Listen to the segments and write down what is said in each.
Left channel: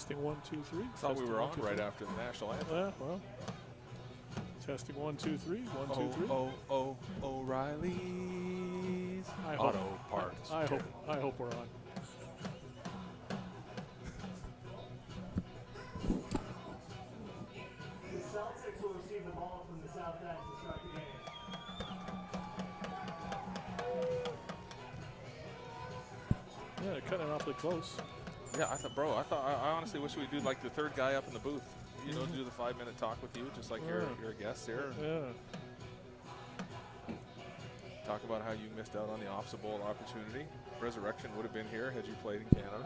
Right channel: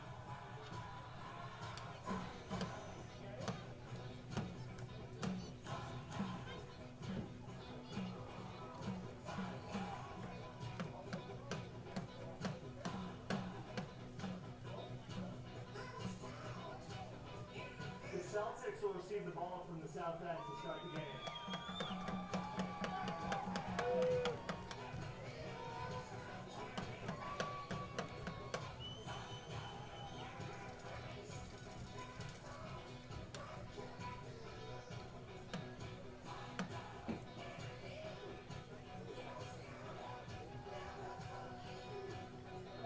Testing 1, 2, 3. Thought we were on right after the national anthem. Yeah, well. Testing 1, 2, 3. 1, 2, 3. O'Reilly's Auto Parts. I hope we're on. The Celtics will receive the ball from the south end to start the game. Yeah, they're cutting off it close. Yeah, I honestly wish we'd do like the third guy up in the booth. You know, do the 5-minute talk with you, just like your guest there. Yeah. Talk about how you missed out on the Ofsaa Bowl opportunity. Resurrection would have been here had you played in Canada.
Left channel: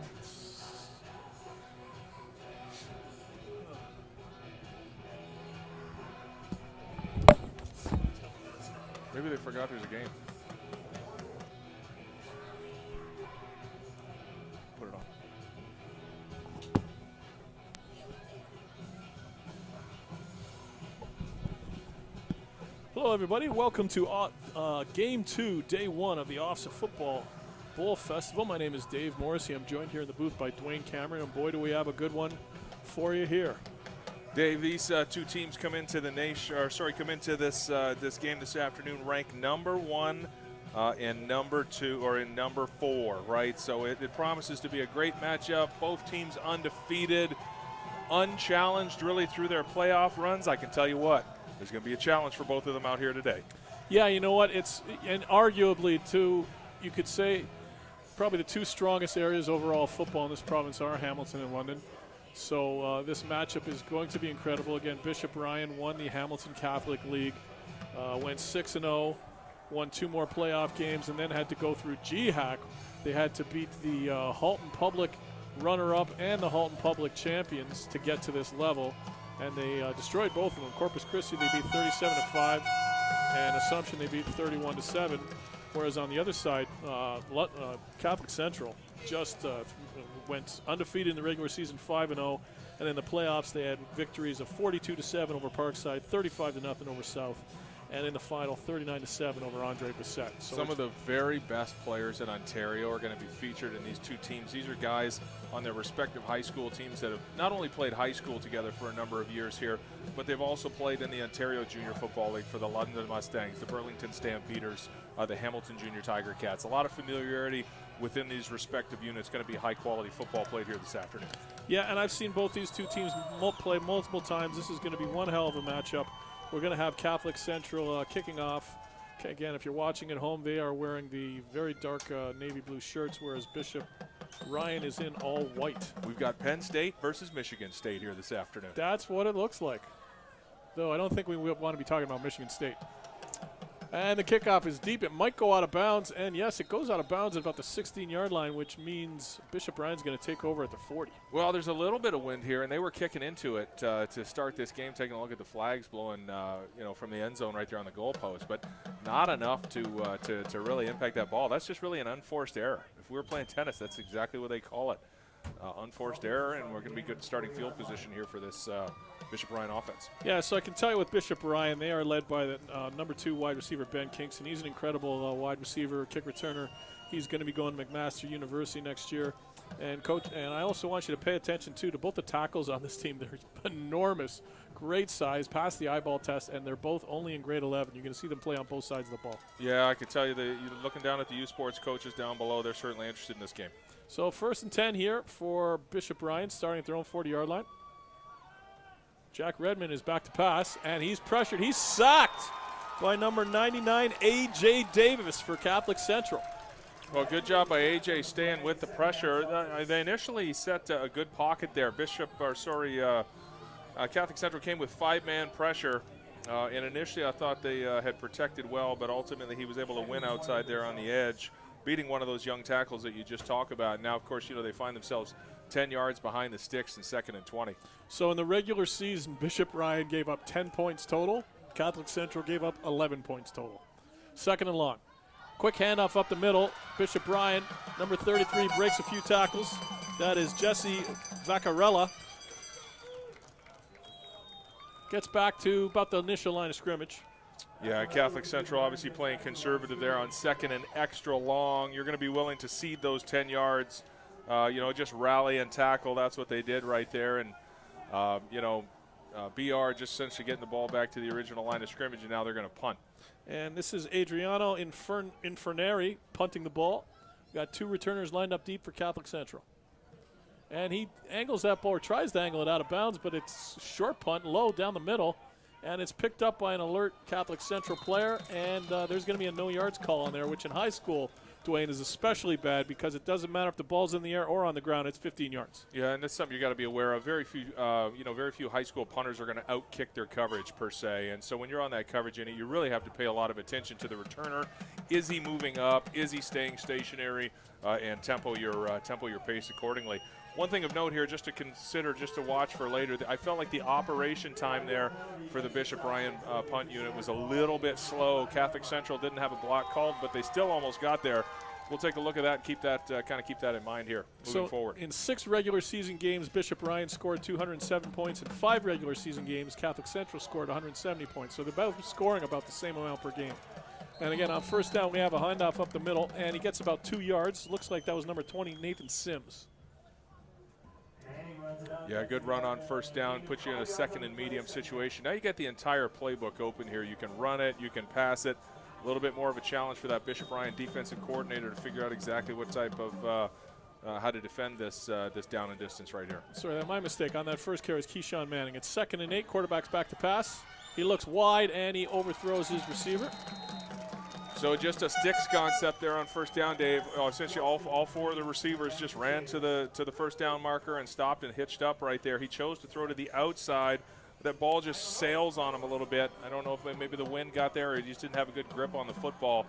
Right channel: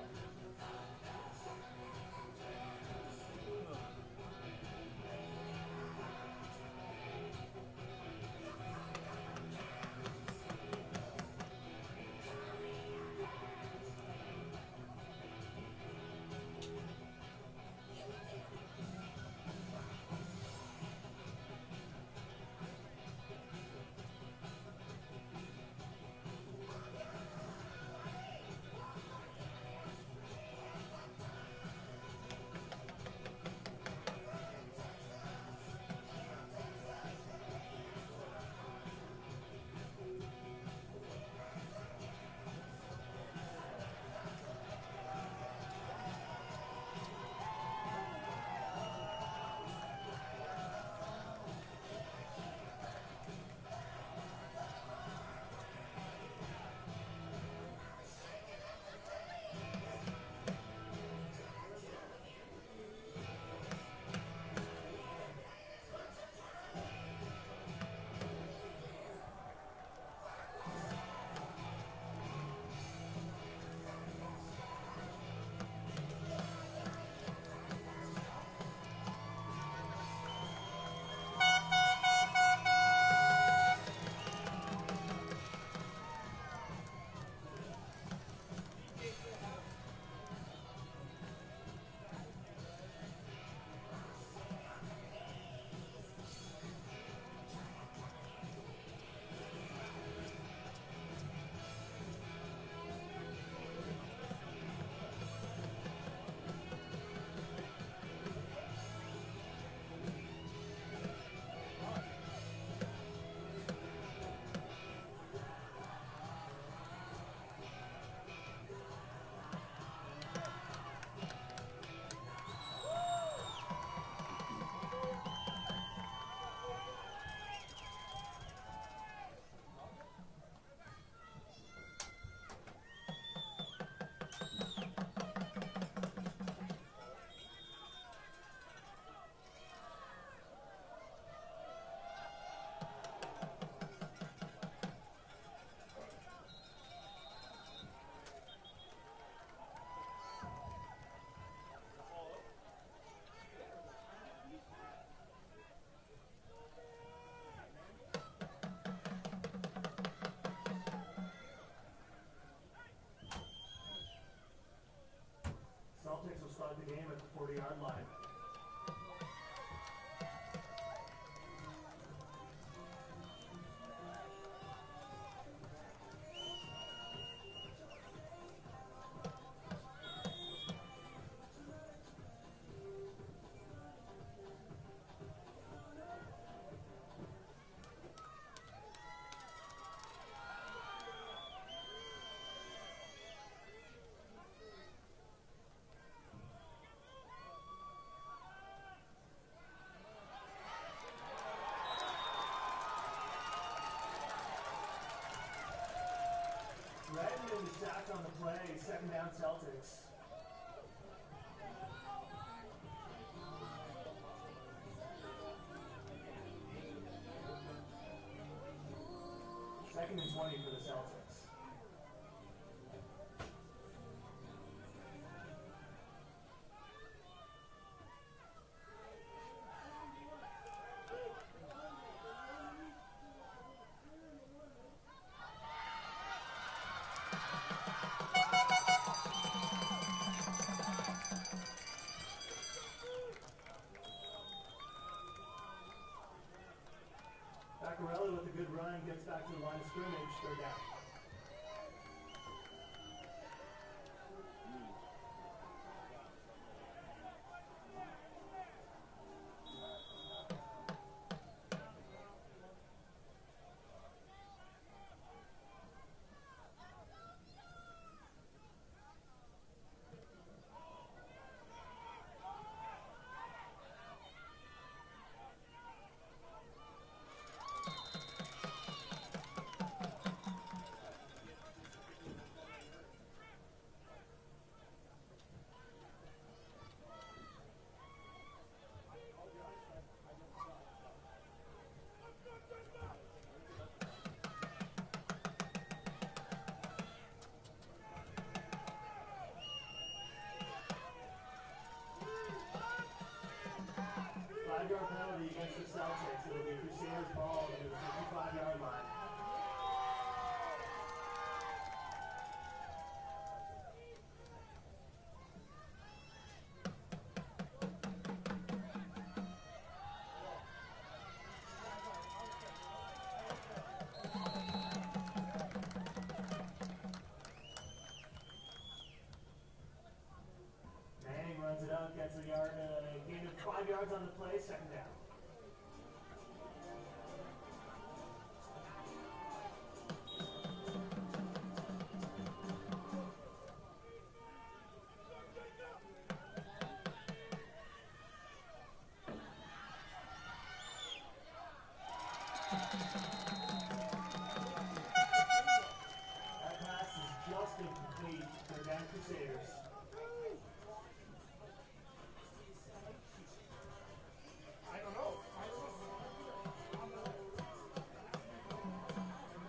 Maybe they forgot there's a game. Put it on. Hello, everybody. Welcome to Game 2, Day 1 of the Ofsaa Football Bowl Festival. My name is Dave Morrissey. I'm joined here in the booth by Dwayne Cameron, and boy, do we have a good one for you here. Dave, these two teams come into the this game this afternoon ranked number 1 and number 2, or in number 4, right? So it promises to be a great matchup. Both teams undefeated, unchallenged really through their playoff runs. I can tell you what, there's going to be a challenge for both of them out here today. Yeah, you know what? And arguably, too, you could say probably the two strongest areas overall of football in this province are Hamilton and London. So this matchup is going to be incredible. Again, Bishop Ryan won the Hamilton Catholic League, went 6-0, won 2 more playoff games, and then had to go through GHAC. They had to beat the Halton Public runner-up and the Halton Public champions to get to this level, and they destroyed both of them. Corpus Christi they beat 37-5, and Assumption they beat 31-7. Whereas on the other side, Catholic Central just went undefeated in the regular season, 5-0, and in the playoffs they had victories of 42-7 over Parkside, 35-0 over South, and in the final 39-7 over Andre Bissett. So some of the very best players in Ontario are going to be featured in these two teams. These are guys on their respective high school teams that have not only played high school together for a number of years here, but they've also played in the Ontario Junior Football League for the London Mustangs, the Burlington Stampeders, the Hamilton Junior Tiger Cats. A lot of familiarity within these respective units. Going to be high quality football played here this afternoon. Yeah, and I've seen both these two teams play multiple times. This is going to be one hell of a matchup. We're going to have Catholic Central kicking off. Again, if you're watching at home, they are wearing the very dark navy blue shirts, whereas Bishop Ryan is in all white. We've got Penn State versus Michigan State here this afternoon. That's what it looks like. Though I don't think we want to be talking about Michigan State. And the kickoff is deep. It might go out of bounds. And, yes, it goes out of bounds at about the 16-yard line, which means Bishop Ryan's going to take over at the 40. Well, there's a little bit of wind here, and they were kicking into it to start this game, taking a look at the flags blowing from the end zone right there on the goalpost, but not enough to really impact that ball. That's just really an unforced error. If we were playing tennis, that's exactly what they call it. Unforced error, and we're going to be good starting field position here for this Bishop Ryan offense. Yeah, so I can tell you with Bishop Ryan, they are led by the number 2 wide receiver, Ben Kingston. He's an incredible wide receiver, kick returner. He's going to be going to McMaster University next year. And coach, and I also want you to pay attention, too, to both the tackles on this team. They're enormous, great size, pass the eyeball test, and they're both only in grade 11. You're going to see them play on both sides of the ball. Yeah, I can tell you that you're looking down at the U Sports coaches down below. They're certainly interested in this game. So 1st and 10 here for Bishop Ryan, starting at their own 40-yard line. Jack Redmond is back to pass, and he's pressured. He's sacked by number 99, A.J. Davis for Catholic Central. Well, good job by A.J. staying with the pressure. They initially set a good pocket there. Catholic Central came with 5-man pressure, and initially I thought they had protected well, but ultimately he was able to win outside there on the edge, beating one of those young tackles that you just talked about. Now, of course, they find themselves 10 yards behind the sticks in 2nd and 20. So in the regular season, Bishop Ryan gave up 10 points total. Catholic Central gave up 11 points total. 2nd and long. Quick handoff up the middle. Bishop Ryan, number 33, breaks a few tackles. That is Jesse Vaccarella. Gets back to about the initial line of scrimmage. Yeah, Catholic Central obviously playing conservative there on 2nd and extra long. You're going to be willing to cede those 10 yards just rally and tackle. That's what they did right there. And, BR just essentially getting the ball back to the original line of scrimmage, and now they're going to punt. And this is Adriano Inferneri punting the ball. Got two returners lined up deep for Catholic Central. And he angles that ball, or tries to angle it out of bounds, but it's short punt, low down the middle. And it's picked up by an alert Catholic Central player, and there's going to be a no yards call on there, which in high school, Dwayne, is especially bad because it doesn't matter if the ball's in the air or on the ground. It's 15 yards. Yeah, and that's something you got to be aware of. Very few high school punters are going to outkick their coverage per se, and so when you're on that coverage unit, you really have to pay a lot of attention to the returner. Is he moving up? Is he staying stationary? And tempo your pace accordingly. One thing of note here, just to consider, just to watch for later, I felt like the operation time there for the Bishop Ryan punt unit was a little bit slow. Catholic Central didn't have a block called, but they still almost got there. We'll take a look at that and keep that in mind here moving forward. In 6 regular season games, Bishop Ryan scored 207 points. In 5 regular season games, Catholic Central scored 170 points. So they're both scoring about the same amount per game. And again, on first down, we have a handoff up the middle, and he gets about 2 yards. Looks like that was number 20, Nathan Sims. Yeah, good run on first down, puts you in a second and medium situation. Now you get the entire playbook open here. You can run it, you can pass it. A little bit more of a challenge for that Bishop Ryan defensive coordinator to figure out exactly what type of how to defend this down and distance right here. Sorry, my mistake. On that first carry is Keyshawn Manning. It's 2nd and 8, quarterback's back to pass. He looks wide and he overthrows his receiver. So just a sticks concept there on first down, Dave. Essentially all 4 of the receivers just ran to the first down marker and stopped and hitched up right there. He chose to throw to the outside. That ball just sails on him a little bit. I don't know if maybe the wind got there or he just didn't have a good grip on the football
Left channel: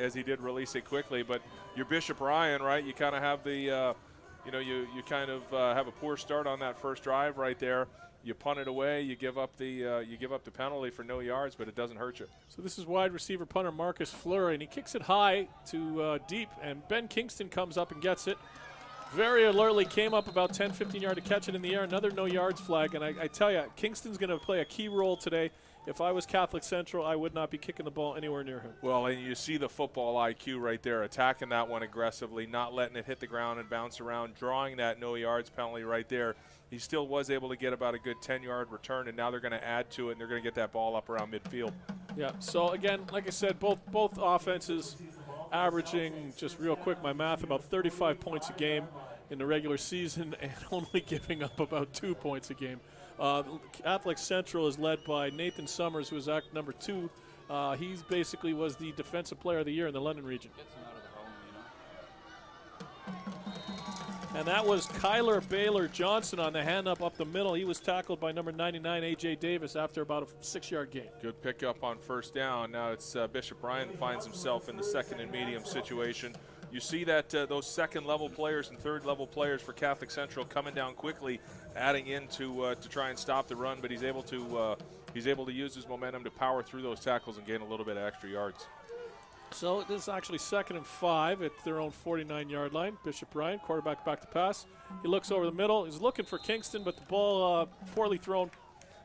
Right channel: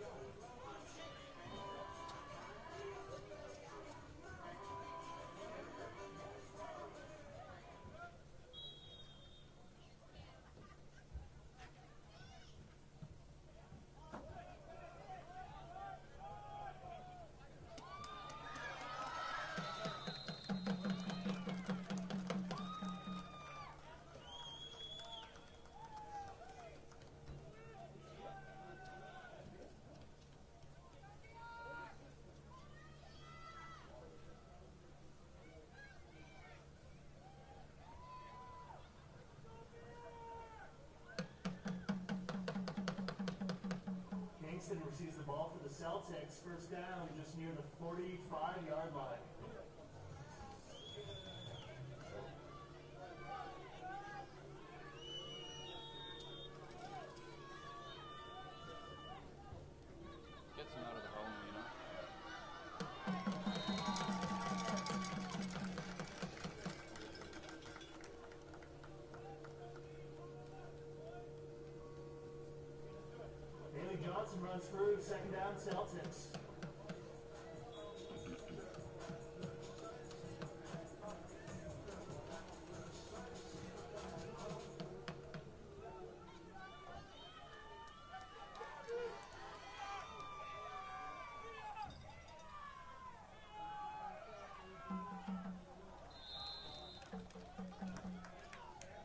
as he did release it quickly. But your Bishop Ryan, right, you kind of have the, you kind of have a poor start on that first drive right there. You punt it away, you give up the penalty for no yards, but it doesn't hurt you. So this is wide receiver punter Marcus Fleury, and he kicks it high to deep, and Ben Kingston comes up and gets it. Very alertly came up about 10, 15 yards to catch it in the air. Another no yards flag, and I tell you, Kingston's going to play a key role today. If I was Catholic Central, I would not be kicking the ball anywhere near him. Well, and you see the football IQ right there, attacking that one aggressively, not letting it hit the ground and bounce around, drawing that no yards penalty right there. He still was able to get about a good 10-yard return, and now they're going to add to it, and they're going to get that ball up around midfield. Yeah, so again, like I said, both offenses averaging, just real quick, my math, about 35 points a game in the regular season and only giving up about 2 points a game. Catholic Central is led by Nathan Summers, who is act number 2. He basically was the defensive player of the year in the London region. And that was Kyler Baylor Johnson on the hand up the middle. He was tackled by number 99, A.J. Davis, after about a 6-yard gain. Good pickup on first down. Now it's Bishop Ryan finds himself in the second and medium situation. You see that those second-level players and third-level players for Catholic Central coming down quickly, adding in to try and stop the run, but he's able to use his momentum to power through those tackles and gain a little bit of extra yards. So this is actually 2nd and 5 at their own 49-yard line. Bishop Ryan, quarterback back to pass. He looks over the middle. He's looking for Kingston, but the ball poorly thrown.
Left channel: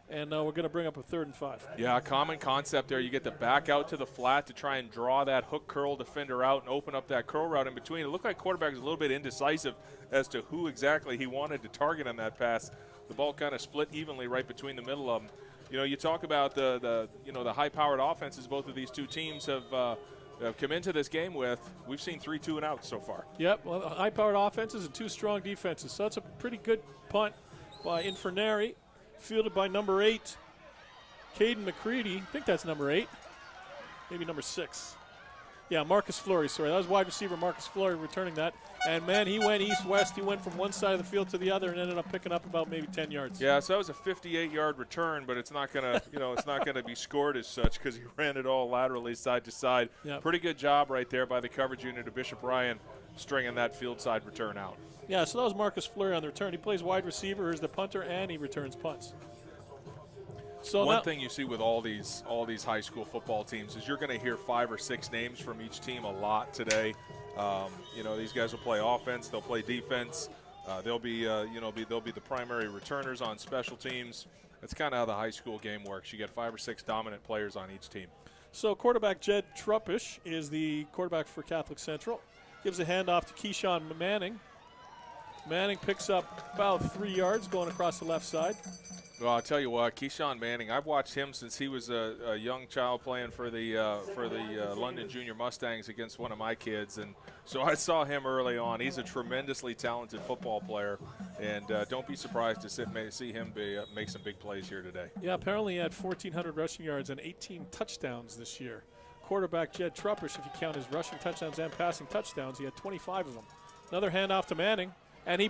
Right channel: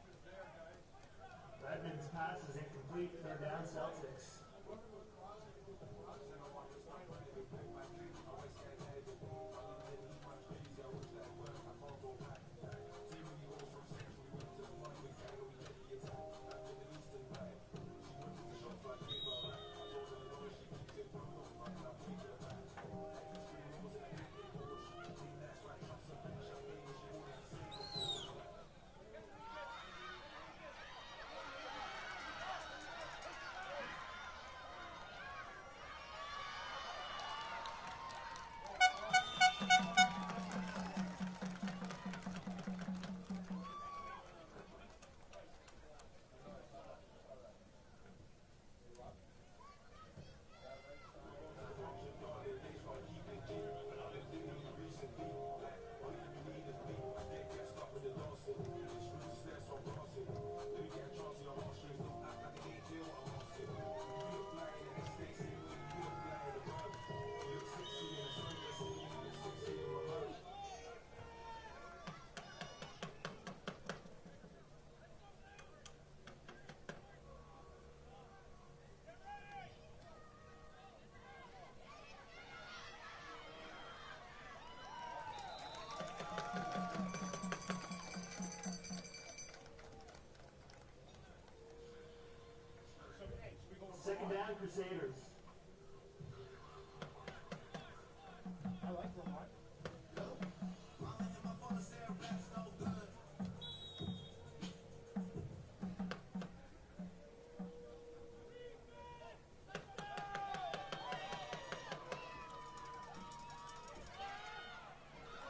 And we're going to bring up a 3rd and 5. Yeah, common concept there. You get to back out to the flat to try and draw that hook curl defender out and open up that curl route in between. It looked like quarterback was a little bit indecisive as to who exactly he wanted to target on that pass. The ball kind of split evenly right between the middle of them. You know, you talk about the high-powered offenses both of these two teams have come into this game with. We've seen 3 2-and-outs so far. Yep, well, high-powered offenses and 2 strong defenses. So that's a pretty good punt by Inferneri, fielded by number 8, Caden McCready. I think that's number 8, maybe number 6. Yeah, Marcus Fleury, sorry. That was wide receiver Marcus Fleury returning that. And, man, he went east-west. He went from one side of the field to the other and ended up picking up about maybe 10 yards. Yeah, so that was a 58-yard return, but it's not going to, it's not going to be scored as such because he ran it all laterally side to side. Yep. Pretty good job right there by the coverage unit of Bishop Ryan stringing that field side return out. Yeah, so that was Marcus Fleury on the return. He plays wide receiver as the punter, and he returns punts. So one thing you see with all these high school football teams is you're going to hear 5 or 6 names from each team a lot today. These guys will play offense, they'll play defense. They'll be the primary returners on special teams. That's kind of how the high school game works. You get 5 or 6 dominant players on each team. So quarterback Jed Truppish is the quarterback for Catholic Central. Gives a handoff to Keyshawn Manning. Manning picks up about 3 yards going across the left side. Well, I'll tell you what, Keyshawn Manning, I've watched him since he was a young child playing for the London Junior Mustangs against one of my kids, and so I saw him early on. He's a tremendously talented football player, and don't be surprised to see him make some big plays here today. Yeah, apparently he had 1,400 rushing yards and 18 touchdowns this year. Quarterback Jed Truppish, if you count his rushing touchdowns and passing touchdowns, he had 25 of them. Another handoff to Manning, and he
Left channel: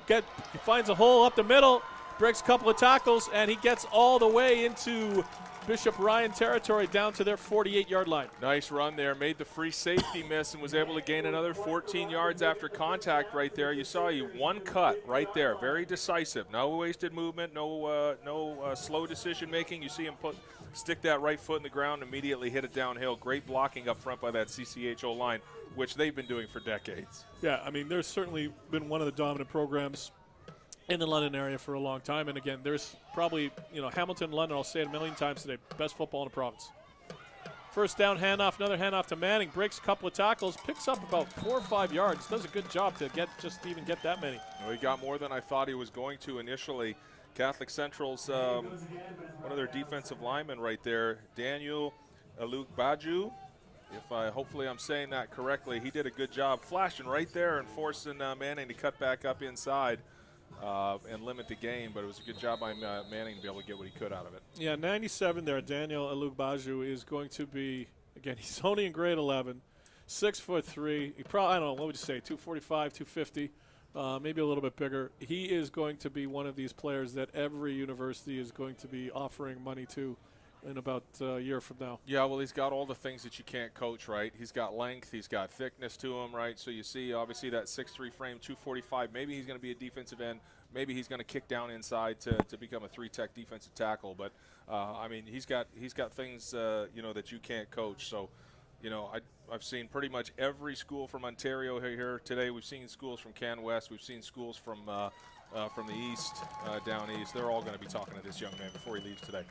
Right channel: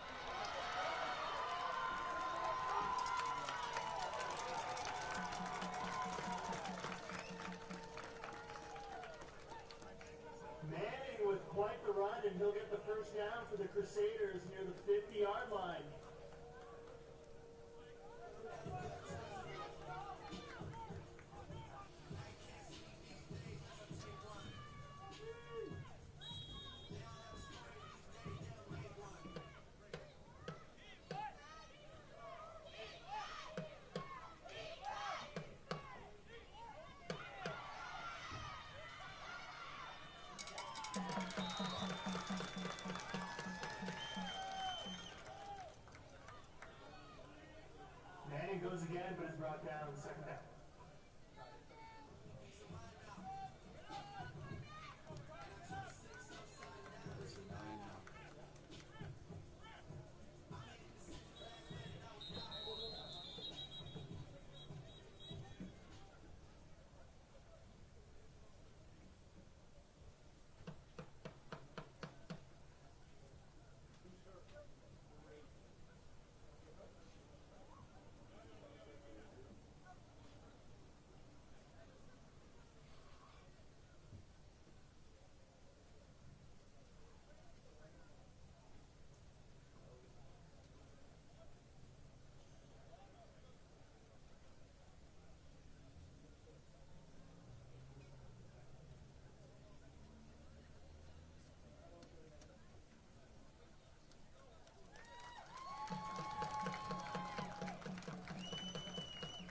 finds a hole up the middle, breaks a couple of tackles, and he gets all the way into Bishop Ryan territory down to their 48-yard line. Nice run there, made the free safety miss and was able to gain another 14 yards after contact right there. You saw one cut right there, very decisive. No wasted movement, no slow decision making. You see him stick that right foot in the ground, immediately hit it downhill. Great blocking up front by that CCHO line, which they've been doing for decades. Yeah, I mean, there's certainly been one of the dominant programs in the London area for a long time. And again, there's probably, Hamilton, London, I'll say it a million times today, best football in the province. First down handoff, another handoff to Manning, breaks a couple of tackles, picks up about 4 or 5 yards, does a good job to even get that many. Well, he got more than I thought he was going to initially. Catholic Central's one of their defensive linemen right there, Daniel Alukbaju. Hopefully I'm saying that correctly. He did a good job flashing right there and forcing Manning to cut back up inside and limit the gain, but it was a good job by Manning to be able to get what he could out of it. Yeah, 97 there, Daniel Alukbaju is going to be, again, he's only in grade 11, 6'3". He probably, I don't know, what would you say, 245, 250, maybe a little bit bigger. He is going to be one of these players that every university is going to be offering money to in about a year from now. Yeah, well, he's got all the things that you can't coach, right? He's got length, he's got thickness to him, right? So you see, obviously, that 6'3" frame, 245. Maybe he's going to be a defensive end. Maybe he's going to kick down inside to become a 3-tech defensive tackle. But I mean, he's got things that you can't coach. So, I've seen pretty much every school from Ontario here today. We've seen schools from Can West. We've seen schools from the east, down east. They're all going to be talking to this young man before he leaves today.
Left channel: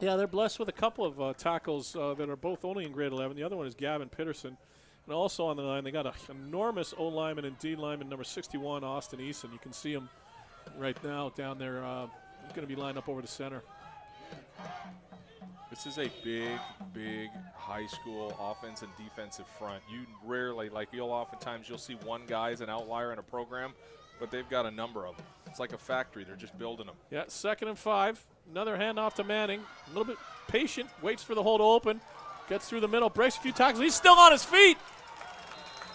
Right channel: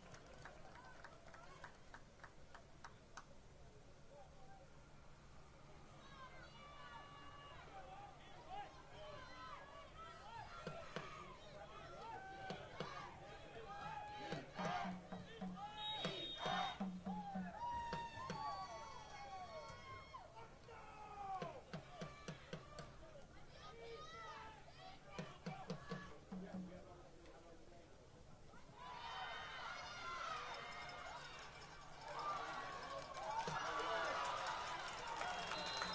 Yeah, they're blessed with a couple of tackles that are both only in grade 11. The other one is Gavin Pitterson. And also on the line, they got an enormous O-lineman and D-lineman, number 61, Austin Eason. You can see him right now down there. He's going to be lined up over the center. This is a big high school offensive and defensive front. You rarely, oftentimes you'll see one guy as an outlier in a program, but they've got a number of them. It's like a factory. They're just building them. Yeah, 2nd and 5. Another handoff to Manning. A little bit patient, waits for the hole to open. Gets through the middle, breaks a few tackles. He's still on his feet.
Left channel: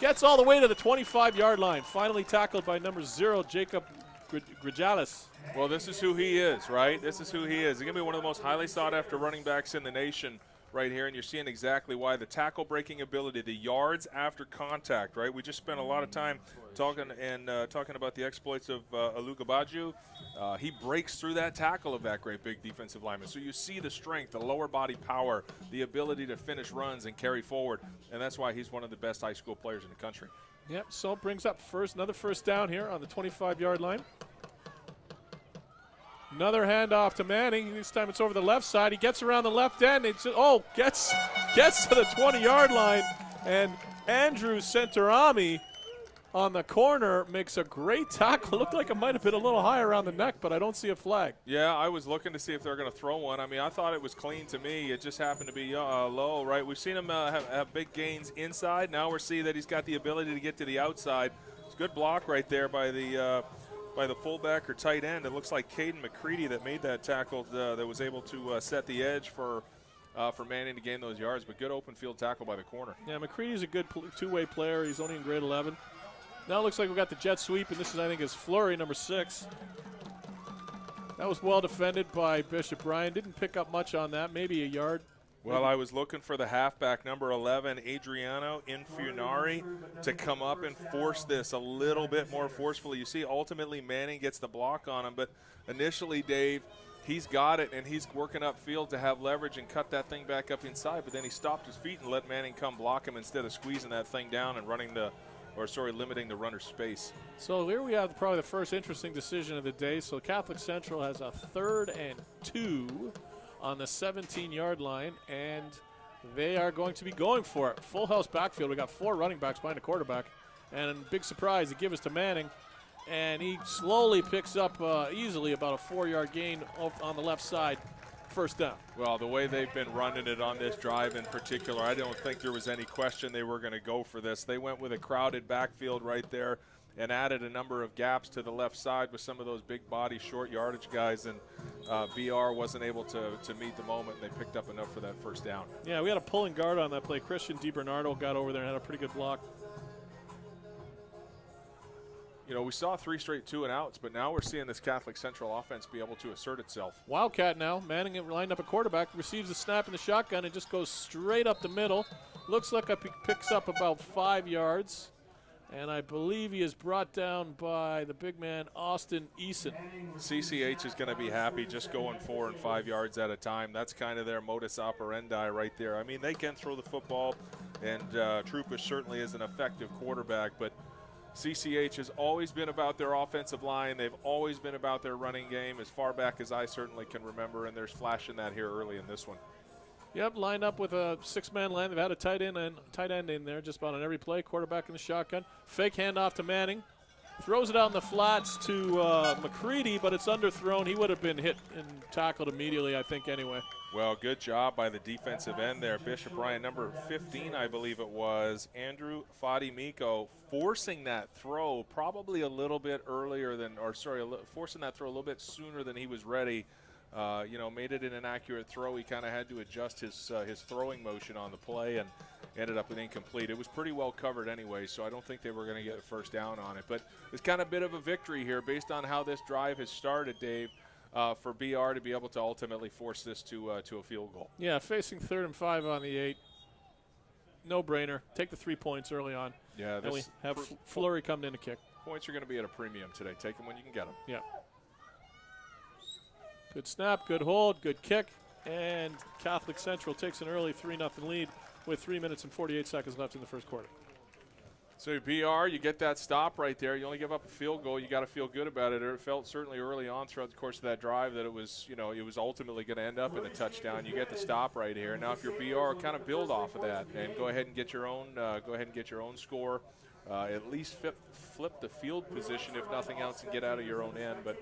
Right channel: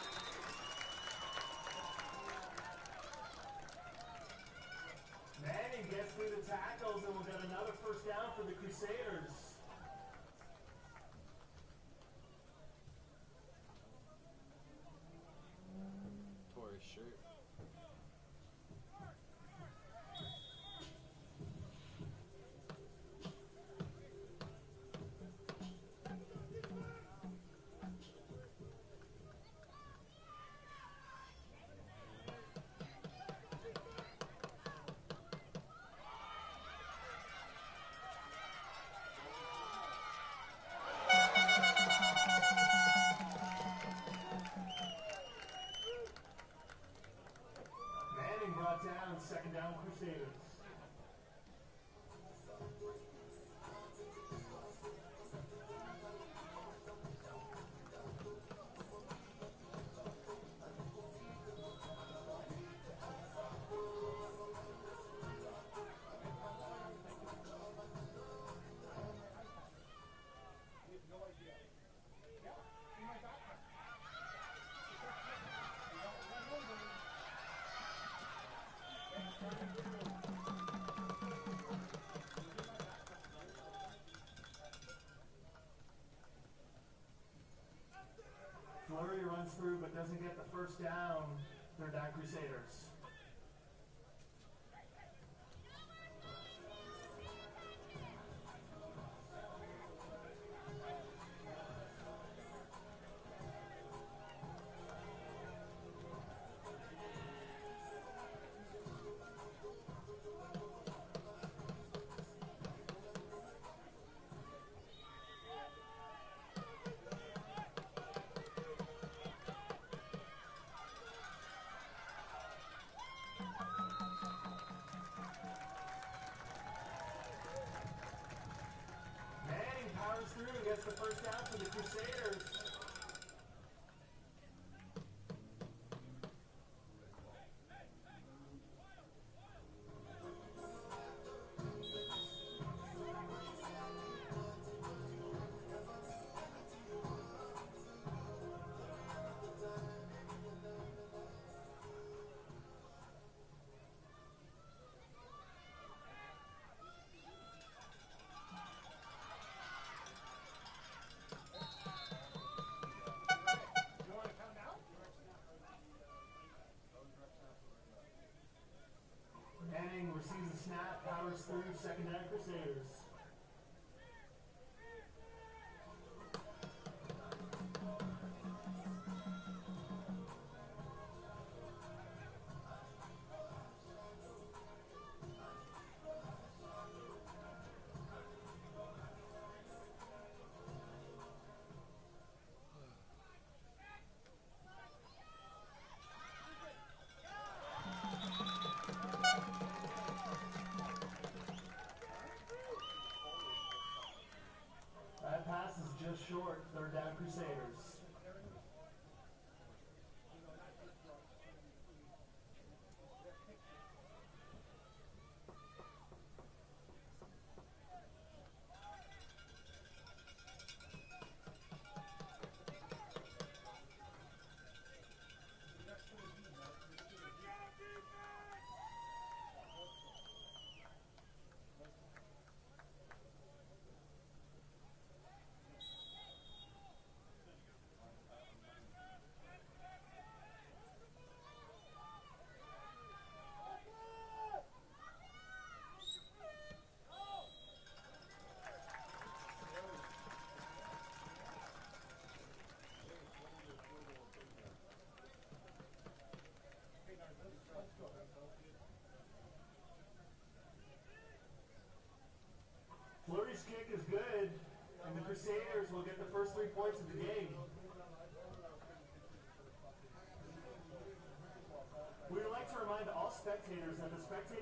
Gets all the way to the 25-yard line. Finally tackled by number 0, Jacob Grijalis. Well, this is who he is, right? This is who he is. He's going to be one of the most highly sought-after running backs in the nation right here, and you're seeing exactly why. The tackle-breaking ability, the yards after contact, right? We just spent a lot of time talking about the exploits of Alukbaju. He breaks through that tackle of that great big defensive lineman. So you see the strength, the lower body power, the ability to finish runs and carry forward, and that's why he's one of the best high school players in the country. Yep, so brings up another first down here on the 25-yard line. Another handoff to Manning. This time it's over the left side. He gets around the left end. Gets to the 20-yard line. And Andrew Centerami on the corner makes a great tackle. Looked like it might have been a little high around the neck, but I don't see a flag. Yeah, I was looking to see if they're going to throw one. I mean, I thought it was clean to me. It just happened to be low, right? We've seen him have big gains inside. Now we're seeing that he's got the ability to get to the outside. It's a good block right there by the fullback or tight end. It looks like Caden McCready that made that tackle that was able to set the edge for Manning to gain those yards, but good open field tackle by the corner. Yeah, McCready's a good two-way player. He's only in grade 11. Now it looks like we've got the jet sweep, and this is, I think, is Flurry, number 6. That was well defended by Bishop Ryan. Didn't pick up much on that, maybe a yard. Well, I was looking for the halfback, number 11, Adriano Infunari, to come up and force this a little bit more forcefully. You see, ultimately, Manning gets the block on him, but initially, Dave, he's got it, and he's working upfield to have leverage and cut that thing back up inside, but then he stopped his feet and let Manning come block him instead of squeezing that thing down and limiting the runner's space. So here we have probably the first interesting decision of the day. So Catholic Central has a 3rd and 2 on the 17-yard line, and they are going to be going for it. Full house backfield. We got 4 running backs behind the quarterback, and big surprise, they give us to Manning. and he slowly picks up easily about a 4-yard gain on the left side. First down. Well, the way they've been running it on this drive in particular, I don't think there was any question they were going to go for this. They went with a crowded backfield right there and added a number of gaps to the left side with some of those big body, short yardage guys, and BR wasn't able to meet the moment. They picked up enough for that first down. Yeah, we had a pulling guard on that play. Christian DiBernardo got over there and had a pretty good block. You know, we saw 3 straight 2-and-outs, but now we're seeing this Catholic Central offense be able to assert itself. Wildcat now. Manning lined up a quarterback, receives the snap in the shotgun, and just goes straight up the middle. Looks like it picks up about 5 yards. And I believe he is brought down by the big man, Austin Eason. CCH is going to be happy just going 4 and 5 yards at a time. That's kind of their modus operandi right there. I mean, they can throw the football, and Troupas certainly is an effective quarterback, but CCH has always been about their offensive line. They've always been about their running game as far back as I certainly can remember, and there's flashing that here early in this one. Yep, lined up with a 6-man line. They've had a tight end in there just about on every play. Quarterback in the shotgun. Fake handoff to Manning. Throws it out in the flats to McCready, but it's underthrown. He would have been hit and tackled immediately, I think, anyway. Well, good job by the defensive end there. Bishop Bryant, number 15, I believe it was, Andrew Fadimiko, forcing that throw probably a little bit earlier than, forcing that throw a little bit sooner than he was ready. You know, made it an inaccurate throw. He kind of had to adjust his throwing motion on the play and ended up an incomplete. It was pretty well covered anyway, so I don't think they were going to get a first down on it. But it's kind of a bit of a victory here based on how this drive has started, Dave, for BR to be able to ultimately force this to a field goal. Yeah, facing 3rd and 5 on the 8. No-brainer. Take the 3 points early on. Yeah, then we have Fleury coming in to kick. Points are going to be at a premium today. Take them when you can get them. Yeah. Good snap, good hold, good kick, and Catholic Central takes an early 3-0 lead with 3 minutes and 48 seconds left in the first quarter. So BR, you get that stop right there. You only give up a field goal. You got to feel good about it. It felt certainly early on throughout the course of that drive that it was, you know, it was ultimately going to end up in a touchdown. You get the stop right here. Now, if you're BR, kind of build off of that and go ahead and get your own. Score. At least flip the field position, if nothing else, and get out of your own end. But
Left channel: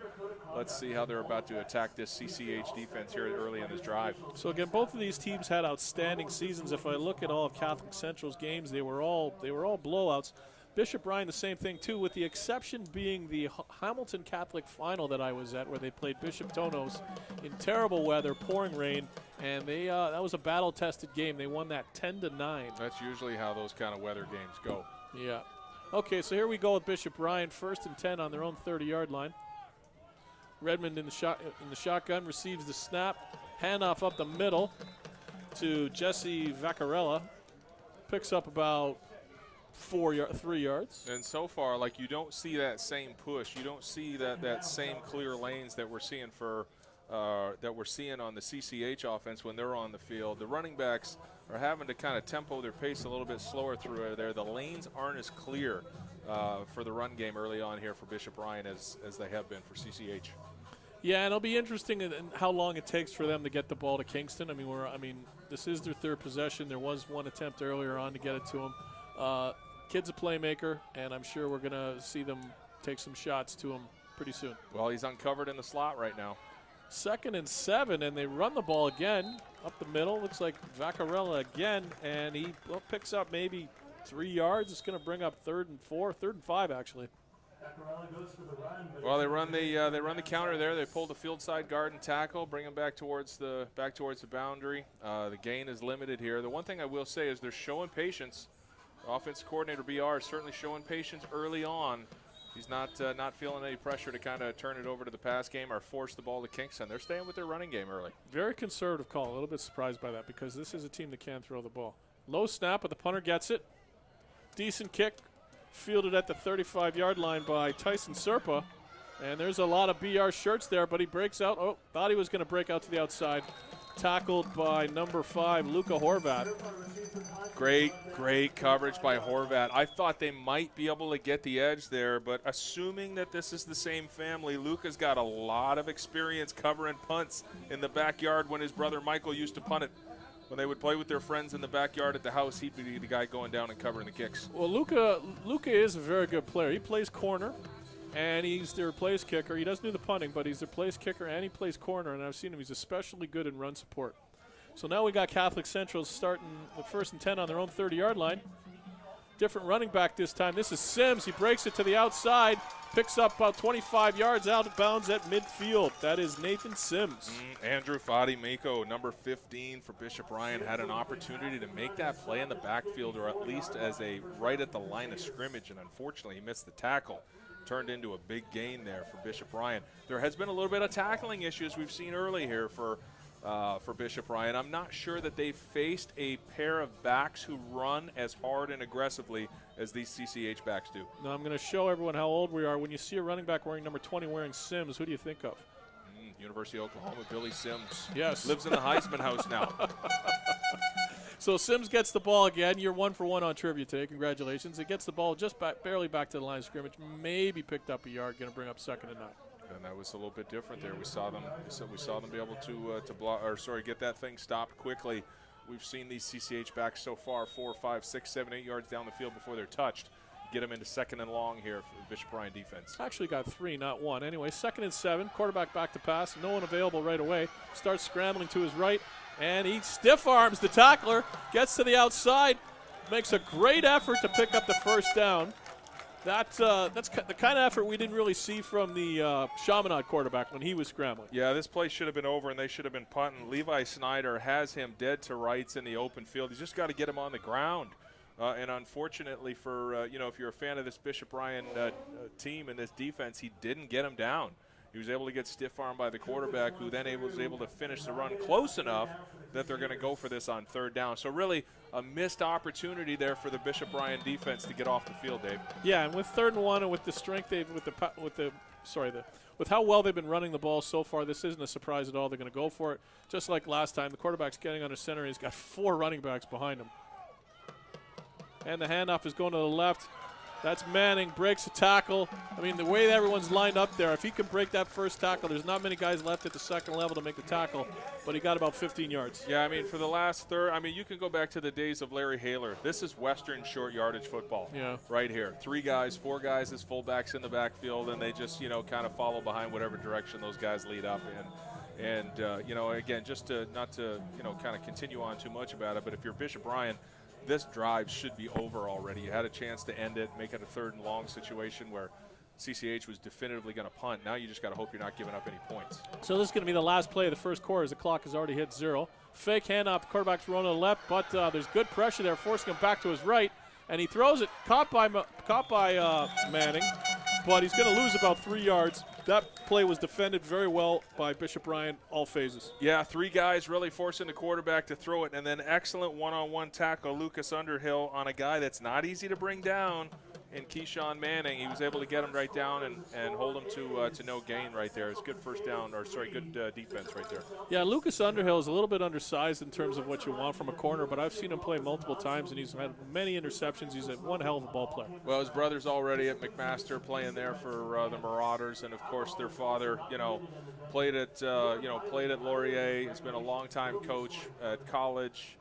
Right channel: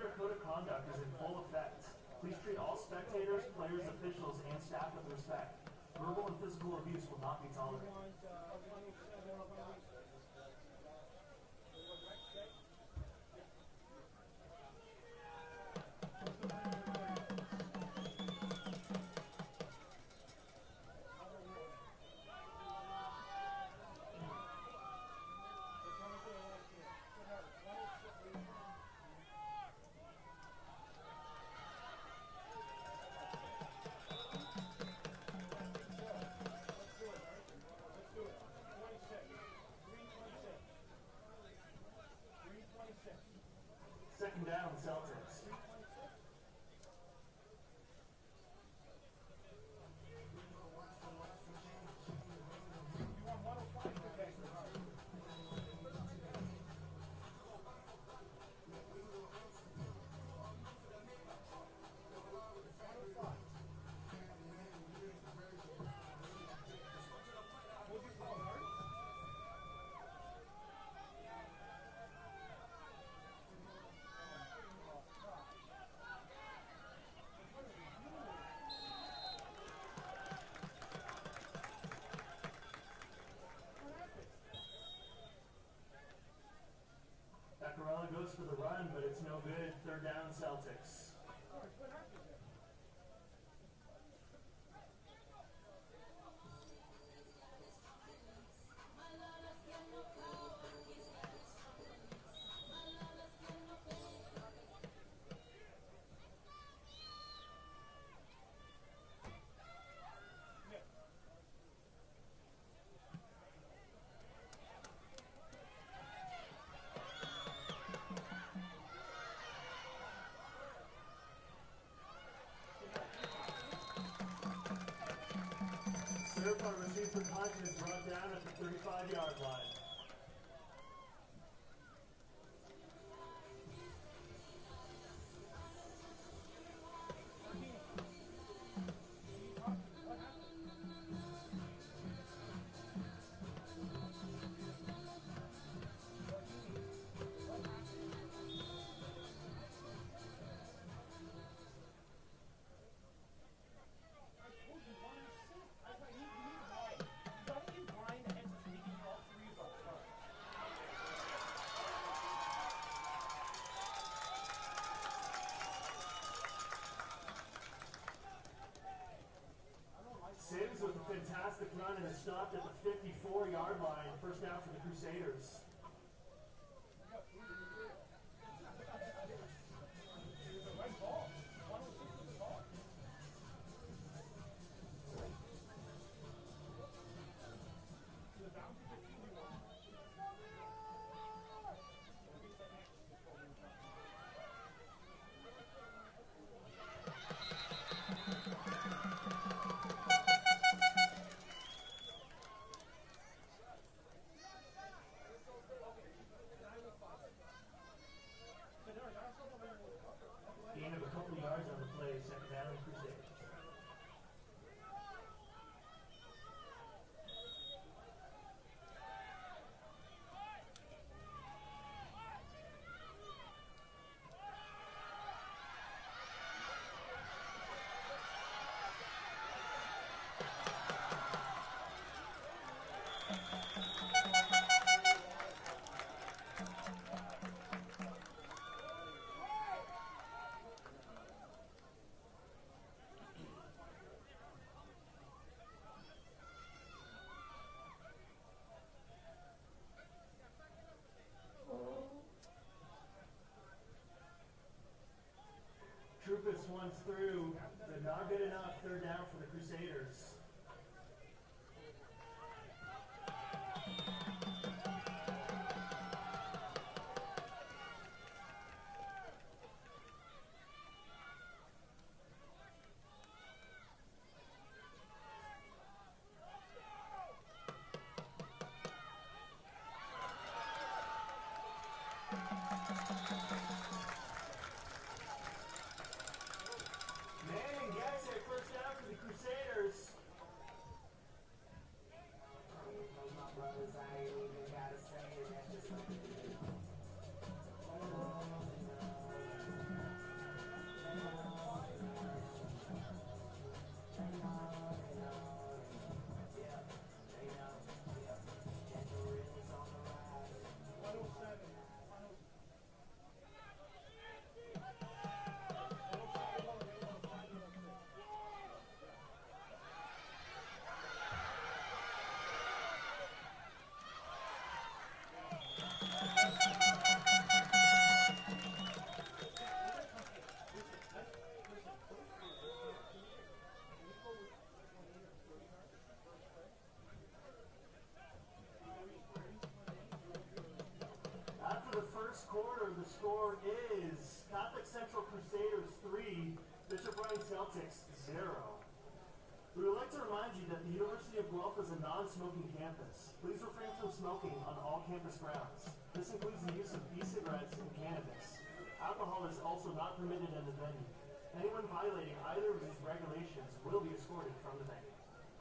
let's see how they're about to attack this CCH defense here early in this drive. So again, both of these teams had outstanding seasons. If I look at all of Catholic Central's games, they were all blowouts. Bishop Bryant, the same thing too, with the exception being the Hamilton Catholic final that I was at, where they played Bishop Tonos in terrible weather, pouring rain, and they that was a battle-tested game. They won that 10-9. That's usually how those kind of weather games go. Yeah. Okay, so here we go with Bishop Bryant, 1st and 10 on their own 30-yard line. Redmond in the shotgun receives the snap, handoff up the middle to Jesse Vaccarella. Picks up about 3 yards. And so far, like, you don't see that same push. You don't see that same clear lanes that we're seeing on the CCH offense when they're on the field. The running backs are having to kind of tempo their pace a little bit slower through there. The lanes aren't as clear for the run game early on here for Bishop Bryant as they have been for CCH. Yeah, and it'll be interesting in how long it takes for them to get the ball to Kingston. I mean, this is their 3rd possession. There was one attempt earlier on to get it to them. Kid's a playmaker, and I'm sure we're going to see them take some shots to him pretty soon. Well, he's uncovered in the slot right now. 2nd and 7, and they run the ball again up the middle. Looks like Vaccarella again, and he picks up maybe 3 yards. It's going to bring up 3rd and 4, 3rd and 5 actually. Vaccarella goes for the run, but well, they run the counter there. They pull the field side guard and tackle, bring him back towards the boundary. The gain is limited here. The one thing I will say is they're showing patience. Offensive coordinator BR is certainly showing patience early on. He's not feeling any pressure to kind of turn it over to the pass game or force the ball to Kingston. They're staying with their running game early. Very conservative call. A little bit surprised by that because this is a team that can throw the ball. Low snap, but the punter gets it. Decent kick, fielded at the 35-yard line by Tyson Serpa. And there's a lot of BR shirts there, but he breaks out. Oh, thought he was going to break out to the outside. Tackled by number 5, Luca Horvat. Great coverage by Horvat. I thought they might be able to get the edge there, but assuming that this is the same family, Luca's got a lot of experience covering punts in the backyard when his brother Michael used to punt it. When they would play with their friends in the backyard at the house, he'd be the guy going down and covering the kicks. Well, Luca is a very good player. He plays corner. and he's their place kicker. He doesn't do the punting, but he's their place kicker, and he plays corner, and I've seen him. He's especially good in run support. So now we got Catholic Central starting with 1st and 10 on their own 30-yard line. Different running back this time. This is Sims. He breaks it to the outside, picks up about 25 yards out of bounds at midfield. That is Nathan Sims. Andrew Fadi-Mako, number 15 for Bishop Ryan, had an opportunity to make that play in the backfield, or at least as a right at the line of scrimmage, and unfortunately he missed the tackle. Turned into a big gain there for Bishop Ryan. There has been a little bit of tackling issues we've seen early here for Bishop Ryan. I'm not sure that they've faced a pair of backs who run as hard and aggressively as these CCH backs do. Now I'm going to show everyone how old we are. When you see a running back wearing number 20 wearing Sims, who do you think of? University of Oklahoma, Billy Sims. Yes. Lives in the Heisman house now. So Sims gets the ball again. You're 1 for 1 on trivia today. Congratulations. He gets the ball just barely back to the line of scrimmage. Maybe picked up a yard. Going to bring up 2nd and 9. And that was a little bit different there. We saw them be able to block, or sorry, get that thing stopped quickly. We've seen these CCH backs so far 4, 5, 6, 7, 8 yards down the field before they're touched. Get them into 2nd and long here for the Bishop Ryan defense. Actually got 3, not 1. Anyway, 2nd and 7. Quarterback back to pass. No one available right away. Starts scrambling to his right, and he stiff arms the tackler. Gets to the outside. Makes a great effort to pick up the 1st down. That's the kind of effort we didn't really see from the Chaminade quarterback when he was scrambling. Yeah, this play should have been over, and they should have been punting. Levi Snyder has him dead to rights in the open field. He's just got to get him on the ground. And unfortunately for, if you're a fan of this Bishop Ryan team and this defense, he didn't get him down. He was able to get stiff-armed by the quarterback, who then was able to finish the run close enough that they're going to go for this on 3rd down. So really a missed opportunity there for the Bishop Ryan defense to get off the field, Dave. Yeah, and with 3rd and 1 and with the strength they've with how well they've been running the ball so far, this isn't a surprise at all. They're going to go for it. Just like last time, the quarterback's getting under center, and he's got 4 running backs behind him. And the handoff is going to the left. That's Manning, breaks a tackle. I mean, the way everyone's lined up there, if he can break that 1st tackle, there's not many guys left at the 2nd level to make the tackle, but he got about 15 yards. Yeah, I mean, for the last third, you can go back to the days of Larry Haler. This is Western short yardage football right here. 3 guys, 4 guys as fullbacks in the backfield, and they just, kind of follow behind whatever direction those guys lead up in. And, again, just not to kind of continue on too much about it, but if you're Bishop Ryan, this drive should be over already. You had a chance to end it, make it a 3rd and long situation where CCH was definitively going to punt. Now you just got to hope you're not giving up any points. So this is going to be the last play of the 1st quarter as the clock has already hit 0. Fake handoff, quarterback's rolling to the left, but there's good pressure there, forcing him back to his right, and he throws it, caught by Manning, but he's going to lose about 3 yards. That play was defended very well by Bishop Ryan, all phases. Yeah, 3 guys really forcing the quarterback to throw it, and then excellent one-on-one tackle, Lucas Underhill, on a guy that's not easy to bring down in Keyshawn Manning. He was able to get him right down and hold him to no gain right there. It's good good defense right there. Yeah, Lucas Underhill is a little bit undersized in terms of what you want from a corner, but I've seen him play multiple times, and he's had many interceptions. He's one hell of a ball player. Well, his brother's already at McMaster playing there for the Marauders, and of course their father, played at Laurier. He's been a long-time coach at college.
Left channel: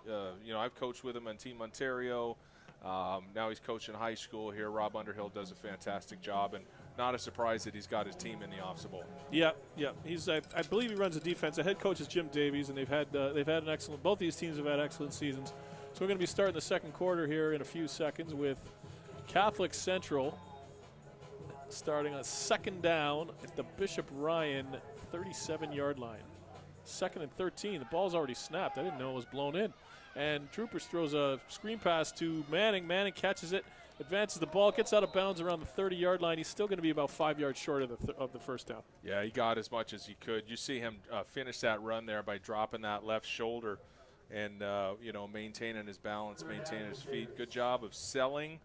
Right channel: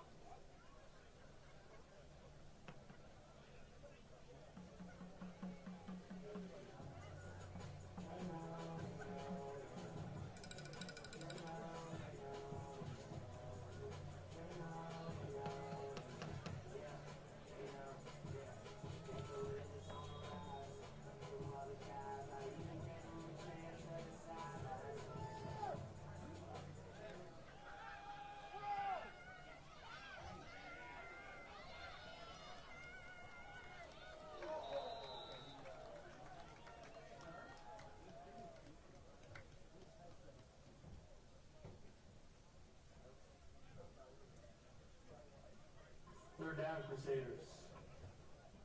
I've coached with him on Team Ontario. Now he's coaching high school here. Rob Underhill does a fantastic job, and not a surprise that he's got his team in the Ofsaa Bowl. Yeah. He's I believe he runs the defense. The head coach is Jim Davies, and they've had an excellent. Both these teams have had excellent seasons. So we're going to be starting the 2nd quarter here in a few seconds with Catholic Central starting on 2nd down at the Bishop Ryan 37-yard line. 2nd and 13. The ball's already snapped. I didn't know it was blown in. And Troopers throws a screen pass to Manning. Manning catches it, advances the ball, gets out of bounds around the 30-yard line. He's still going to be about 5 yards short of the 1st down. Yeah, he got as much as he could. You see him finish that run there by dropping that left shoulder and, maintaining his balance, maintaining his feet. Good job of selling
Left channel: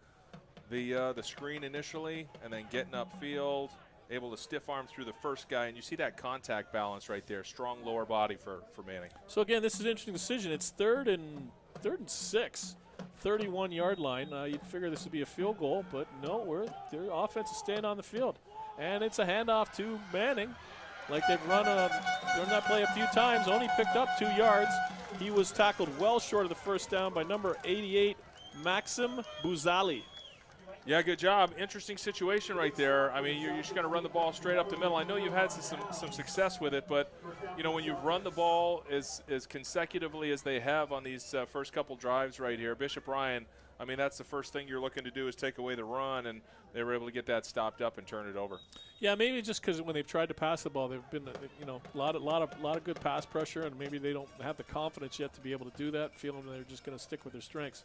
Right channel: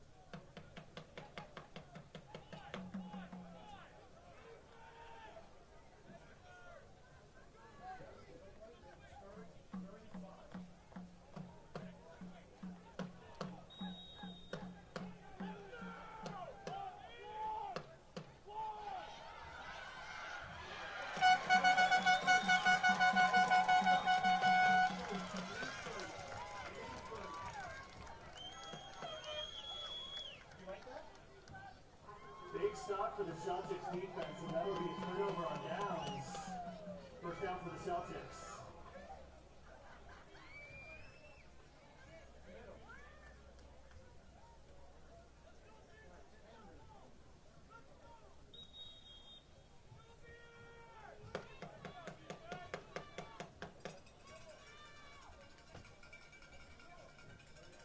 the screen initially and then getting upfield, able to stiff arm through the 1st guy, and you see that contact balance right there. Strong lower body for Manning. So again, this is an interesting decision. It's 3rd and 6, 31-yard line. You'd figure this would be a field goal, but no, their offense is staying on the field, and it's a handoff to Manning. Like they've run that play a few times, only picked up 2 yards. He was tackled well short of the 1st down by number 88, Maxim Bouzali. Yeah, good job. Interesting situation right there. I mean, you're just going to run the ball straight up the middle. I know you've had some success with it, but, you know, when you run the ball as consecutively as they have on these first couple drives right here, Bishop Ryan, I mean, that's the first thing you're looking to do is take away the run, and they were able to get that stopped up and turn it over. Yeah, maybe just because when they've tried to pass the ball, they've been, you know, a lot of good pass pressure, and maybe they don't have the confidence yet to be able to do that, feeling they're just going to stick with their strengths.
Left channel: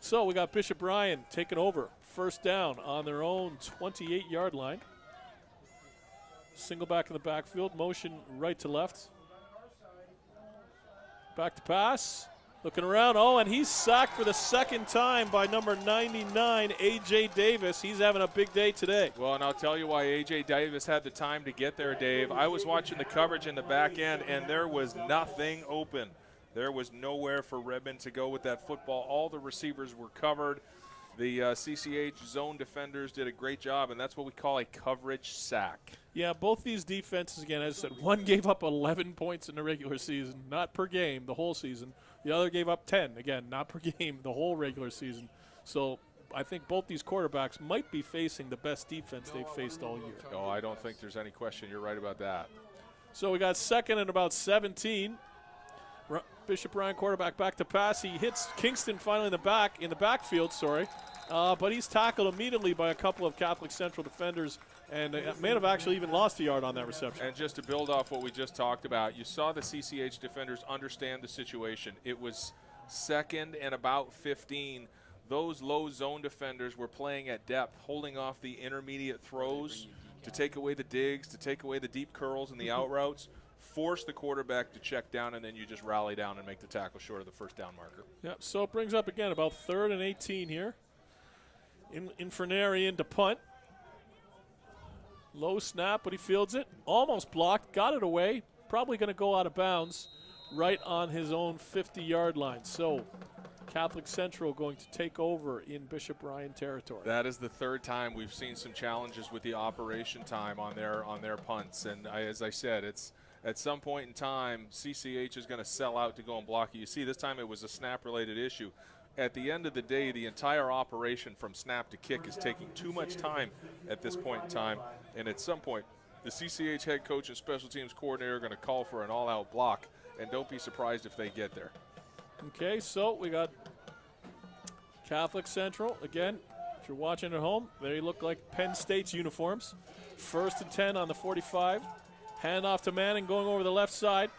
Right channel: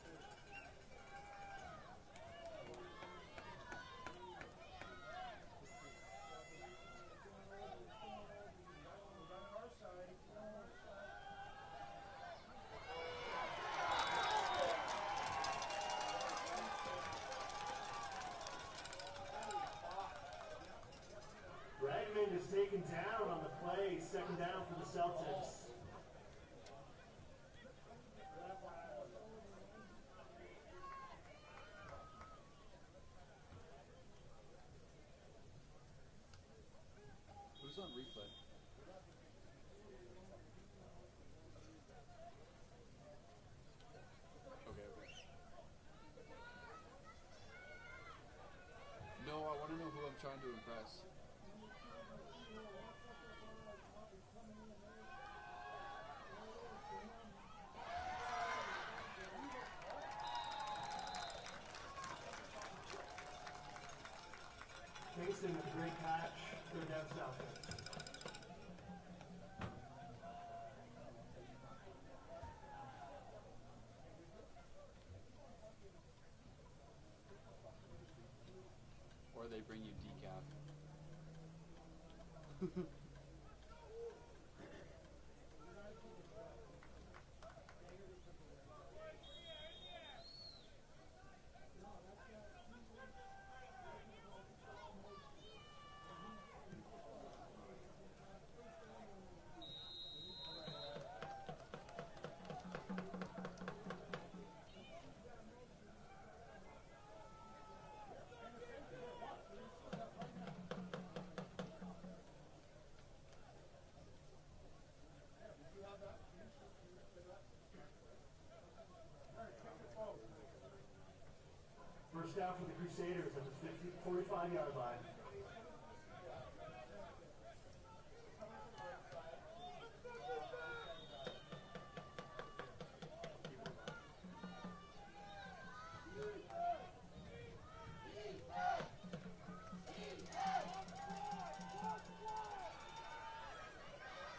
So we got Bishop Ryan taking over. First down on their own 28-yard line. Single back in the backfield, motion right to left. Back to pass, looking around. Oh, and he's sacked for the second time by number 99, A.J. Davis. He's having a big day today. Well, and I'll tell you why A.J. Davis had the time to get there, Dave. I was watching the coverage in the back end, and there was nothing open. There was nowhere for Redmond to go with that football. All the receivers were covered. The CCH zone defenders did a great job, and that's what we call a coverage sack. Yeah, both these defenses, again, as I said, one gave up 11 points in the regular season, not per game, the whole season. The other gave up 10, again, not per game, the whole regular season. So I think both these quarterbacks might be facing the best defense they've faced all year. Oh, I don't think there's any question. You're right about that. So we got second and about 17. Bishop Ryan quarterback back to pass. He hits Kingston finally in the backfield, but he's tackled immediately by a couple of Catholic Central defenders, and may have actually even lost a yard on that reception. And just to build off what we just talked about, you saw the CCH defenders understand the situation. It was second and about 15. Those low zone defenders were playing at depth, holding off the intermediate throws to take away the digs, to take away the deep curls and the out routes. Force the quarterback to check down, and then you just rally down and make the tackle short of the first down marker. Yeah, so it brings up again about 3rd and 18 here. Infernari into punt. Low snap, but he fields it. Almost blocked, got it away. Probably going to go out of bounds right on his own 50-yard line. So Catholic Central going to take over in Bishop Ryan territory. That is the third time we've seen some challenges with the operation time on their punts. And as I said, it's at some point in time, CCH is going to sell out to go and block it. You see, this time it was a snap-related issue. At the end of the day, the entire operation from snap to kick is taking too much time at this point in time. And at some point, the CCH head coach and special teams coordinator are going to call for an all-out block. And don't be surprised if they get there. Okay, so we got Catholic Central. Again, if you're watching at home, they look like Penn State's uniforms. 1st and 10 on the 45. Hand off to Manning, going over the left side.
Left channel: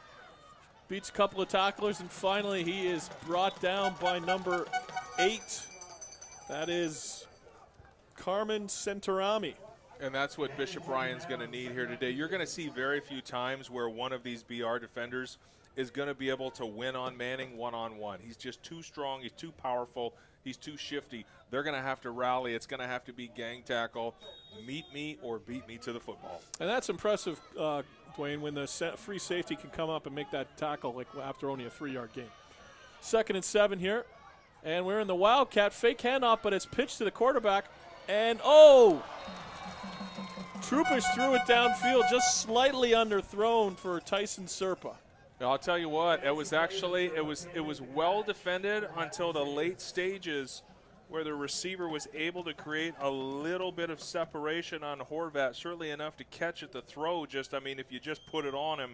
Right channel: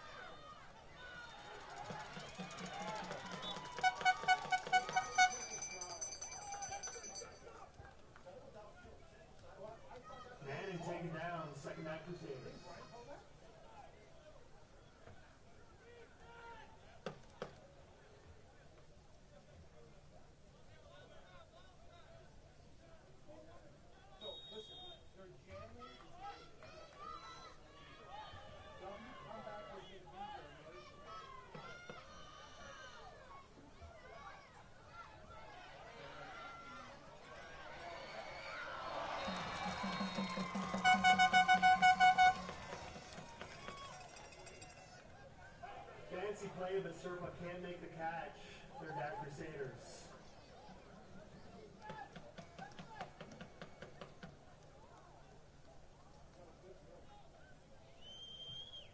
Beats a couple of tacklers, and finally he is brought down by number 8. That is Carmen Centorami. And that's what Bishop Ryan's going to need here today. You're going to see very few times where one of these BR defenders is going to be able to win on Manning one-on-one. He's just too strong. He's too powerful. He's too shifty. They're going to have to rally. It's going to have to be gang tackle, meet me or beat me to the football. And that's impressive, Dwayne, when the free safety can come up and make that tackle like after only a 3-yard gain. 2nd and 7 here. And we're in the Wildcat. Fake handoff, but it's pitched to the quarterback. And, Troopers threw it downfield, just slightly underthrown for Tyson Serpa. I'll tell you what, it was well defended until the late stages where the receiver was able to create a little bit of separation on Horvat, certainly enough to catch at the throw. If you just put it on him,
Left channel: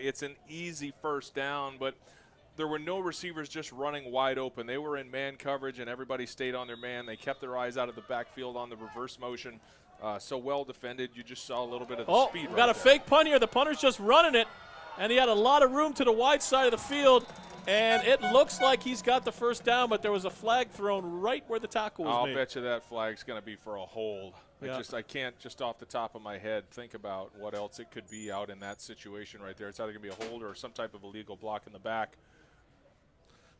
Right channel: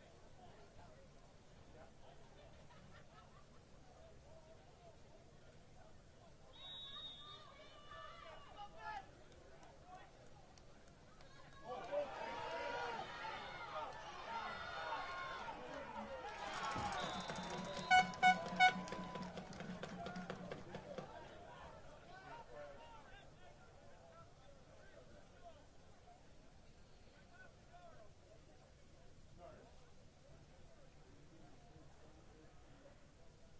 it's an easy first down, but there were no receivers just running wide open. They were in man coverage, and everybody stayed on their man. They kept their eyes out of the backfield on the reverse motion. So well defended. You just saw a little bit of the speed. Got a fake punt here. The punter's just running it. And he had a lot of room to the wide side of the field, and it looks like he's got the first down, but there was a flag thrown right where the tackle was made. I'll bet you that flag's going to be for a hold. Yeah. I can't just off the top of my head think about what else it could be out in that situation right there. It's either going to be a hold or some type of illegal block in the back.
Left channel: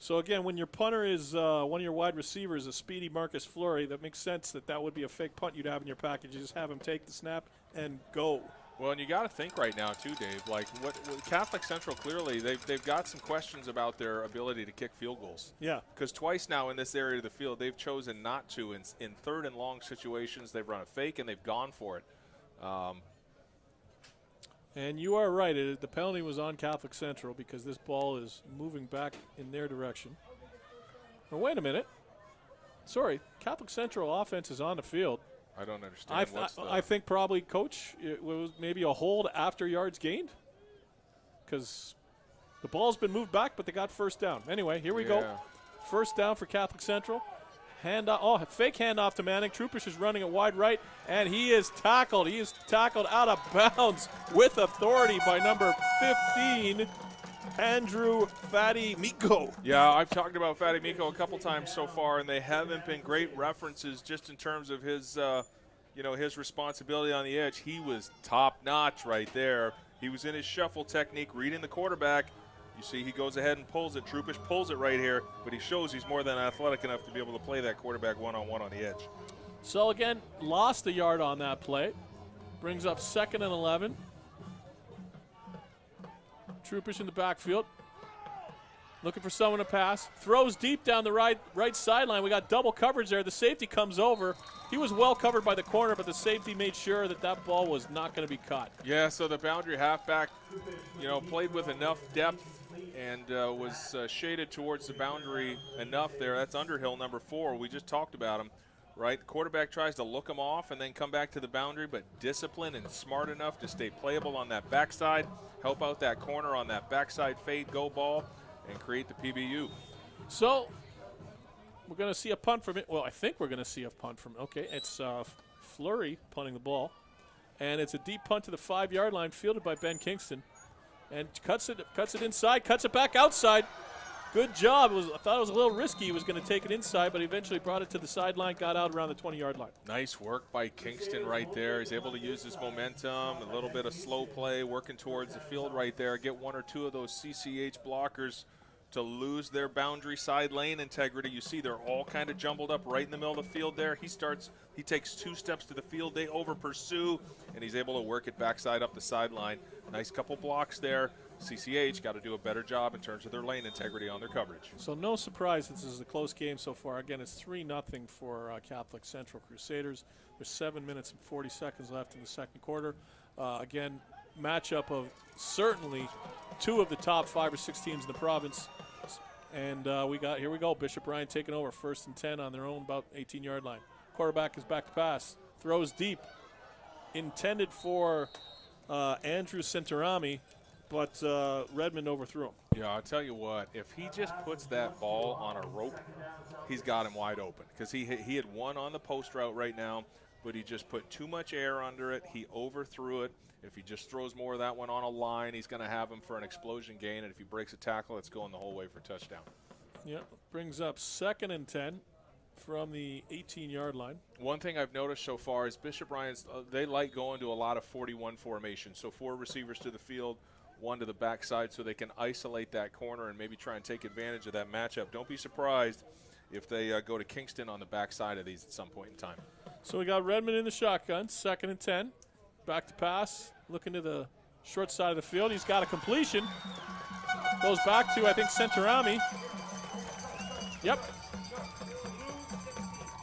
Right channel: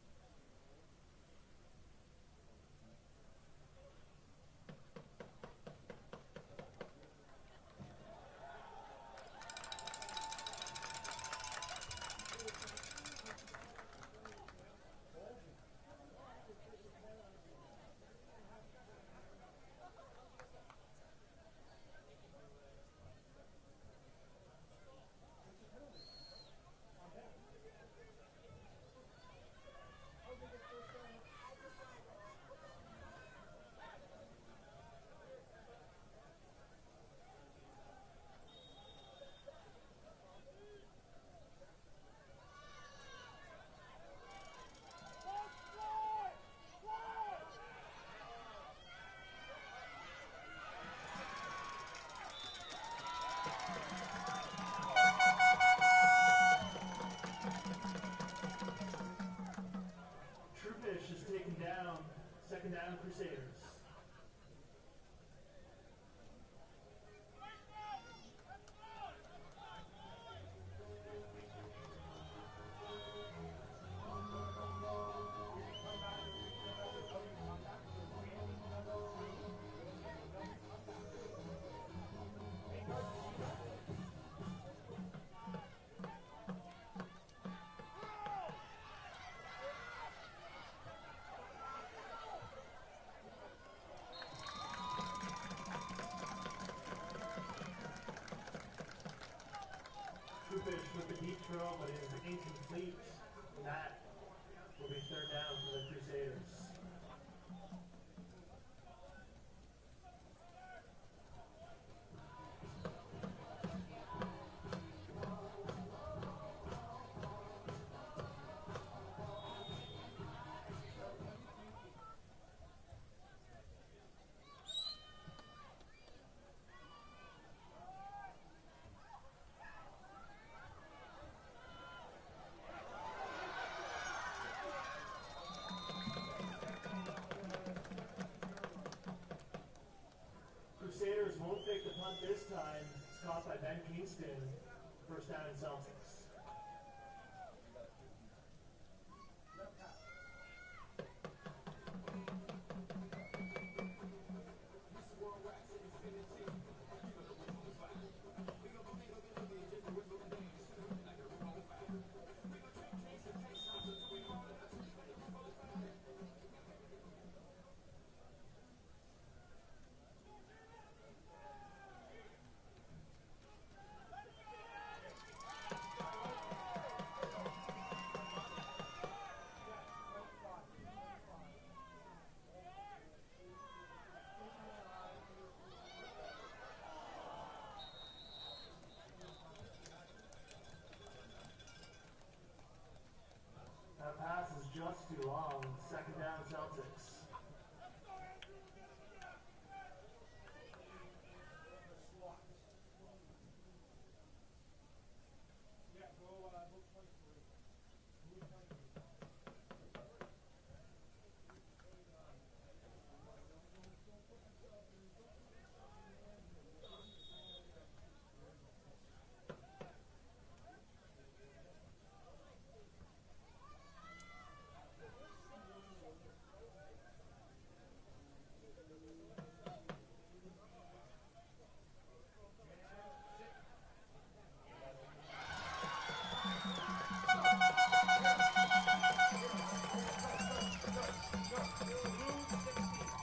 So, again, when your punter is one of your wide receivers, a speedy Marcus Fleury, that makes sense that would be a fake punt you'd have in your package. You just have him take the snap and go. Well, and you got to think right now too, Dave. Like what Catholic Central clearly they've got some questions about their ability to kick field goals. Yeah. Because twice now in this area of the field they've chosen not to. In 3rd and long situations they've run a fake and they've gone for it. And you are right. The penalty was on Catholic Central because this ball is moving back in their direction. Oh, wait a minute. Sorry, Catholic Central offense is on the field. I don't understand. I think probably, Coach, it was maybe a hold after yards gained, because the ball's been moved back, but they got first down. Anyway, here we go. First down for Catholic Central. Fake handoff to Manning. Troupish is running it wide right, and he is tackled. He is tackled out of bounds with authority by number 15, Andrew Fatty Miko. Yeah, I've talked about Fatty Miko a couple times so far, and they haven't been great references just in terms of his, his responsibility on the edge. He was top-notch right there. He was in his shuffle technique, reading the quarterback. You see he goes ahead and pulls it. Troupish pulls it right here, but he shows he's more than athletic enough to be able to play that quarterback one-on-one on the edge. So again, lost a yard on that play. Brings up 2nd and 11. Troupish in the backfield. Looking for someone to pass. Throws deep down the right sideline. We got double coverage there. The safety comes over. He was well covered by the corner, but the safety made sure that ball was not going to be caught. Yeah, so the boundary halfback, played with enough depth and was shaded towards the boundary enough there. That's Underhill, number 4. We just talked about him, right? The quarterback tries to look him off and then come back to the boundary, but disciplined and smart enough to stay playable on that backside, help out that corner on that backside fade go ball, and create the PBU. So we're going to see a punt from it. Well, I think we're going to see a punt from it. Okay, it's Fleury punting the ball. And it's a deep punt to the 5-yard line, fielded by Ben Kingston. And cuts it inside, cuts it back outside. Good job. I thought it was a little risky. He was going to take it inside, but he eventually brought it to the sideline, got out around the 20-yard line. Nice work by Kingston right there. He's able to use his momentum, a little bit of slow play, working towards the field right there. Get 1 or 2 of those CCH blockers to lose their boundary side lane integrity. You see they're all kind of jumbled up right in the middle of the field there. He takes 2 steps to the field. They over pursue, and he's able to work it backside up the sideline. Nice couple blocks there. CCH got to do a better job in terms of their lane integrity on their coverage. So no surprise, this is a close game so far. Again, it's 3-0 for Catholic Central Crusaders. There's 7 minutes and 40 seconds left in the second quarter. Again, matchup of certainly 2 of the top 5 or 6 teams in the province. And here we go, Bishop Ryan taking over, 1st and 10 on their own, about 18-yard line. Quarterback is back to pass, throws deep, intended for Andrew Centerami, but Redmond overthrew him. Yeah, I'll tell you what, if he just puts that ball on a rope, he's got him wide open. Because he had one on the post route right now, but he just put too much air under it. He overthrew it. If he just throws more of that one on a line, he's going to have him for an explosion gain. And if he breaks a tackle, it's going the whole way for touchdown. Yep, brings up 2nd and 10 from the 18-yard line. One thing I've noticed so far is Bishop Ryan's, they like going to a lot of 41 formation. So 4 receivers to the field, 1 to the backside, so they can isolate that corner and maybe try and take advantage of that matchup. Don't be surprised if they go to Kingston on the backside of these at some point in time. So we got Redmond in the shotgun, 2nd and 10. Back to pass, looking to the short side of the field. He's got a completion. Goes back to, I think, Centerami. Yep.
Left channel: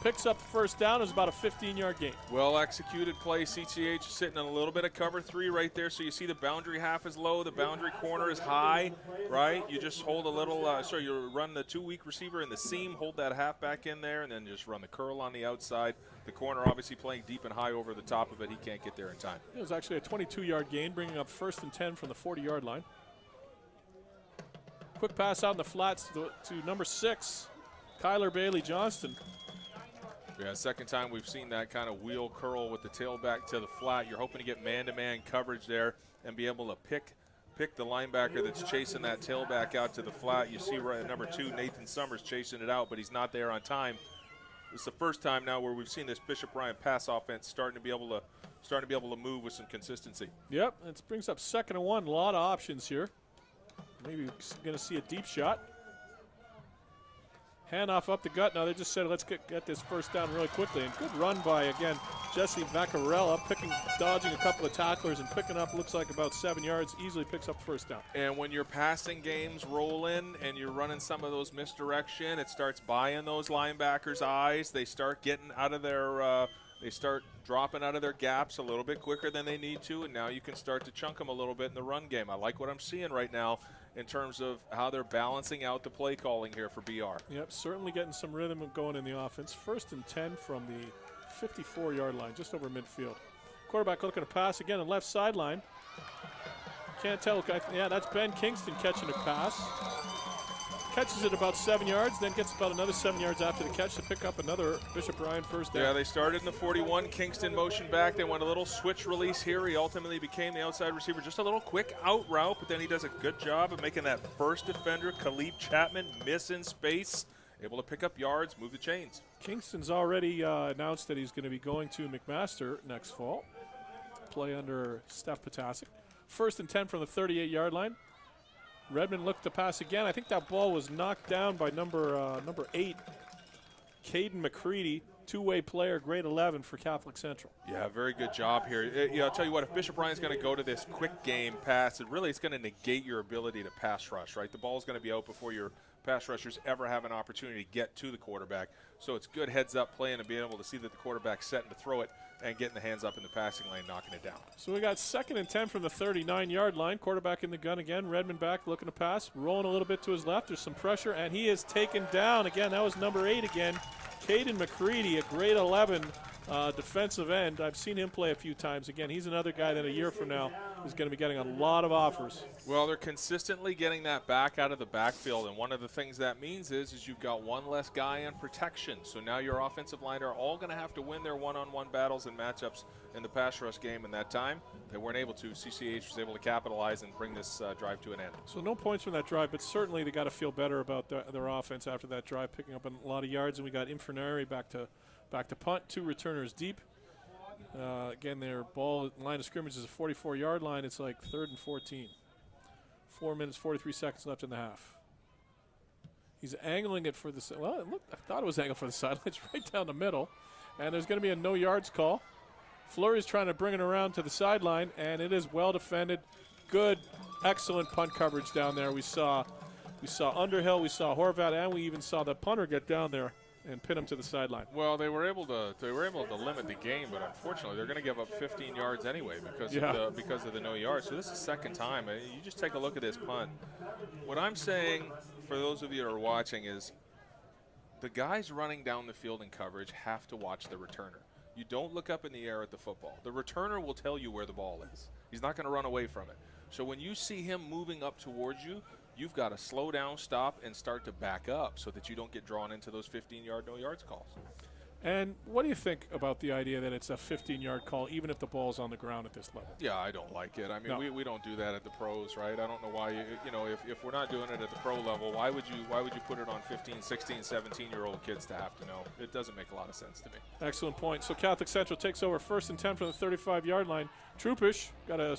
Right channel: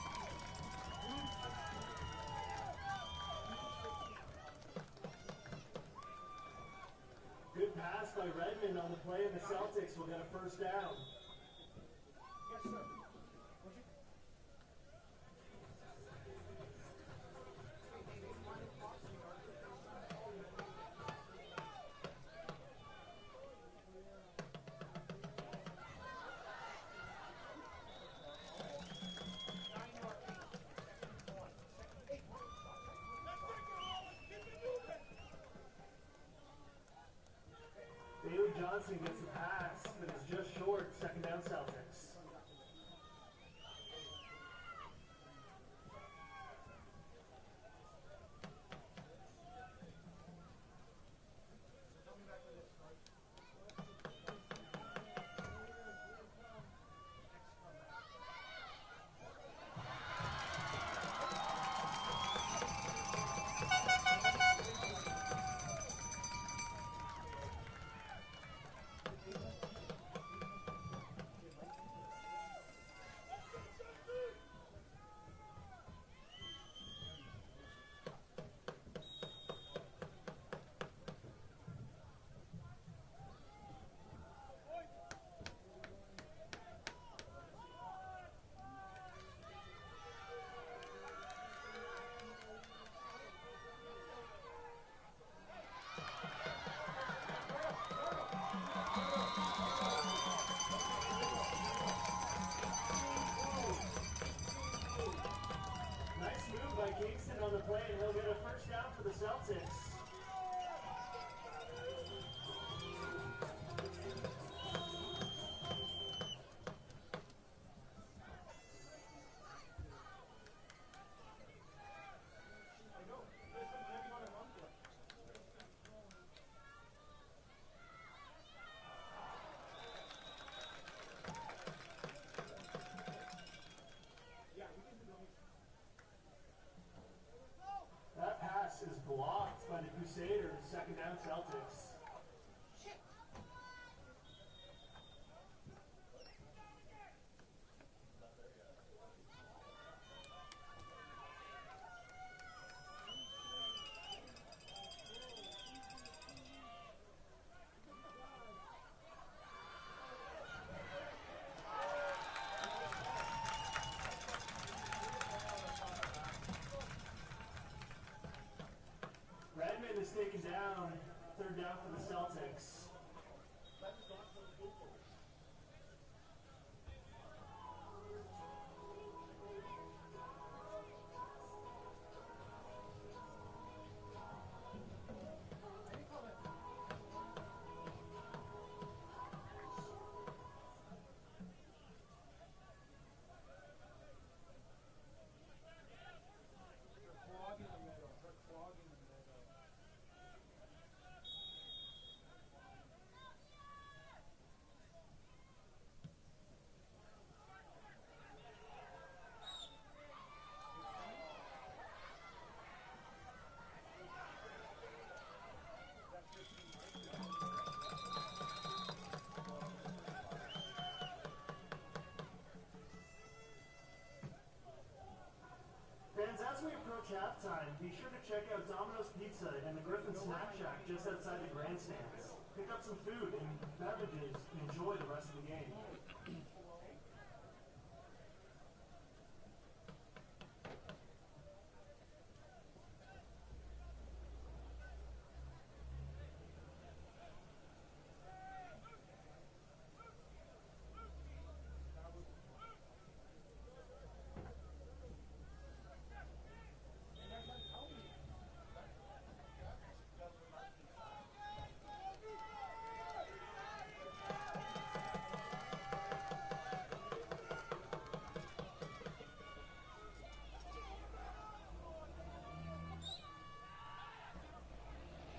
Picks up the first down. It was about a 15-yard gain. Well executed play. CCH sitting in a little bit of cover 3 right there. So you see the boundary half is low, the boundary corner is high, right? You just hold a little, you run the 2 weak receiver in the seam, hold that halfback in there, and then just run the curl on the outside. The corner obviously playing deep and high over the top of it. He can't get there in time. It was actually a 22-yard gain, bringing up 1st and 10 from the 40-yard line. Quick pass out in the flats to number 6, Kyler Bailey Johnston. Yeah, second time we've seen that kind of wheel curl with the tailback to the flat. You're hoping to get man-to-man coverage there and be able to pick the linebacker that's chasing that tailback out to the flat. You see right number 2, Nathan Summers, chasing it out, but he's not there on time. It's the first time now where we've seen this Bishop Ryan pass offense starting to be able to move with some consistency. Yep, it brings up 2nd and 1. A lot of options here. Maybe going to see a deep shot. Handoff up the gut. Now they just said, let's get this first down really quickly. And good run by, again, Jesse Vaccarella, dodging a couple of tacklers and picking up, looks like about 7 yards, easily picks up first down. And when your passing games roll in and you're running some of those misdirection, it starts buying those linebackers' eyes. They start getting out of their they start dropping out of their gaps a little bit quicker than they need to, and now you can start to chunk them a little bit in the run game. I like what I'm seeing right now in terms of how they're balancing out the play calling here for BR. Yep, certainly getting some rhythm going in the offense. 1st and 10 from the 54-yard line, just over midfield. Quarterback looking to pass again on left sideline. Can't tell. Yeah, that's Ben Kingston catching a pass. Catches it about 7 yards, then gets about another 7 yards after the catch to pick up another Bishop Bryan first down. Yeah, they started in the 41. Kingston motioned back. They went a little switch release here. He ultimately became the outside receiver. Just a little quick out route, but then he does a good job of making that first defender, Khalif Chapman, miss in space, able to pick up yards, move the chains. Kingston's already announced that he's going to be going to McMaster next fall. Play under Steph Potasic. 1st and 10 from the 38-yard line. Redmond looked to pass again. I think that ball was knocked down by number 8, Caden McCready, two-way player, grade 11 for Catholic Central. Yeah, very good job here. I'll tell you what, if Bishop Bryan's going to go to this quick game pass, it's going to negate your ability to pass rush, right? The ball's going to be out before your pass rushers ever have an opportunity to get to the quarterback. So it's good heads-up playing and being able to see that the quarterback's setting to throw it and getting the hands up in the passing lane, knocking it down. So we got 2nd and 10 from the 39-yard line. Quarterback in the gun again. Redmond back looking to pass. Rolling a little bit to his left. There's some pressure, and he is taken down. Again, that was number 8 again. Caden McCready, a grade 11 defensive end. I've seen him play a few times. Again, he's another guy that a year from now is going to be getting a lot of offers. Well, they're consistently getting that back out of the backfield, and one of the things that means is you've got one less guy on protection. So now your offensive line are all going to have to win their one-on-one battles and matchups in the pass rush game. In that time, they weren't able to. CCH was able to capitalize and bring this drive to an end. So no points from that drive, but certainly they got to feel better about their offense after that drive, picking up a lot of yards. And we got Infernari back to punt, 2 returners deep. Again, their ball line of scrimmage is a 44-yard line. It's like 3rd and 14. 4 minutes, 43 seconds left in the half. He's angling it for the I thought it was angled for the sideline. It's right down the middle. And there's going to be a no yards call. Fleury's trying to bring it around to the sideline, and it is well defended. Good, excellent punt coverage down there. We saw Underhill, we saw Horvat, and we even saw the punter get down there and pin him to the sideline. Well, they were able to limit the game, but unfortunately they're going to give up 15 yards anyway because of the no yards. So this is the second time. You just take a look at this punt. What I'm saying for those of you who are watching is the guys running down the field in coverage have to watch the returner. You don't look up in the air at the football. The returner will tell you where the ball is. He's not going to run away from it. So when you see him moving up towards you, you've got to slow down, stop, and start to back up so that you don't get drawn into those 15-yard no yards calls. And what do you think about the idea that it's a 15-yard call even if the ball's on the ground at this level? Yeah, I don't like it. I mean, No. we don't do that at the pros, right? I don't know why if we're not doing it at the pro level, why would you put it on 15, 16, 17-year-old kids to have to know? It doesn't make a lot of sense to me. Excellent point. So Catholic Central takes over 1st and 10 from the 35-yard line. Troupish got a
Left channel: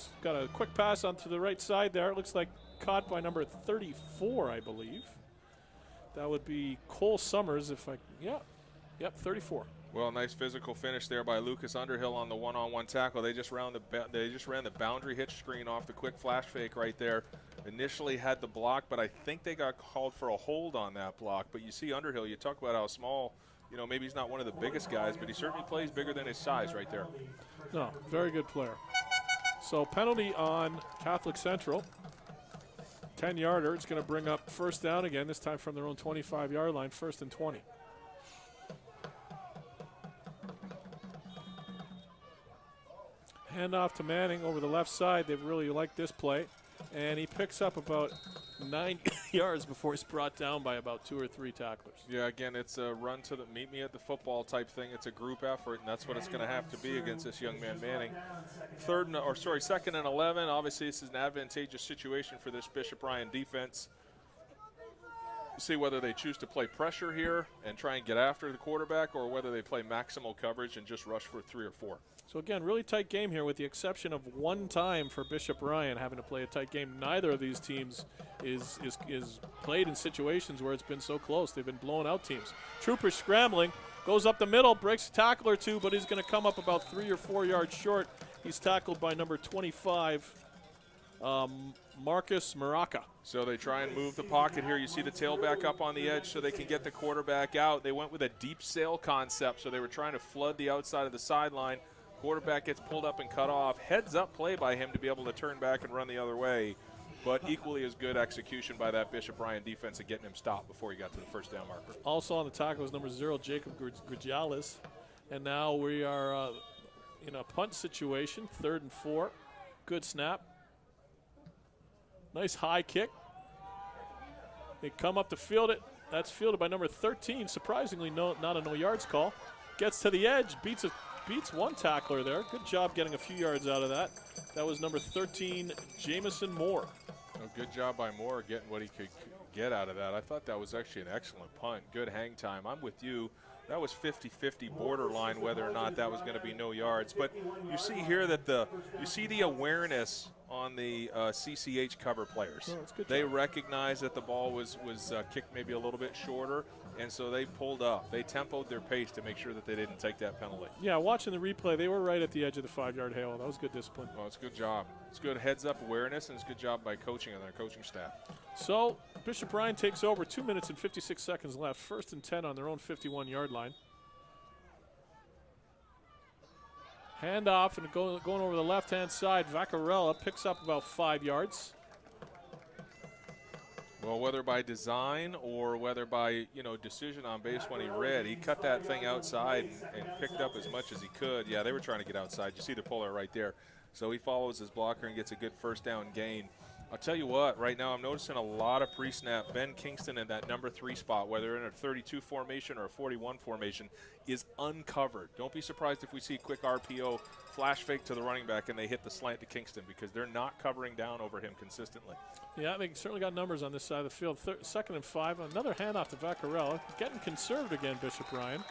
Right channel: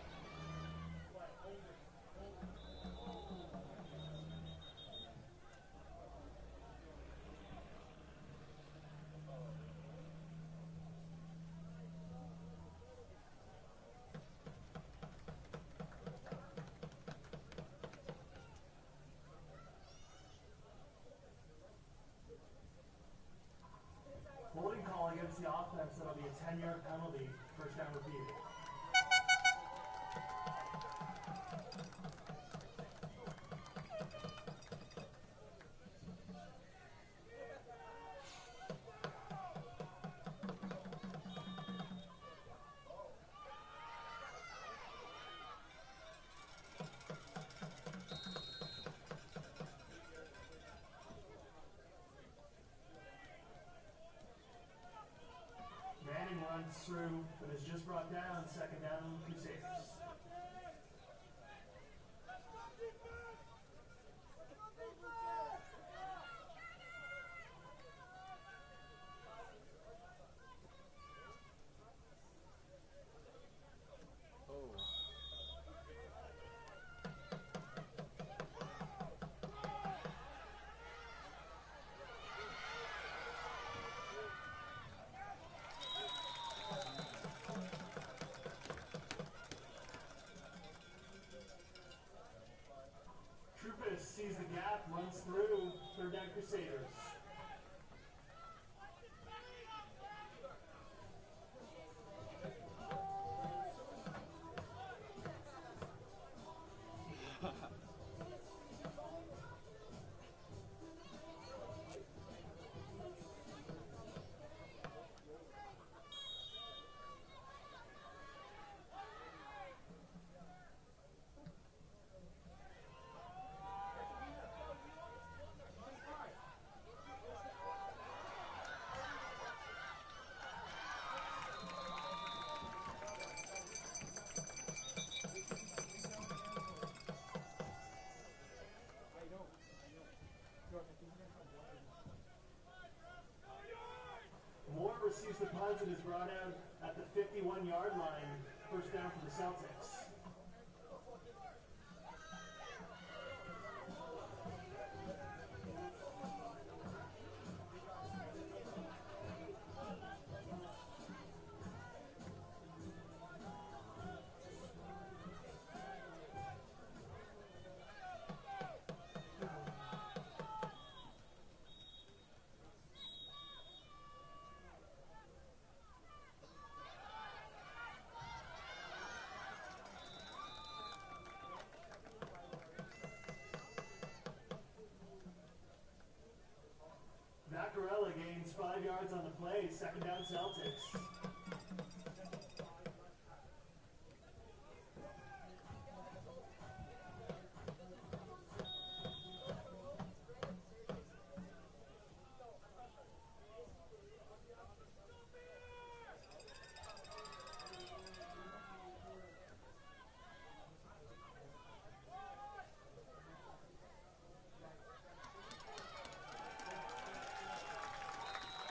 quick pass onto the right side there. It looks like caught by number 34, I believe. That would be Cole Summers. 34. Well, nice physical finish there by Lucas Underhill on the one-on-one tackle. They just ran the boundary hitch screen off the quick flash fake right there. Initially had the block, but I think they got called for a hold on that block. But you see Underhill, you talk about how small, maybe he's not one of the biggest guys, but he certainly plays bigger than his size right there. No, very good player. So penalty on Catholic Central. 10-yarder. It's going to bring up 1st down again, this time from their own 25-yard line, 1st and 20. Handoff to Manning over the left side. They've really liked this play. And he picks up about 9 yards before he's brought down by about 2 or 3 tacklers. Yeah, again, it's a run to the meet me at the football type thing. It's a group effort, and that's what it's going to have to be against this young man Manning. 2nd and 11. Obviously, this is an advantageous situation for this Bishop Bryan defense. See whether they choose to play pressure here and try and get after the quarterback, or whether they play maximal coverage and just rush for 3 or 4. So again, really tight game here with the exception of one time for Bishop Bryan having to play a tight game. Neither of these teams is played in situations where it's been so close. They've been blowing out teams. Trooper scrambling, goes up the middle, breaks a tackle or two, but he's going to come up about 3 or 4 yards short. He's tackled by number 25, Marcus Maraca. So they try and move the pocket here. You see the tailback up on the edge so they can get the quarterback out. They went with a deep sail concept, so they were trying to flood the outside of the sideline. Quarterback gets pulled up and cut off. Heads up play by him to be able to turn back and run the other way. but equally as good execution by that Bishop Ryan defense of getting him stopped before he got to the first down marker. Also on the tackle was number 0, Jacob Grigialis. And now we are in a punt situation, 3rd and 4. Good snap. Nice high kick. They come up to field it. That's fielded by number 13. Surprisingly, not a no yards call. Gets to the edge, beats one tackler there. Good job getting a few yards out of that. That was number 13, Jamison Moore. Good job by Moore getting what he could get out of that. I thought that was actually an excellent punt. Good hang time. I'm with you. That was 50-50 borderline whether or not that was going to be no yards. But you see here that you see the awareness on the CCH cover players. They recognized that the ball was kicked maybe a little bit shorter, and so they pulled up. They tempoed their pace to make sure that they didn't take that penalty. Yeah, watching the replay, they were right at the edge of the 5-yard hail. That was good discipline. Oh, it's a good job. It's good heads-up awareness, and it's a good job by coaching and their coaching staff. So Bishop Ryan takes over. 2 minutes and 56 seconds left. 1st and 10 on their own 51-yard line. Hand off and going over the left-hand side. Vaccarella picks up about 5 yards. Well, whether by design or whether by decision on base when he read, he cut that thing outside and picked up as much as he could. Yeah, they were trying to get outside. You see the puller right there. So he follows his blocker and gets a good first down gain. I'll tell you what, right now I'm noticing a lot of pre-snap. Ben Kingston in that number 3 spot, whether in a 32 formation or a 41 formation, is uncovered. Don't be surprised if we see quick RPO, flash fake to the running back, and they hit the slant to Kingston because they're not covering down over him consistently. Yeah, they certainly got numbers on this side of the field. 2nd and 5. Another handoff to Vaccarella. Getting conserved again, Bishop Ryan.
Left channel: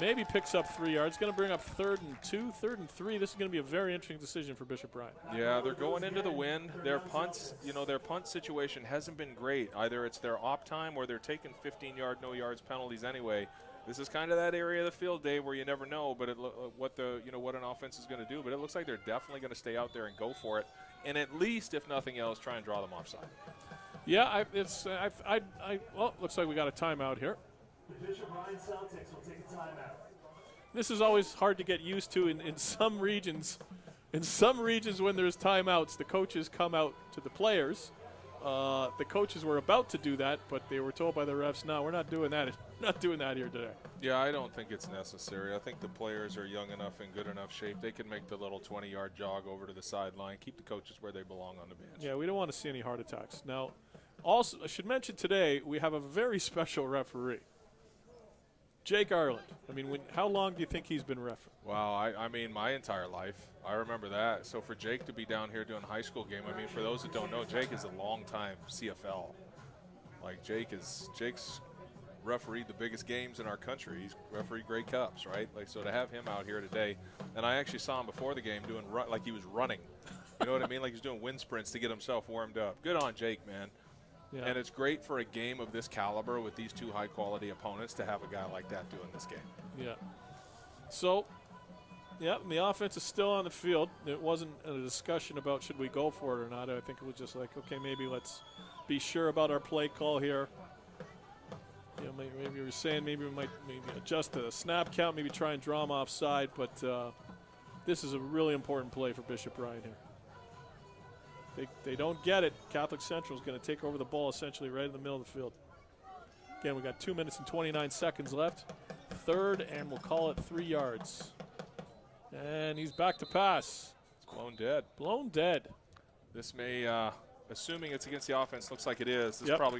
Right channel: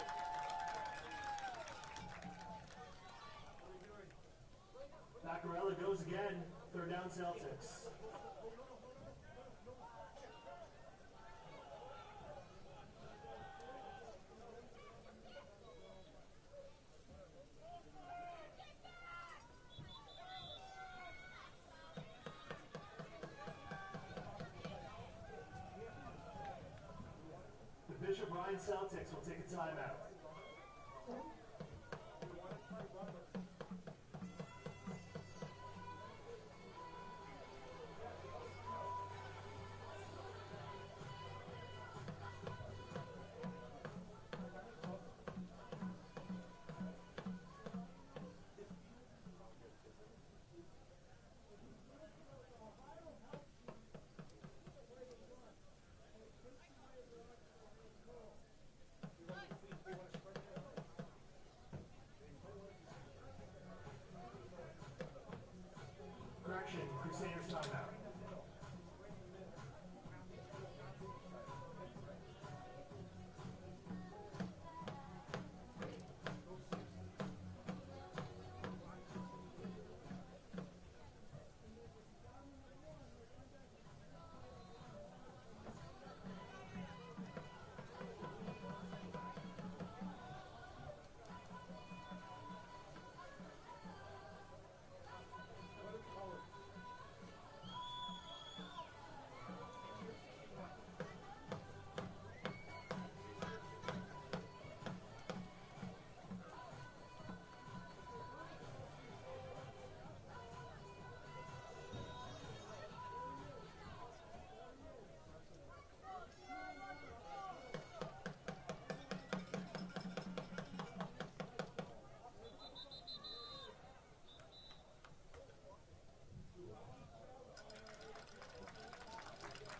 Maybe picks up 3 yards. Going to bring up 3rd and 2, 3rd and 3. This is going to be a very interesting decision for Bishop Ryan. Yeah, they're going into the wind. Their punts, their punt situation hasn't been great. Either it's their op time or they're taking 15-yard, no yards penalties anyway. This is kind of that area of the field, Dave, where you never know, but what an offense is going to do. But it looks like they're definitely going to stay out there and go for it, and at least, if nothing else, try and draw them offside. Yeah, looks like we got a timeout here. The Bishop Ryan Celtics will take a timeout. This is always hard to get used to in some regions. In some regions, when there's timeouts, the coaches come out to the players. The coaches were about to do that, but they were told by the refs, "No, we're not doing that. Not doing that here today." Yeah, I don't think it's necessary. I think the players are young enough and good enough shape. They can make the little 20-yard jog over to the sideline, keep the coaches where they belong on the bench. Yeah, we don't want to see any heart attacks. Now, also, I should mention today we have a very special referee, Jake Ireland. I mean, how long do you think he's been ref? Wow, I mean, my entire life. I remember that. So for Jake to be down here doing a high school game, I mean, for those that don't know, Jake is a long-time CFL. Like, Jake's refereed the biggest games in our country. He's refereed Grey Cups, right? Like, so to have him out here today, and I actually saw him before the game doing like he was running. You know what I mean? Like he's doing wind sprints to get himself warmed up. Good on Jake, man. Yeah. And it's great for a game of this caliber with these two high-quality opponents to have a guy like that doing this game. Yeah. So, yeah, the offense is still on the field. It wasn't a discussion about should we go for it or not. I think it was just like, okay, maybe let's be sure about our play call here. You know, maybe we were saying maybe we might adjust the snap count, maybe try and draw them offside, but this is a really important play for Bishop Ryan here. They don't get it. Catholic Central is going to take over the ball essentially right in the middle of the field. Again, we got 2 minutes and 29 seconds left. 3rd, and we'll call it 3 yards. And he's back to pass. It's blown dead. Blown dead. This may, assuming it's against the offense, looks like it is. It's probably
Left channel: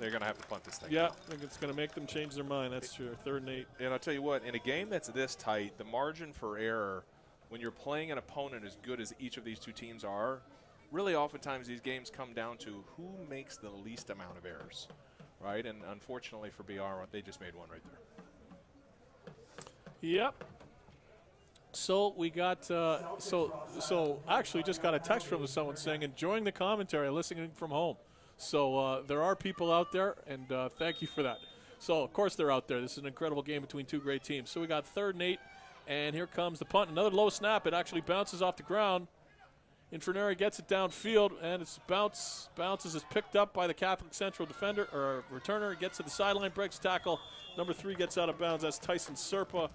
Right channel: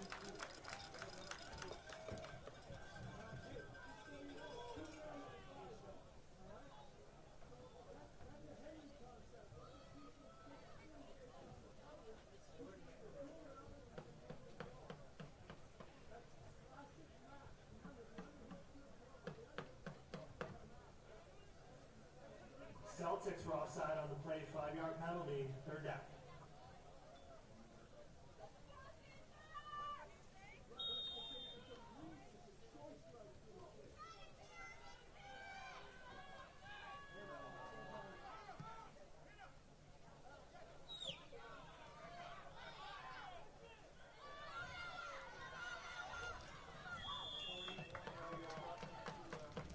they're gonna have to punt this thing. Yeah, I think it's gonna make them change their mind. That's true. 3rd and 8. And I'll tell you what, in a game that's this tight, the margin for error when you're playing an opponent as good as each of these two teams are, really oftentimes these games come down to who makes the least amount of errors, right? And unfortunately for BR, they just made one right there. Yep. So we got, so actually just got a text from someone saying enjoying the commentary, listening from home. So there are people out there, and thank you for that. So of course they're out there. This is an incredible game between two great teams. So we got 3rd and 8, and here comes the punt. Another low snap. It actually bounces off the ground. Inferneri gets it downfield, and its bounces is picked up by the Catholic Central defender or returner. Gets to the sideline, breaks tackle, Number 3 gets out of bounds. That's Tyson Serpa,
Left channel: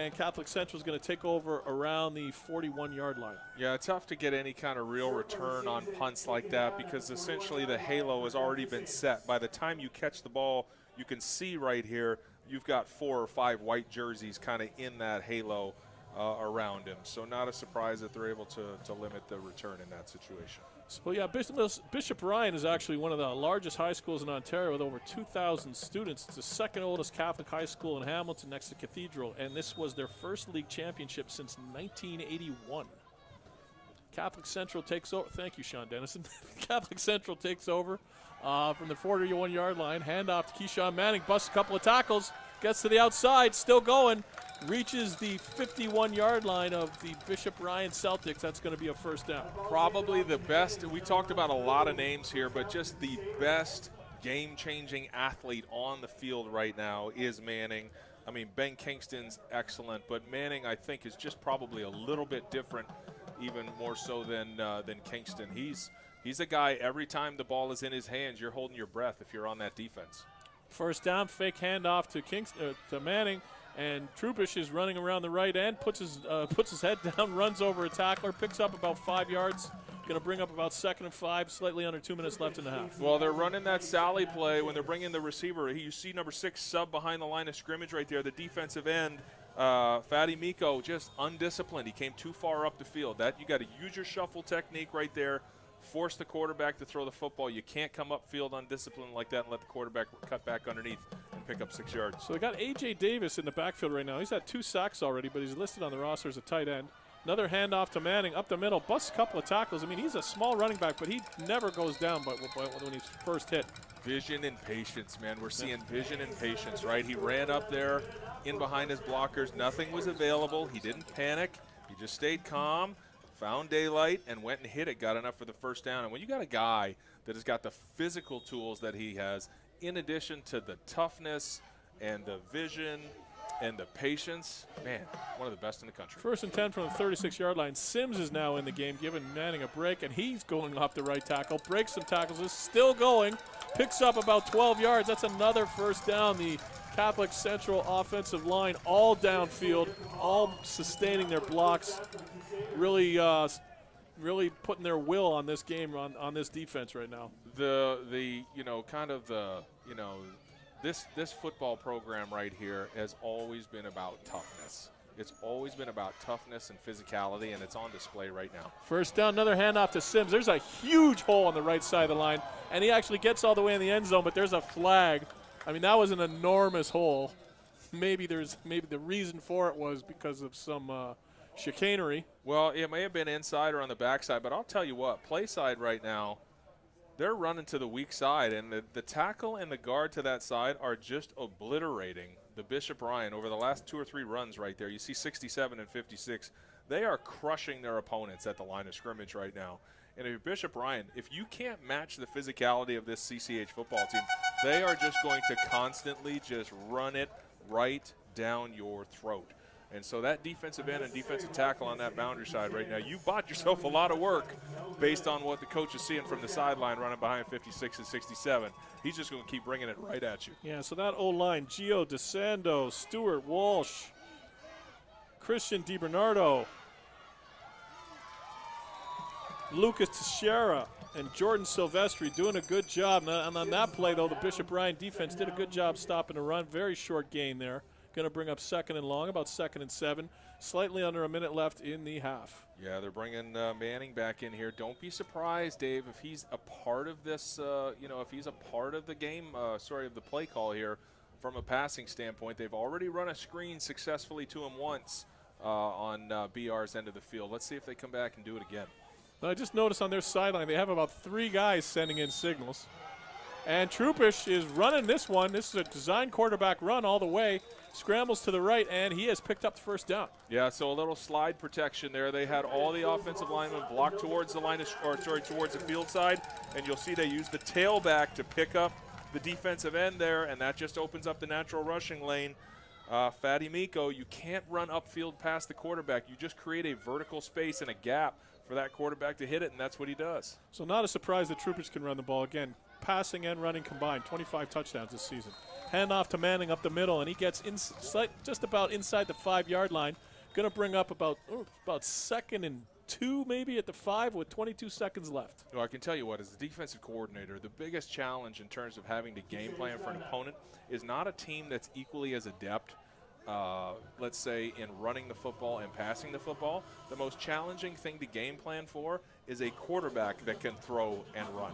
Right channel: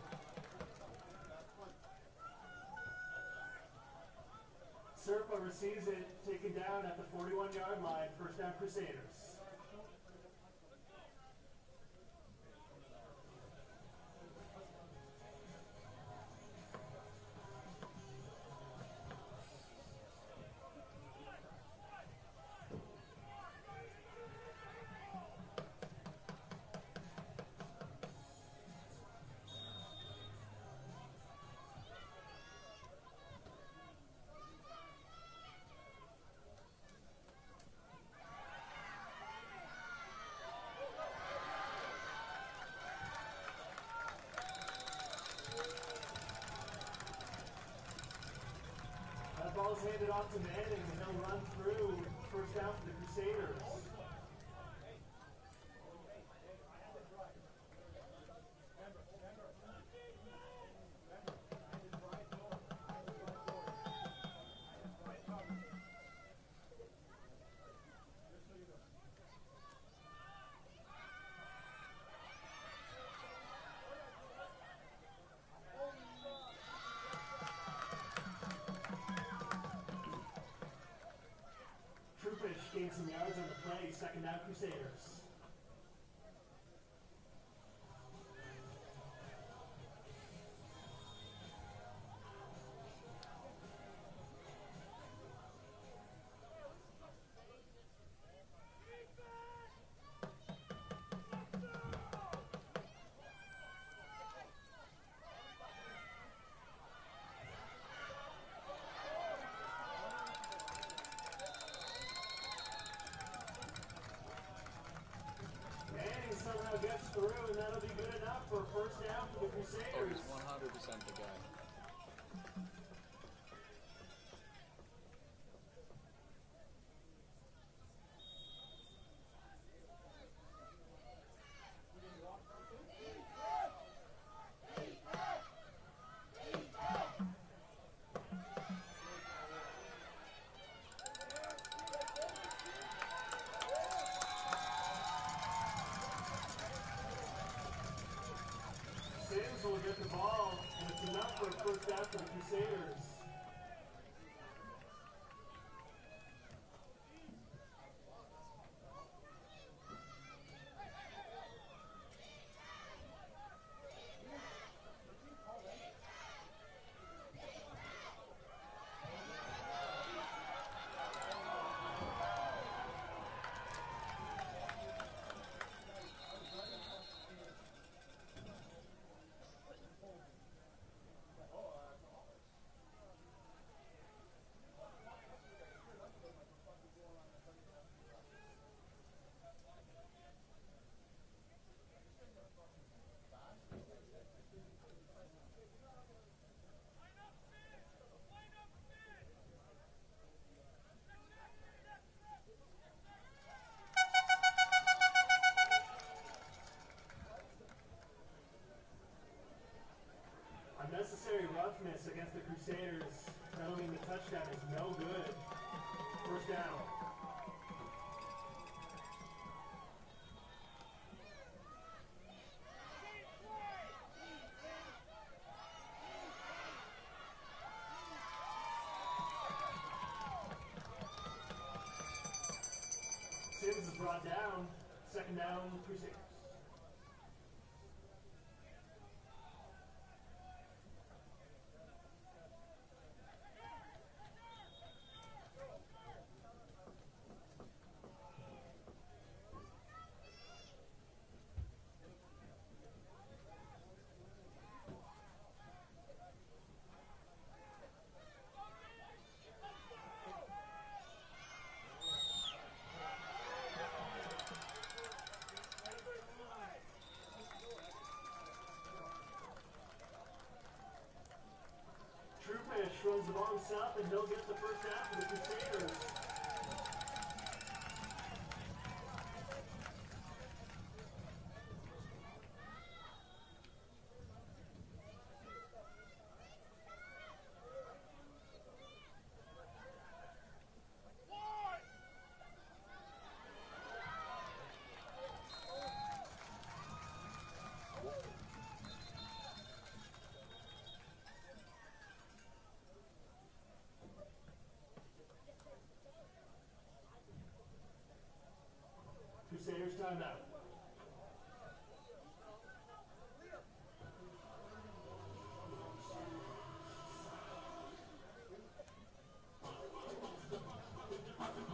and Catholic Central is going to take over around the 41-yard line. Yeah, it's tough to get any kind of real return on punts like that because essentially the halo has already been set. By the time you catch the ball, you can see right here, you've got 4 or 5 white jerseys kind of in that halo around him. So not a surprise that they're able to limit the return in that situation. Well, yeah, Bishop Ryan is actually one of the largest high schools in Ontario with over 2,000 students. It's the second oldest Catholic high school in Hamilton next to Cathedral, and this was their first league championship since 1981. Catholic Central takes over. Thank you, Sean Dennison. Catholic Central takes over from the 41-yard line. Handoff to Keyshawn Manning, busts a couple of tackles, gets to the outside, still going, reaches the 51-yard line of the Bishop Ryan Celtics. That's going to be a first down. Probably the best, we talked about a lot of names here, but just the best game-changing athlete on the field right now is Manning. I mean, Ben Kingston's excellent, but Manning, I think, is just probably a little bit different, even more so than Kingston. He's a guy, every time the ball is in his hands, you're holding your breath if you're on that defense. First down, fake handoff to Manning, and Trubish is running around the right end, puts his head down, runs over a tackler, picks up about 5 yards. Going to bring up about 2nd and 5, slightly under 2 minutes left in the half. Well, they're running that Sally play when they're bringing the receiver. You see number 6 sub behind the line of scrimmage right there, the defensive end. Fatty Miko just undisciplined. He came too far up the field. That you got to use your shuffle technique right there. Force the quarterback to throw the football. You can't come upfield undisciplined like that and let the quarterback cut back underneath, pick up 6 yards. So we got A.J. Davis in the backfield right now. He's had 2 sacks already, but he's listed on the roster as a tight end. Another handoff to Manning up the middle, busts a couple of tackles. I mean, he's a small running back, but he never goes down when he's first hit. Vision and patience, man. We're seeing vision and patience, right? He ran up there in behind his blockers. Nothing was available. He didn't panic. He just stayed calm, found daylight, and went and hit it, got enough for the first down. And when you got a guy that has got the physical tools that he has, in addition to the toughness and the vision and the patience, man, one of the best in the country. 1st and 10 from the 36-yard line. Sims is now in the game, giving Manning a break, and he's going off the right tackle. Breaks some tackles, is still going, picks up about 12 yards. That's another first down. The Catholic Central offensive line all downfield, all sustaining their blocks, really putting their will on this game, on this defense right now. This football program right here has always been about toughness. It's always been about toughness and physicality, and it's on display right now. First down, another handoff to Sims. There's a huge hole on the right side of the line, and he actually gets all the way in the end zone, but there's a flag. I mean, that was an enormous hole. Maybe the reason for it was because of some chicanery. Well, it may have been inside or on the backside, but I'll tell you what, play side right now, they're running to the weak side, and the tackle and the guard to that side are just obliterating the Bishop Ryan over the last 2 or 3 runs right there. You see 67 and 56. They are crushing their opponents at the line of scrimmage right now. And if you're Bishop Ryan, if you can't match the physicality of this CCH football team, they are just going to constantly just run it right down your throat. And so that defensive end and defensive tackle on that boundary side right now, you bought yourself a lot of work based on what the coach is seeing from the sideline running behind 56 and 67. He's just going to keep bringing it right at you. Yeah, so that O-line, Gio DeSando, Stuart Walsh, Christian DiBernardo, Lucas Teixeira, and Jordan Silvestri doing a good job. And on that play, though, the Bishop Ryan defense did a good job stopping the run. Very short gain there. Going to bring up 2nd and long, about 2nd and 7. Slightly under a minute left in the half. Yeah, they're bringing Manning back in here. Don't be surprised, Dave, if he's a part of this, if he's a part of the game, of the play call here from a passing standpoint. They've already run a screen successfully to him once on BR's end of the field. Let's see if they come back and do it again. I just noticed on their sideline they have about 3 guys sending in signals. And Trupish is running this one. This is a design quarterback run all the way. Scrambles to the right, and he has picked up the first down. Yeah, so a little slide protection there. They had all the offensive linemen blocked towards the towards the field side, and you'll see they used the tailback to pick up the defensive end there, and that just opens up the natural rushing lane. Fatty Miko, you can't run upfield past the quarterback. You just create a vertical space and a gap for that quarterback to hit it, and that's what he does. So not a surprise that Troopers can run the ball. Again, passing and running combined, 25 touchdowns this season. Hand off to Manning up the middle, and he gets just about inside the 5-yard line. Going to bring up about 2nd and 2 maybe at the 5 with 22 seconds left. Well, I can tell you what, as the defensive coordinator, the biggest challenge in terms of having to game plan for an opponent is not a team that's equally as adept, let's say, in running the football and passing the football. The most challenging thing to game plan for is a quarterback that can throw and run.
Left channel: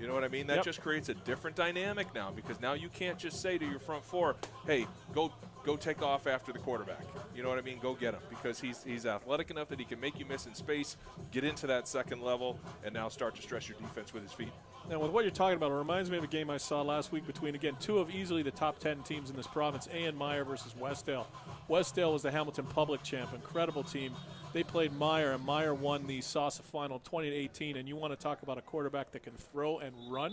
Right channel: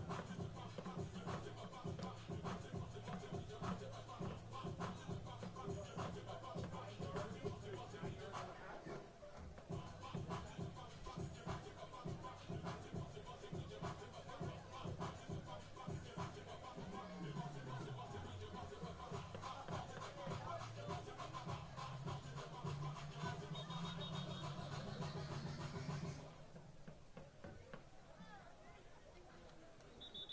You know what I mean? That just creates a different dynamic now, because now you can't just say to your front four, hey, go take off after the quarterback. You know what I mean? Go get him, because he's athletic enough that he can make you miss in space, get into that second level, and now start to stress your defense with his feet. And with what you're talking about, it reminds me of a game I saw last week between, again, two of easily the top 10 teams in this province, A.N. Meyer versus Westdale. Westdale was the Hamilton Public champ, incredible team. They played Meyer, and Meyer won the SASA final 20-18, and you want to talk about a quarterback that can throw and run?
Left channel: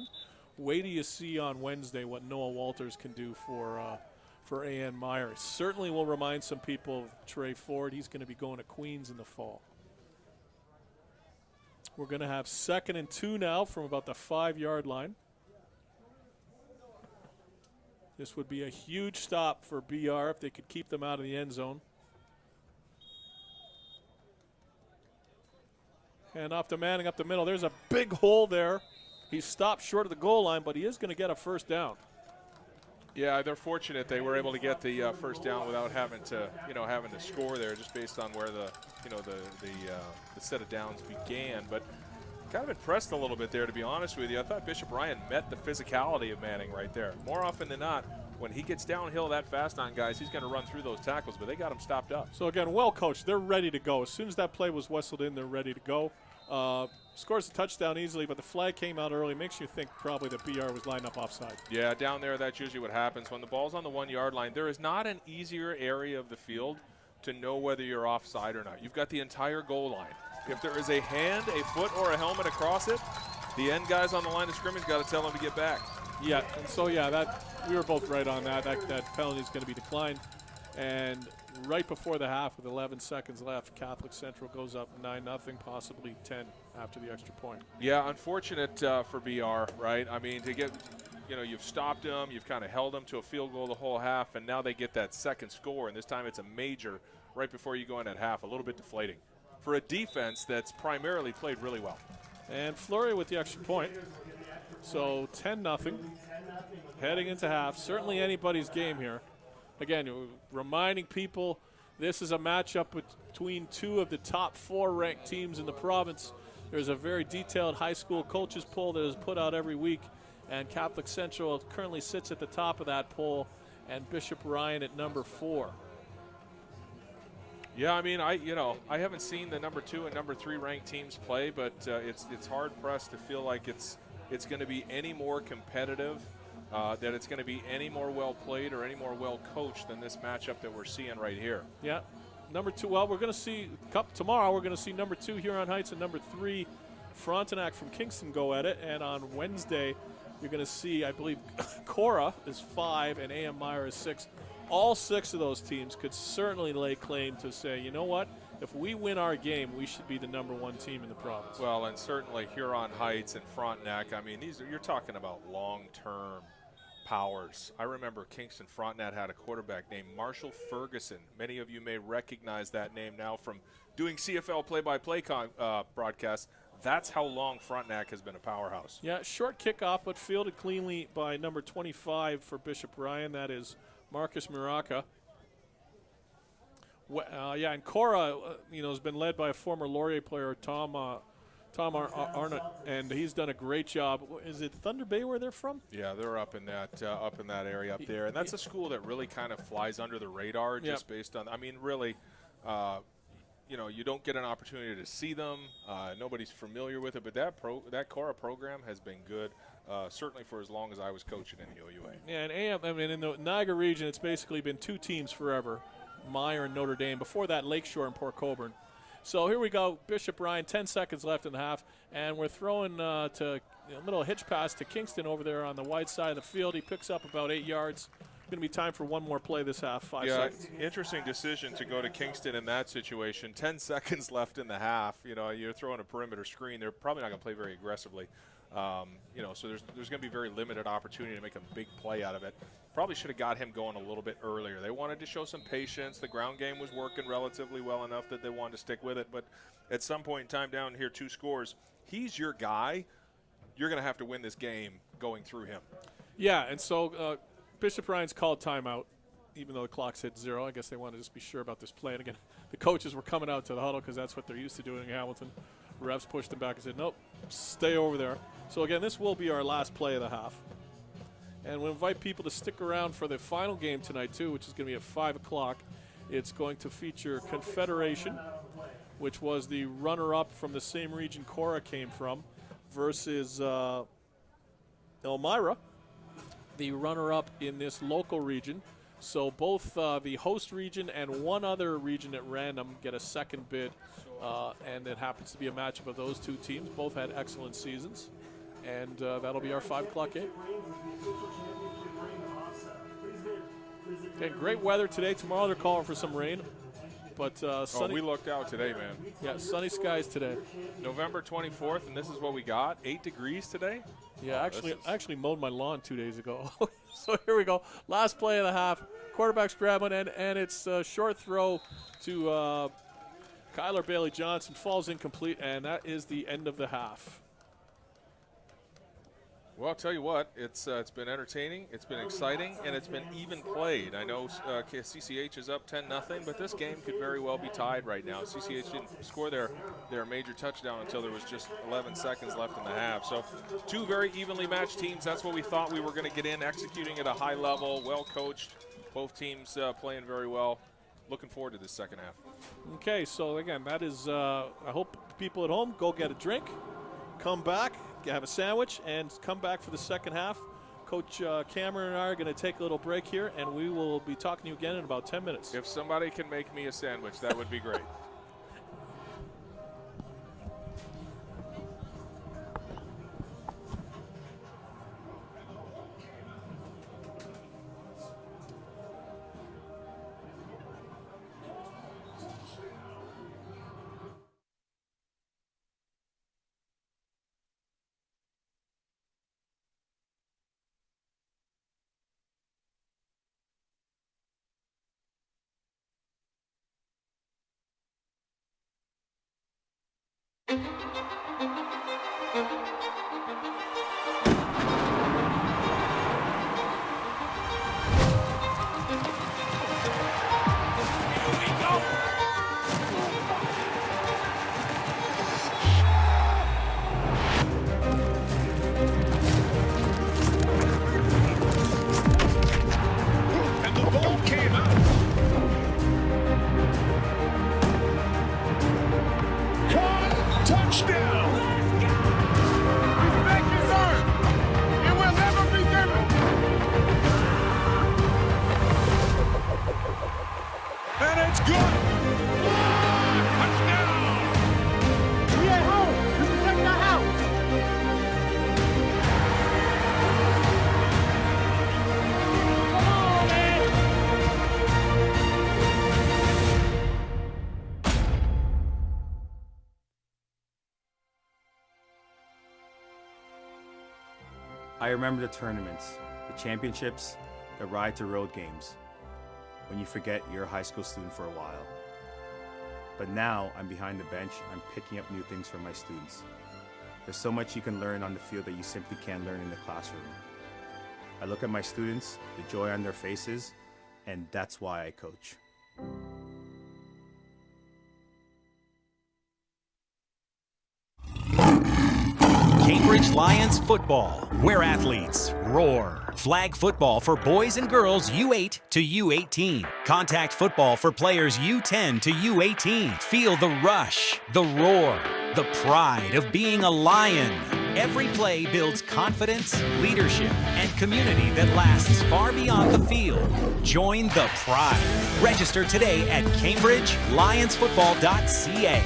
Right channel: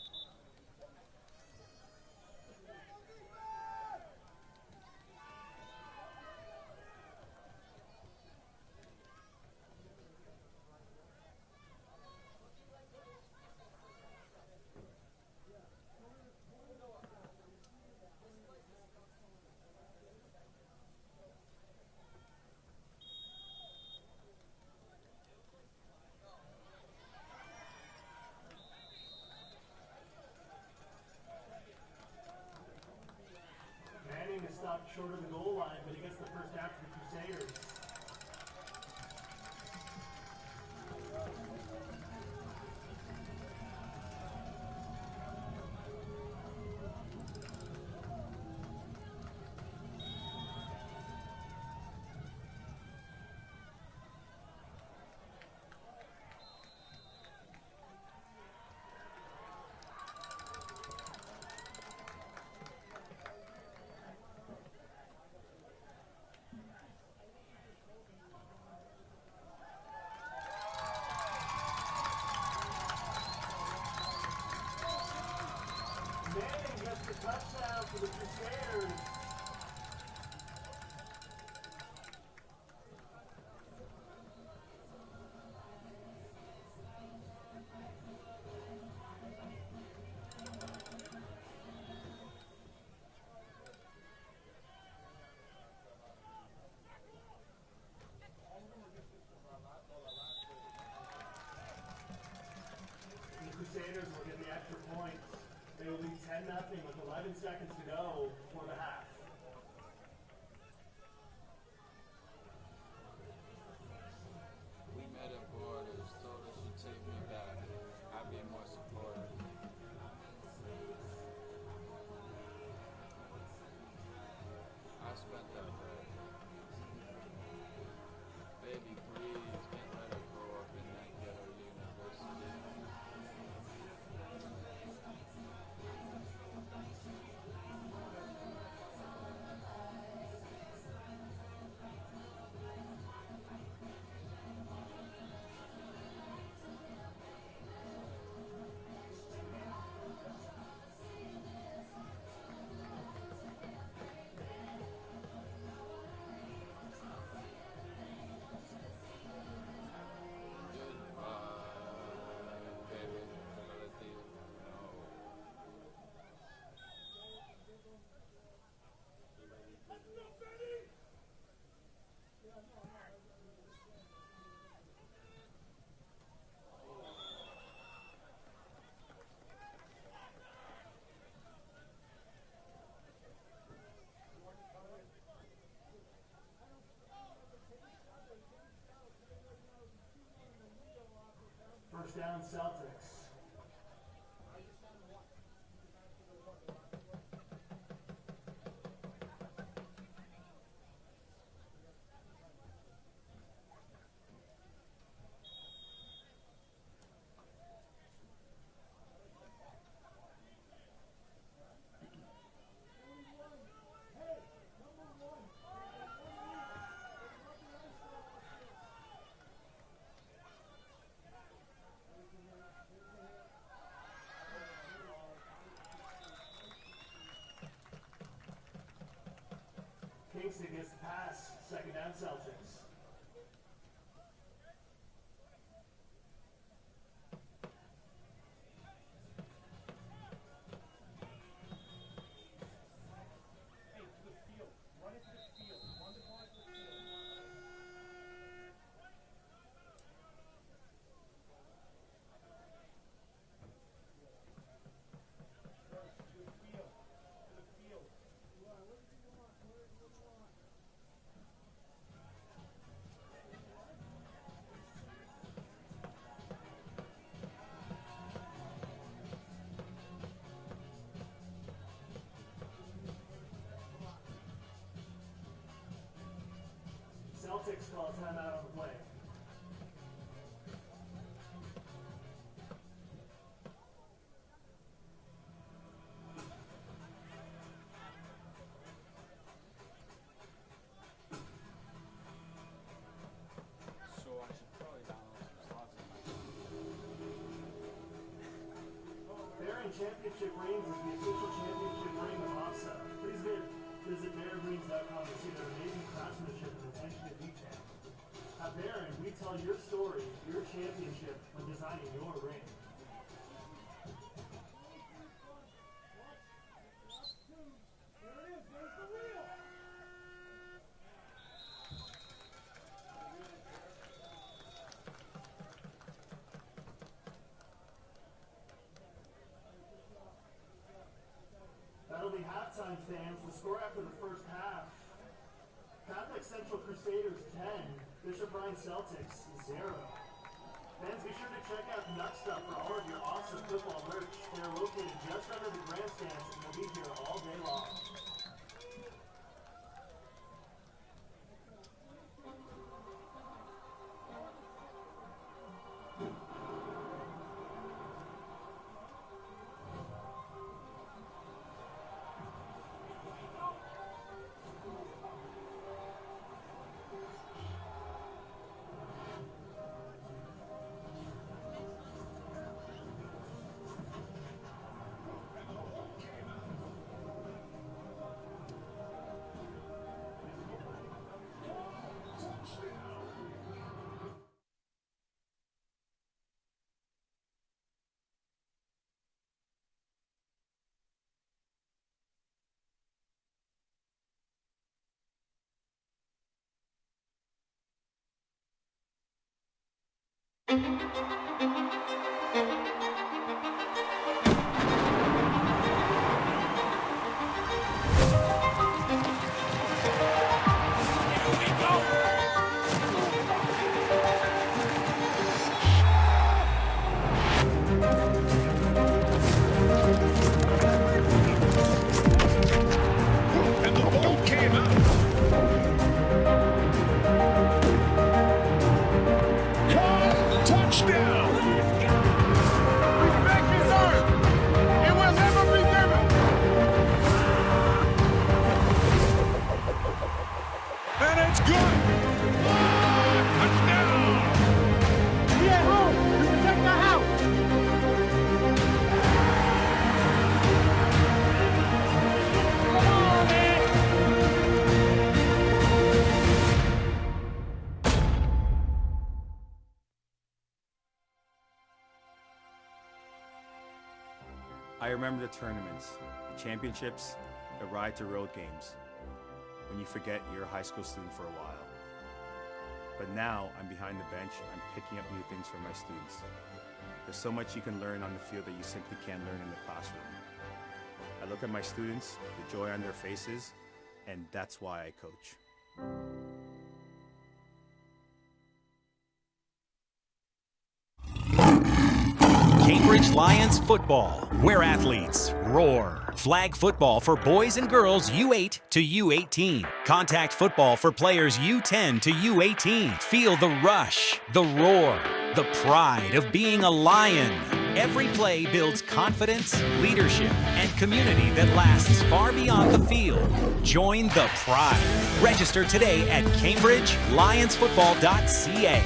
Wait till you see on Wednesday what Noah Walters can do for A.N. Meyer. It certainly will remind some people of Trey Ford. He's going to be going to Queens in the fall. We're going to have 2nd and 2 now from about the 5-yard line. This would be a huge stop for BR if they could keep them out of the end zone. And off to Manning up the middle. There's a big hole there. He's stopped short of the goal line, but he is going to get a first down. Yeah, they're fortunate they were able to get the first down without having to score there, just based on where the set of downs began. But kind of impressed a little bit there, to be honest with you. I thought Bishop Ryan met the physicality of Manning right there. More often than not, when he gets downhill that fast on guys, he's going to run through those tackles, but they got him stopped up. So again, well coached. They're ready to go. As soon as that play was whistled in, they're ready to go. Scores a touchdown easily, but the flag came out early. Makes you think probably that BR was lined up offside. Yeah, down there, that's usually what happens. When the ball's on the 1-yard line, there is not an easier area of the field to know whether you're offside or not. You've got the entire goal line. If there is a hand, a foot, or a helmet across it, the end guys on the line of scrimmage got to tell them to get back. Yeah, so yeah, we were both right on that. That penalty is going to be declined. And right before the half, with 11 seconds left, Catholic Central goes up 9-0, possibly 10 after the extra point. Yeah, unfortunate for BR, right? I mean, to get, you've stopped them, you've kind of held them to a field goal the whole half, and now they get that second score, and this time it's a major right before you go in at half, a little bit deflating for a defense that's primarily played really well. And Fleury with the extra point. So 10-0 heading into half. Certainly anybody's game here. Again, reminding people this is a matchup between two of the top 4 ranked teams in the province. There's a very detailed high school coaches poll that is put out every week, and Catholic Central currently sits at the top of that poll, and Bishop Ryan at number 4. Yeah, I mean, I haven't seen the number 2 and number 3 ranked teams play, but it's hard pressed to feel like it's going to be any more competitive, that it's going to be any more well played or any more well coached than this matchup that we're seeing right here. Yeah, number 2. Well, we're going to see tomorrow. We're going to see number 2 Huron Heights and number 3 Frontenac from Kingston go at it, and on Wednesday you're going to see, I believe, Cora is 5 and A.M. Meyer is 6. All 6 of those teams could certainly lay claim to say, you know what, if we win our game, we should be the number 1 team in the province. Well, and certainly Huron Heights and Frontenac, I mean, you're talking about long-term powers. I remember Kingston Frontenac had a quarterback named Marshall Ferguson. Many of you may recognize that name now from doing CFL play-by-play broadcasts. That's how long Frontenac has been a powerhouse. Yeah, short kickoff, but fielded cleanly by number 25 for Bishop Ryan. That is Marcus Muraca. Yeah, and Cora, has been led by a former Laurier player, Tom Arnott, and he's done a great job. Is it Thunder Bay where they're from? Yeah, they're up in that area up there, and that's a school that really kind of flies under the radar, just based on. I mean, really. You don't get an opportunity to see them. Nobody's familiar with it, but that Cora program has been good, certainly for as long as I was coaching in the OUA. Yeah, and in the Niagara region, it's basically been 2 teams forever, Meyer and Notre Dame. Before that, Lakeshore and Port Colborne. So here we go, Bishop Ryan, 10 seconds left in the half, and we're throwing to a little hitch pass to Kingston over there on the wide side of the field. He picks up about 8 yards. Going to be time for one more play this half. 5 seconds. Interesting decision to go to Kingston in that situation. 10 seconds left in the half. You're throwing a perimeter screen. They're probably not going to play very aggressively. You know, so there's going to be very limited opportunity to make a big play out of it. Probably should have got him going a little bit earlier. They wanted to show some patience. The ground game was working relatively well enough that they wanted to stick with it. But at some point in time down here, 2 scores, he's your guy. You're going to have to win this game going through him. Yeah, and so Bishop Ryan's called timeout, even though the clock's hit 0. I guess they wanted to just be sure about this play. And again, the coaches were coming out to the huddle because that's what they're used to doing in Hamilton. Refs pushed them back and said, nope, stay over there. So again, this will be our last play of the half. And we'll invite people to stick around for the final game tonight too, which is going to be at 5 o'clock. It's going to feature Confederation, which was the runner-up from the same region Cora came from, versus Elmira, the runner-up in this local region. So both the host region and one other region at random get a second bid, and it happens to be a matchup of those 2 teams. Both had excellent seasons, and that'll be our 5 o'clock game. Okay, great weather today. Tomorrow they're calling for some rain, but sunny. We looked out today, man. Yeah, sunny skies today. November 24th, and this is what we got. 8 degrees today. Yeah, I actually mowed my lawn 2 days ago. So here we go. Last play of the half. Quarterback's grabbing, and it's a short throw to Kyler Bailey-Johnson. Falls incomplete, and that is the end of the half. Well, I'll tell you what, it's been entertaining, it's been exciting, and it's been even played. I know CCH is up 10-0, but this game could very well be tied right now. CCH didn't score their major touchdown until there was just 11 seconds left in the half. So 2 very evenly matched teams. That's what we thought we were going to get in, executing at a high level, well coached. Both teams playing very well. Looking forward to this second half. Okay, so again, that is, I hope people at home go get a drink, come back, have a sandwich, and come back for the second half. Coach Cameron and I are going to take a little break here, and we will be talking to you again in about 10 minutes. If somebody can make me a sandwich, that would be great. I remember the tournaments, the championships, the ride to road games, when you forget you're a high school student for a while. But now I'm behind the bench, I'm picking up new things from my students. There's so much you can learn on the field that you simply can't learn in the classroom. I look at my students, the joy on their faces, and that's why I coach. Cambridge Lions football, where athletes roar. Flag football for boys and girls U8 to U18. Contact football for players U10 to U18. Feel the rush, the roar, the pride of being a Lion. Every play builds confidence, leadership, and community that lasts far beyond the field. Join the pride. Register today at CambridgeLionsFootball.ca.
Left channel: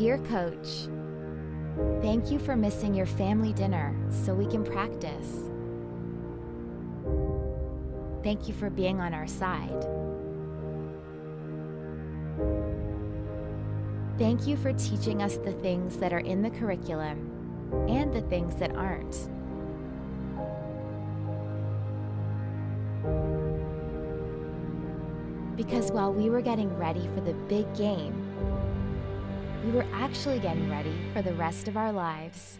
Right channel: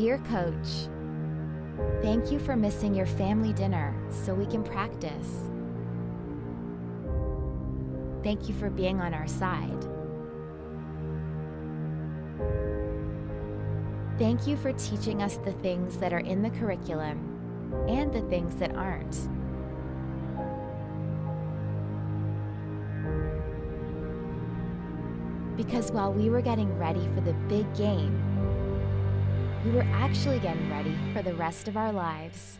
Dear Coach, thank you for missing your family dinner so we can practice. Thank you for being on our side. Thank you for teaching us the things that are in the curriculum and the things that aren't. Because while we were getting ready for the big game, we were actually getting ready for the rest of our lives.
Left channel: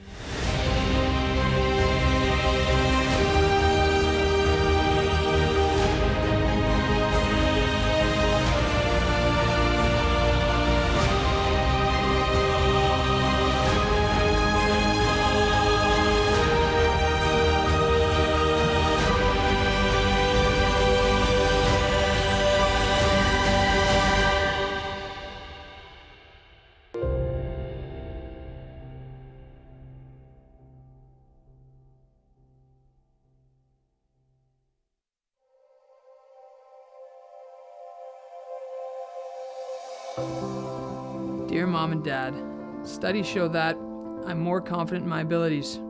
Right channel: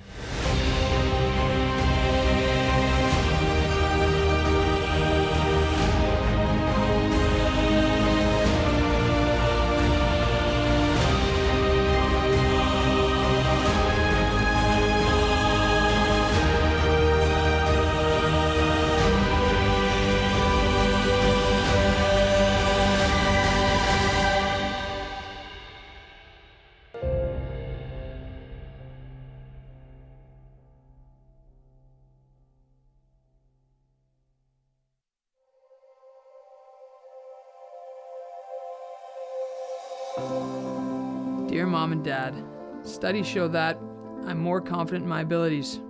Dear Mom and Dad, studies show that I'm more confident in my abilities.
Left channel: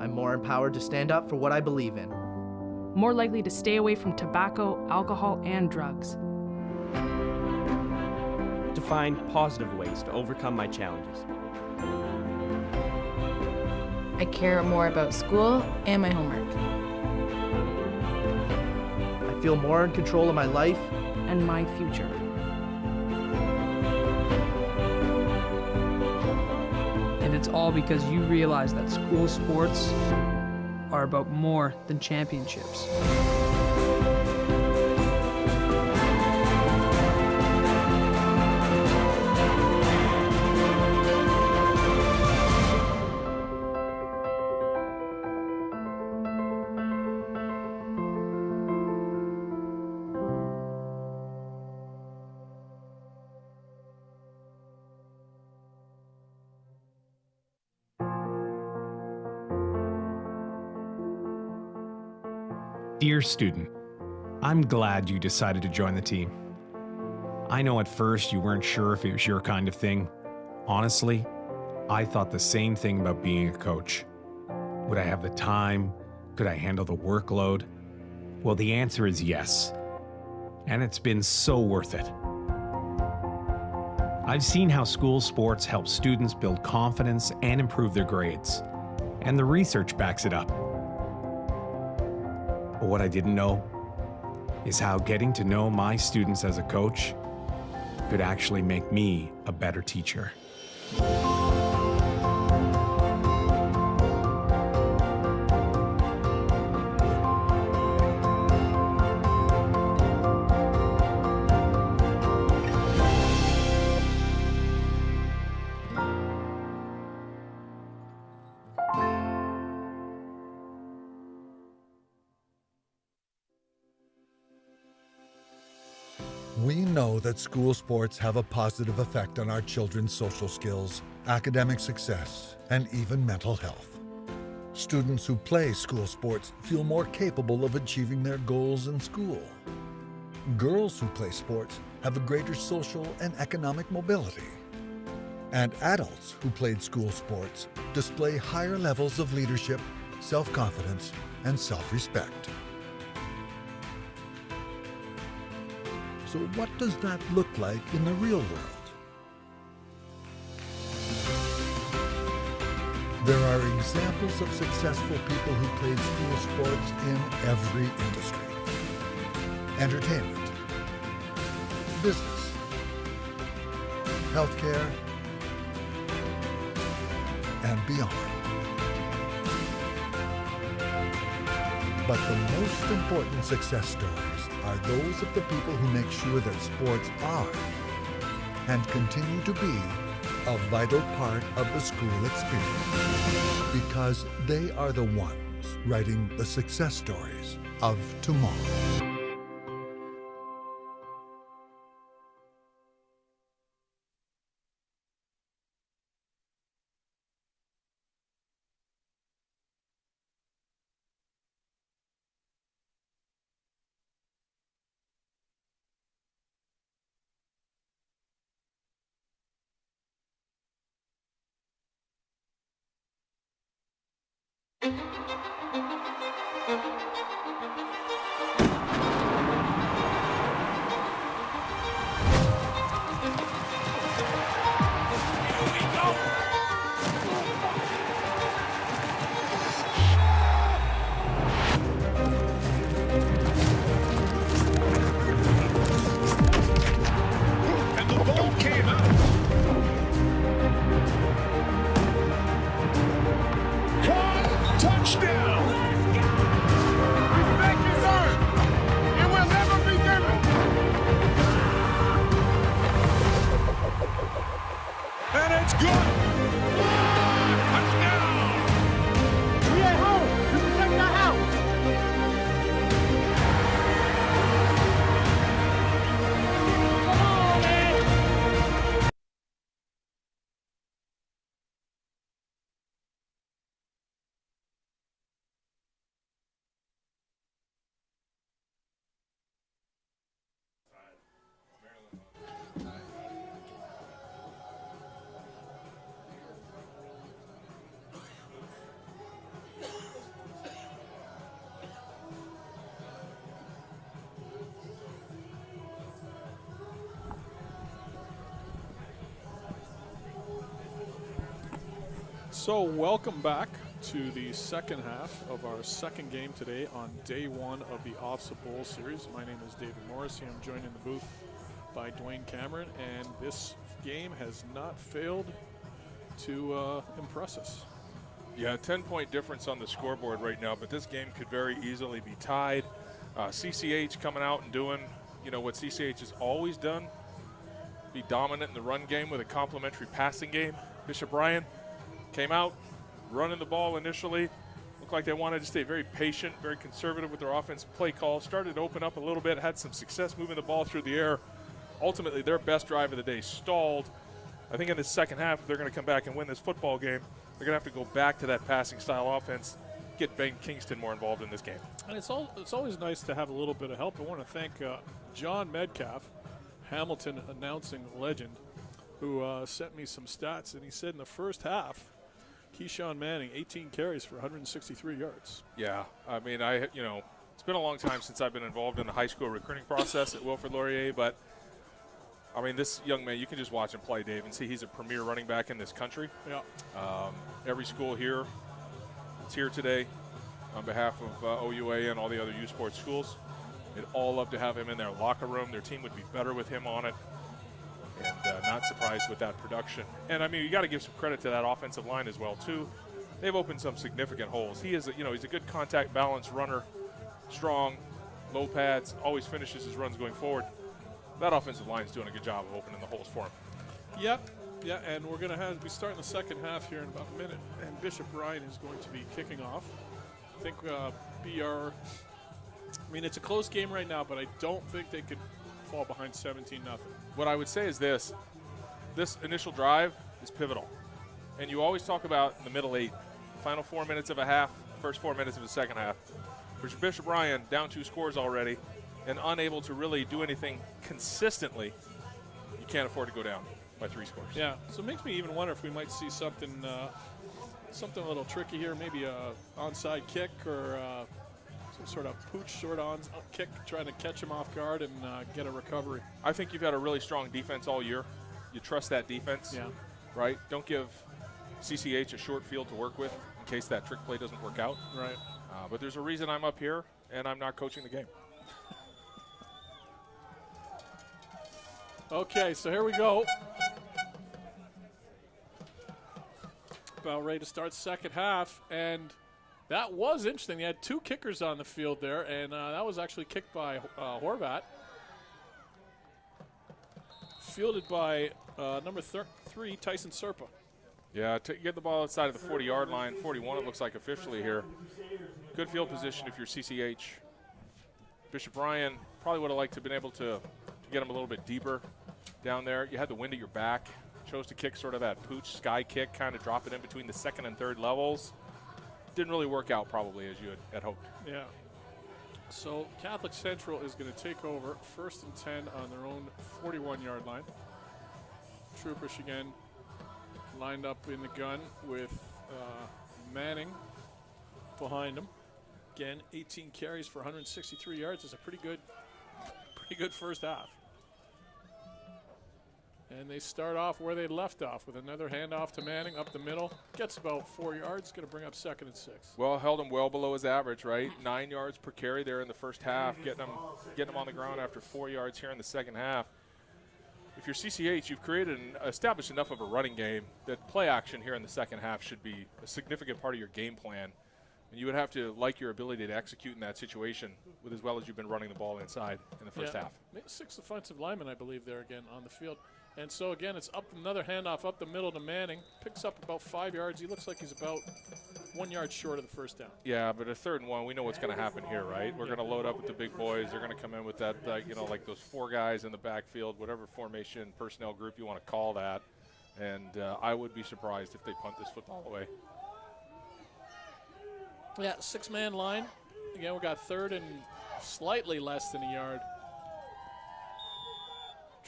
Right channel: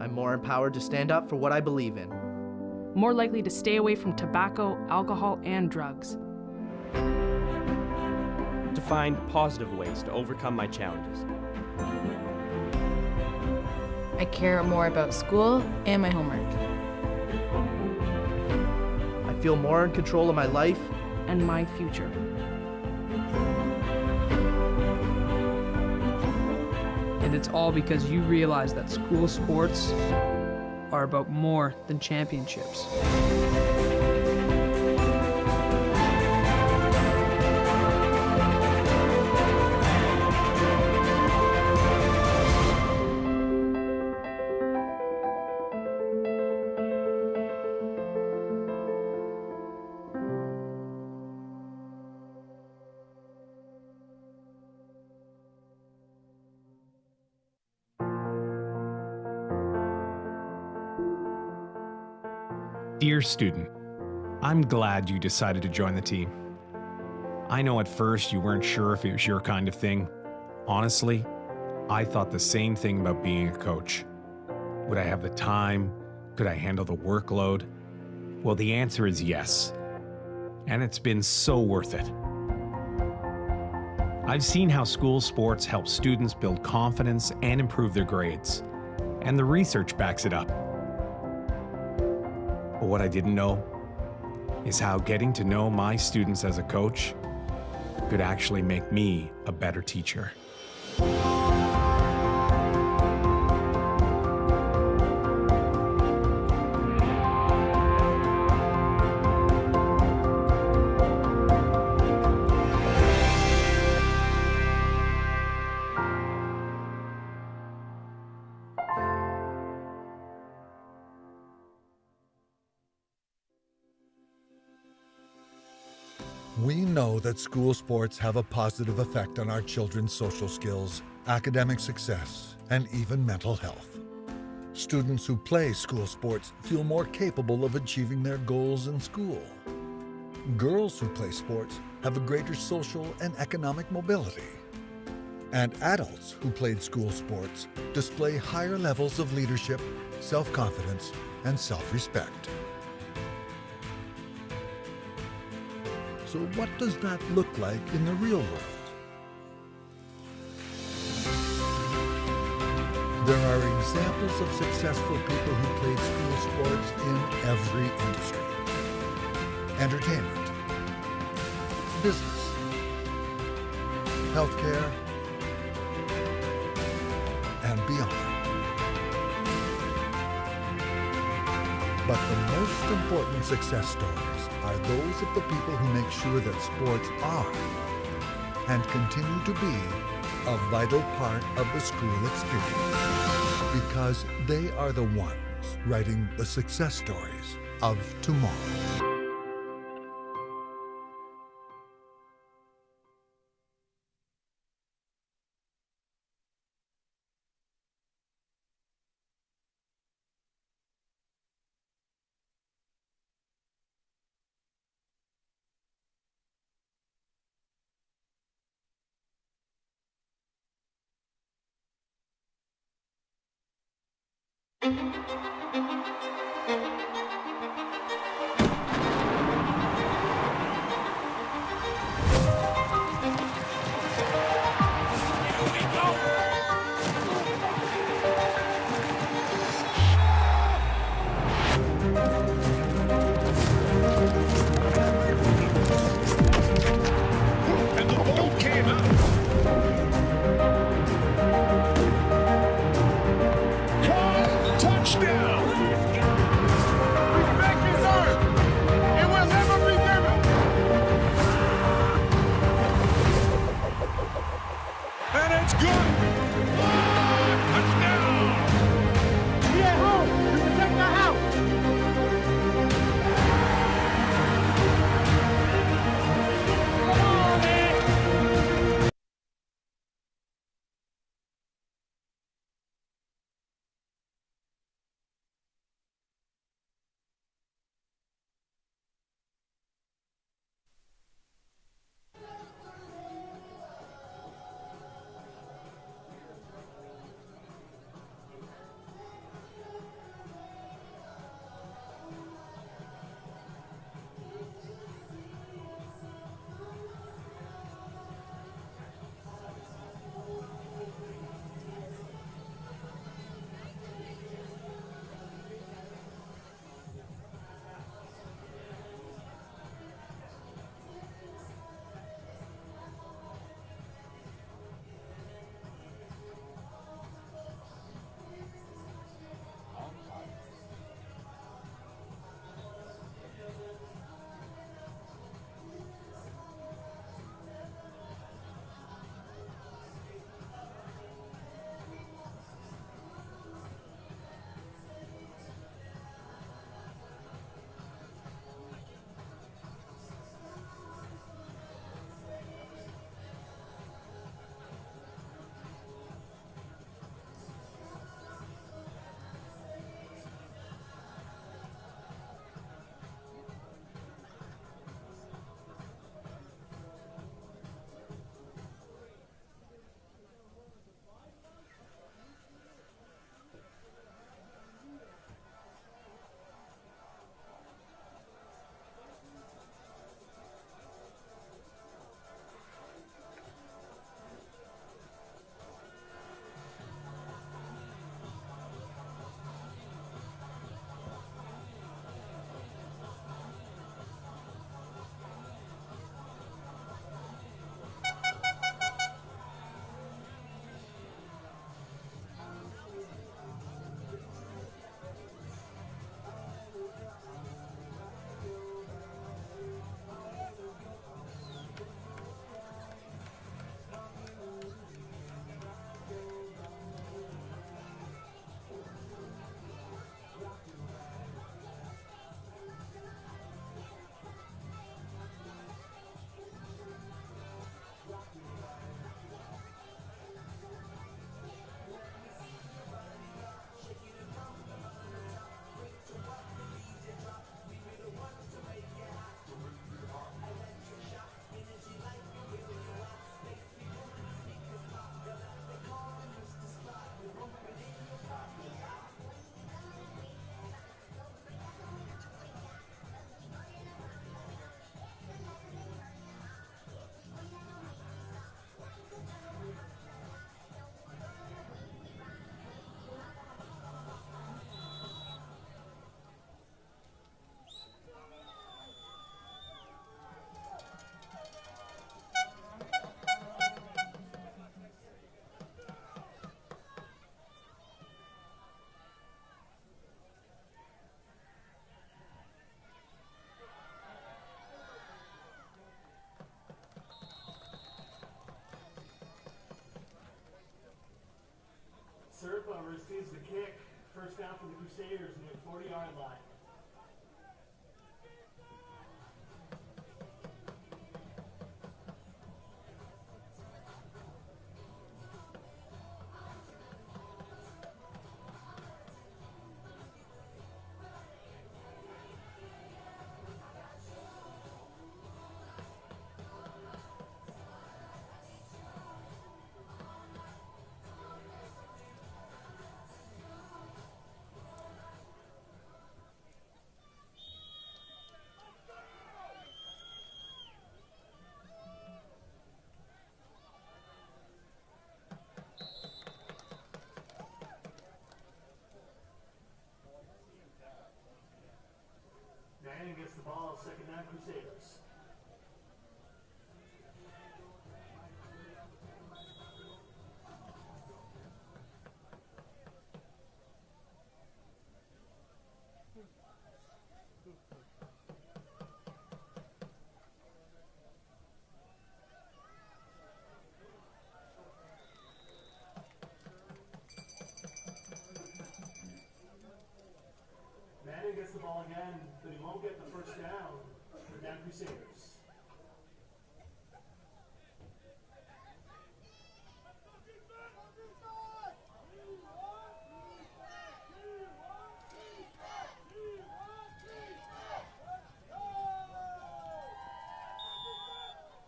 I'm more empowered to stand up for what I believe in. More likely to stay away from tobacco, alcohol, and drugs. To find positive ways to overcome my challenges. I care more about school and my homework. I feel more in control of my life and my future. And it's all because you realize that school sports are about more than championships. Dear student, I'm glad you decided to join the team. I know at first you weren't sure if it was your kind of thing. Honestly, I thought the same thing about being a coach. Would I have the time? Could I handle the workload? Well, the answer is yes. And it's been so worth it. I've seen how school sports help students build confidence and improve their grades. And the research backs it up. But what I didn't know is how getting to know my students as a coach could actually make me a better teacher. We know that school sports have a positive effect on our children's social skills, academic success, and even mental health. Students who play school sports feel more capable of achieving their goals in school. Girls who play sports have a greater social and economic mobility. And adults who played school sports display higher levels of leadership, self-confidence, and self-respect. So what does that look like in the real world? There are examples of successful people who played school sports in every industry. Entertainment, business, healthcare, and beyond. But the most important success stories are those of the people who make sure that sports are and continue to be a vital part of the school experience, because they are the ones writing the success stories of tomorrow. And the ball came out. Caught, touchdown. Respect is earned. It will never be given. And it's good. Touchdown. We at home. We protect our house. Come on, man. So welcome back to the second half of our second game today on day one of the Ofsaa Bowl series. My name is David Morris, and I'm joined in the booth by Dwayne Cameron, and this game has not failed to impress us. Yeah, 10-point difference on the scoreboard right now, but this game could very easily be tied. CCH coming out and doing, what CCH has always done, be dominant in the run game with a complementary passing game. Bishop Bryan came out, running the ball initially. Looked like they wanted to stay very patient, very conservative with their offensive play call. Started to open up a little bit, had some success moving the ball through the air. Ultimately, their best drive of the day stalled. I think in the second half, if they're going to come back and win this football game, they're going to have to go back to that passing style offense, get Ben Kingston more involved in this game. And it's always nice to have a little bit of help. I want to thank John Metcalf, Hamilton announcing legend, who sent me some stats, and he said in the first half, Keyshawn Manning, 18 carries for 163 yards. Yeah, I mean, it's been a long time since I've been involved in the high school recruiting process at Wilfrid Laurier, but I mean, this young man, you can just watch him play, Dave, and see he's a premier running back in this country. Yeah. Every school here is here today on behalf of OUA and all the other U Sports schools. They'd all love to have him in their locker room. Their team would be better with him on it. And, not surprised with that production. And I mean, you got to give some credit to that offensive line as well too. They've opened some significant holes. He is, he's a good contact balance runner, strong, low pads, always finishes his runs going forward. That offensive line is doing a good job of opening the holes for him. Yep, yeah, and we're going to we start in the second half here in about a minute, and Bishop Bryan is going to be kicking off. I think I mean, it's a close game right now, but I don't think they could fall behind 17-0. What I would say is this initial drive is pivotal. And you always talk about the middle 8, final 4 minutes of a half, first 4 minutes of the second half. For Bishop Bryan, down 2 scores already, and unable to really do anything consistently, you can't afford to go down by 3 scores. Yeah, so it makes me even wonder if we might see something a little tricky here, maybe a onside kick or some sort of pooch sort of on kick, trying to catch him off guard and get a recovery. I think you've had a really strong defense all year. You trust that defense, right? Don't give CCH a short field to work with in case that trick play doesn't work out. Right. But there's a reason I'm up here, and I'm not coaching the game. Okay, so here we go. About ready to start second half, and that was interesting. They had 2 kickers on the field there, and that was actually kicked by Horvat. Fielded by number 3, Tyson Serpa. Yeah, to get the ball outside of the 40-yard line, 41 it looks like officially here. Good field position if you're CCH. Bishop Bryan probably would have liked to have been able to get him a little bit deeper down there. You had the wind at your back. Chose to kick sort of that pooch sky kick, kind of drop it in between the 2nd and 3rd levels. Didn't really work out probably as you had hoped. Yeah. So Catholic Central is going to take over 1st and 10 on their own 41-yard line. Troopers again lined up in the gun with Manning behind him. Again, 18 carries for 163 yards is a pretty good first half. And they start off where they left off with another handoff to Manning up the middle. Gets about 4 yards, going to bring up 2nd and 6. Well, held him well below his average, right? 9 yards per carry there in the first half, getting him on the ground after 4 yards here in the second half. If you're CCH, you've established enough of a running game that play action here in the second half should be a significant part of your game plan. And you would have to like your ability to execute in that situation with as well as you've been running the ball inside in the first half. 6 offensive linemen, I believe, there again on the field. And so, again, it's up another handoff up the middle to Manning. Picks up about 5 yards. He looks like he's about 1 yard short of the first down. Yeah, but a 3rd and 1, we know what's going to happen here, right? We're going to load up with the big boys. They're going to come in with that, like those 4 guys in the backfield, whatever formation, personnel group you want to call that. And I would be surprised if they punt this football away. Yeah, 6-man line. Again, we got 3rd and slightly less than a yard.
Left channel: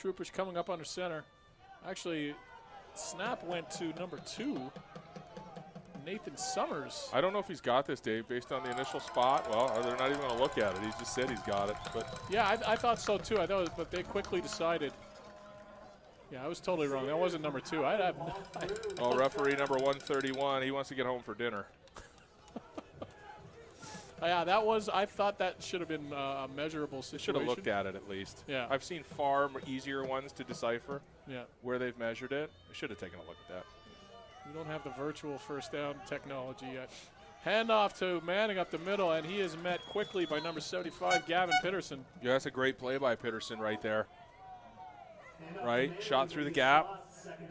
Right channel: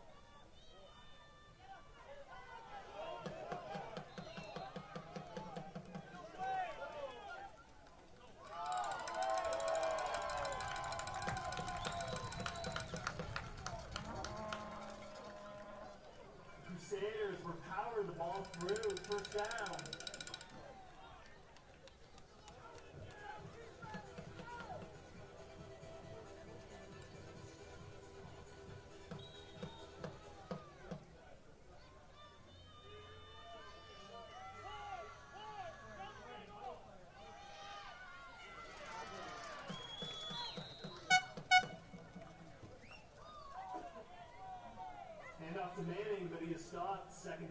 Troopers coming up under center. Actually, snap went to number 2, Nathan Summers. I don't know if he's got this, Dave, based on the initial spot. Well, they're not even going to look at it. He just said he's got it. But yeah, I thought so too. I thought, but they quickly decided. Yeah, I was totally wrong. That wasn't number 2. Oh, referee number 131. He wants to get home for dinner. Yeah, that was. I thought that should have been a measurable situation. Should have looked at it at least. Yeah. I've seen far easier ones to decipher. Yeah. Where they've measured it. Should have taken a look at that. You don't have the virtual first down technology yet. Handoff to Manning up the middle, and he is met quickly by number 75, Gavin Pitterson. Yeah, that's a great play by Pitterson right there. Right, shot through the gap,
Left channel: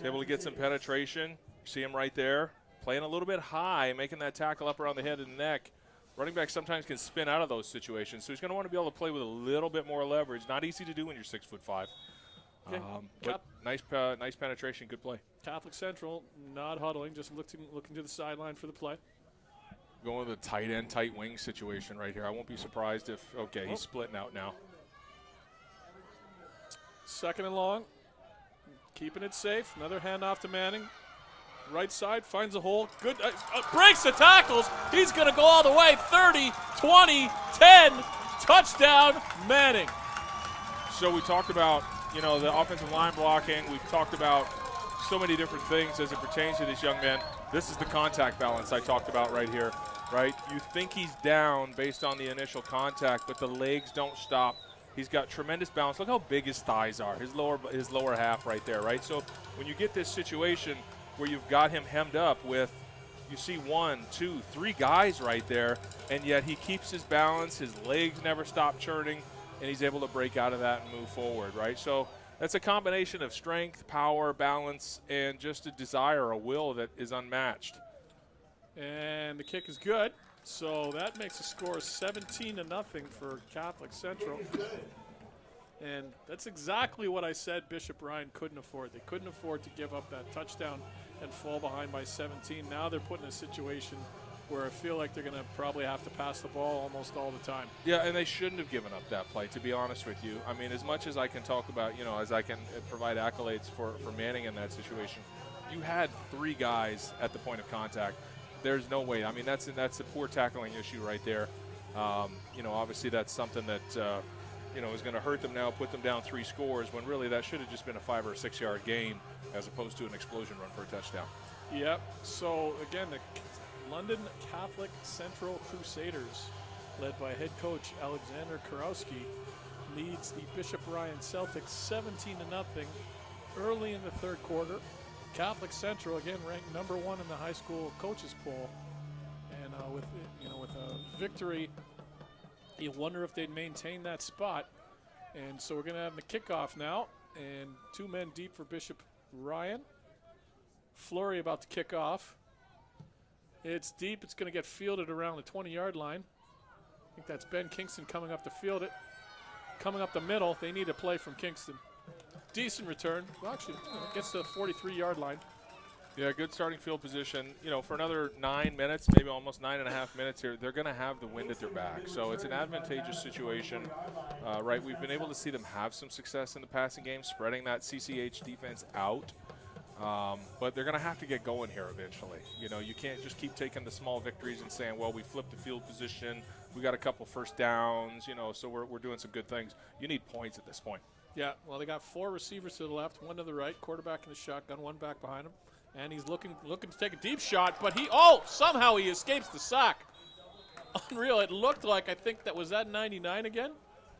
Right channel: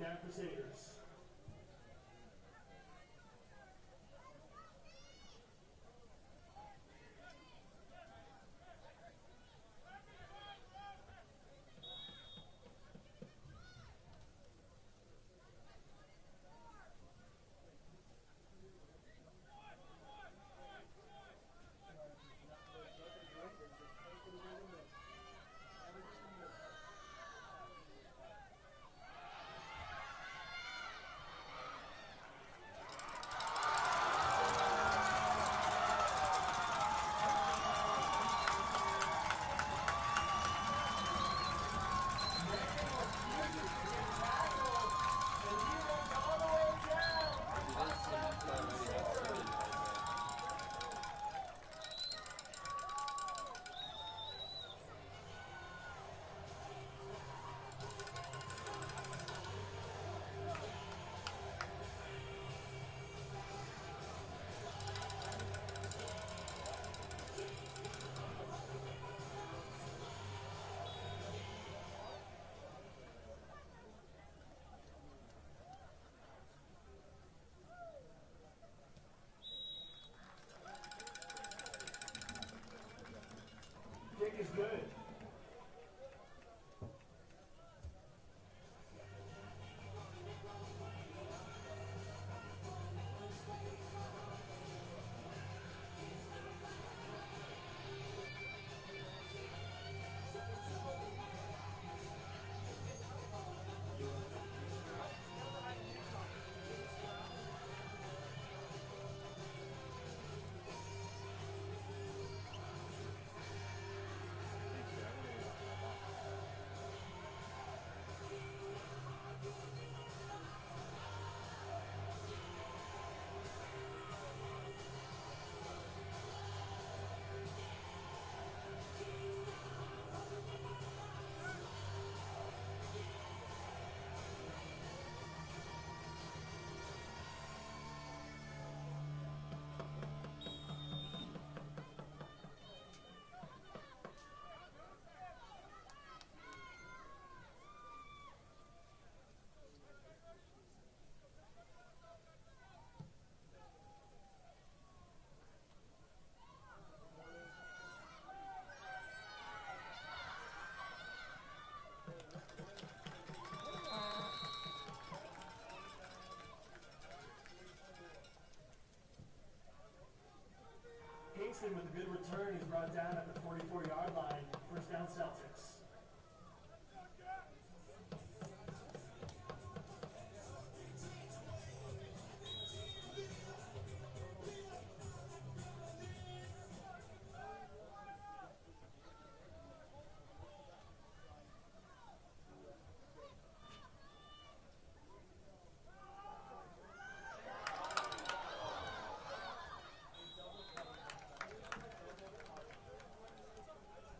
able to get some penetration. See him right there, playing a little bit high, making that tackle up around the head and neck. Running back sometimes can spin out of those situations, so he's going to want to be able to play with a little bit more leverage. Not easy to do when you're 6'5". Okay. But nice penetration, good play. Catholic Central not huddling, just looking to the sideline for the play. Going with a tight end, tight wing situation right here. I won't be surprised if, okay, he's splitting out now. 2nd and long, keeping it safe. Another handoff to Manning. Right side, finds a hole. Good, breaks the tackles. He's going to go all the way. 30, 20, 10, touchdown, Manning. So we talked about, the offensive line blocking. We've talked about so many different things as it pertains to this young man. This is the contact balance I talked about right here, right? You think he's down based on the initial contact, but the legs don't stop. He's got tremendous balance. Look how big his thighs are, his lower half right there, right? So when you get this situation where you've got him hemmed up with, you see 1, 2, 3 guys right there, and yet he keeps his balance, his legs never stop churning, and he's able to break out of that and move forward, right? So that's a combination of strength, power, balance, and just a desire, a will that is unmatched. And the kick is good. So that makes the score 17-0 for Catholic Central. And that's exactly what I said Bishop Ryan couldn't afford. They couldn't afford to give up that touchdown and fall behind by 17. Now they're put in a situation where I feel like they're going to probably have to pass the ball almost all the time. Yeah, and they shouldn't have given up that play, to be honest with you. I mean, as much as I can talk about, as I can provide accolades for Manning in that situation, you had 3 guys at the point of contact. There's no way. I mean, that's a poor tackling issue right there. Obviously that's something that, is going to hurt them now, put them down 3 scores, when really that should have just been a 5 or 6 yard gain as opposed to an explosion run for a touchdown. Yep. So, again, the London Catholic Central Crusaders, led by head coach Alexander Kurowski, leads the Bishop Ryan Celtics 17-0 early in the 3rd quarter. Catholic Central, again, ranked number 1 in the high school coaches poll. And with a victory, you wonder if they'd maintain that spot. And so we're going to have the kickoff now. And 2 men deep for Bishop Ryan. Flurry about to kick off. It's deep. It's going to get fielded around the 20-yard line. I think that's Ben Kingston coming up to field it. Coming up the middle, they need a play from Kingston. Decent return. Well, actually, gets to the 43-yard line. Yeah, good starting field position. For another 9 minutes, maybe almost 9.5 minutes here, they're going to have the wind at their back. So it's an advantageous situation, right? We've been able to see them have some success in the passing game, spreading that CCH defense out. But they're going to have to get going here eventually. You know, you can't just keep taking the small victories and saying, well, we flipped the field position, we got a couple first downs, you know, so we're doing some good things. You need points at this point. Yeah, well, they got 4 receivers to the left, 1 to the right, quarterback in the shotgun, 1 back behind him. And he's looking to take a deep shot, but somehow he escapes the sack. Unreal. It looked like, I think that was that 99 again?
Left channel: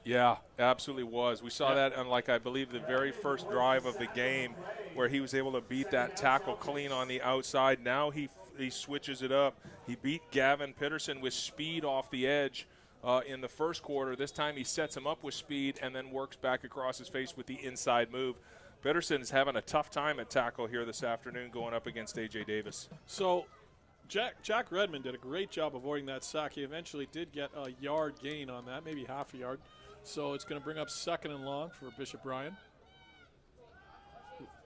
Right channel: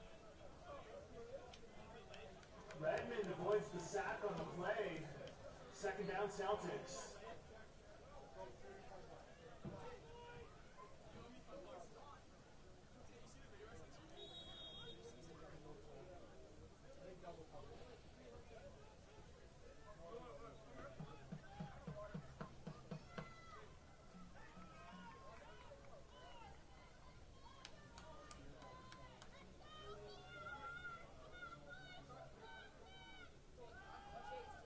Yeah, absolutely was. We saw that on, like, I believe the very first drive of the game where he was able to beat that tackle clean on the outside. Now he switches it up. He beat Gavin Pitterson with speed off the edge in the first quarter. This time he sets him up with speed and then works back across his face with the inside move. Pitterson is having a tough time at tackle here this afternoon going up against A.J. Davis. So Jack Redmond did a great job avoiding that sack. He eventually did get a yard gain on that, maybe half a yard. So it's going to bring up 2nd and long for Bishop Bryan.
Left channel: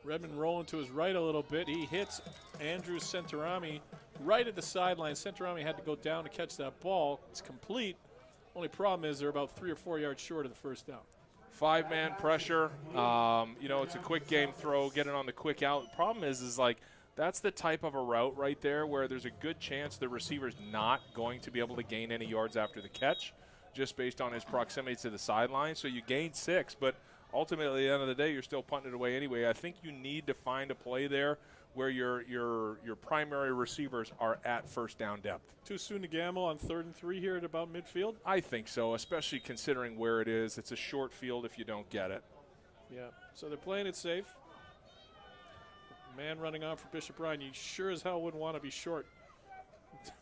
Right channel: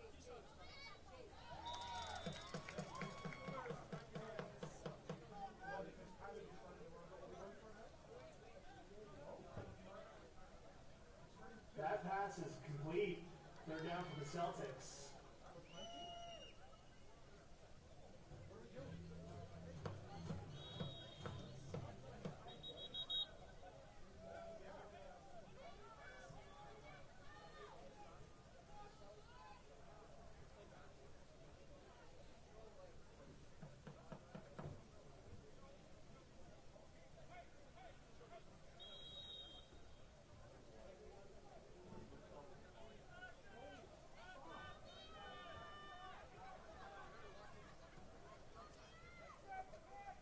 Redmond rolling to his right a little bit. He hits Andrew Centorami right at the sideline. Centorami had to go down to catch that ball. It's complete. Only problem is they're about 3 or 4 yards short of the first down. 5-man pressure. You know, it's a quick game throw, get it on the quick out. The problem is like that's the type of a route right there where there's a good chance the receiver's not going to be able to gain any yards after the catch, just based on his proximity to the sideline. So you gain 6, but ultimately at the end of the day, you're still punting it away anyway. I think you need to find a play there where your primary receivers are at first down depth. Too soon to gamble on 3rd and 3 here at about midfield? I think so, especially considering where it is. It's a short field if you don't get it. Yeah, so they're playing it safe. Man running on for Bishop Bryan. You sure as hell wouldn't want to be short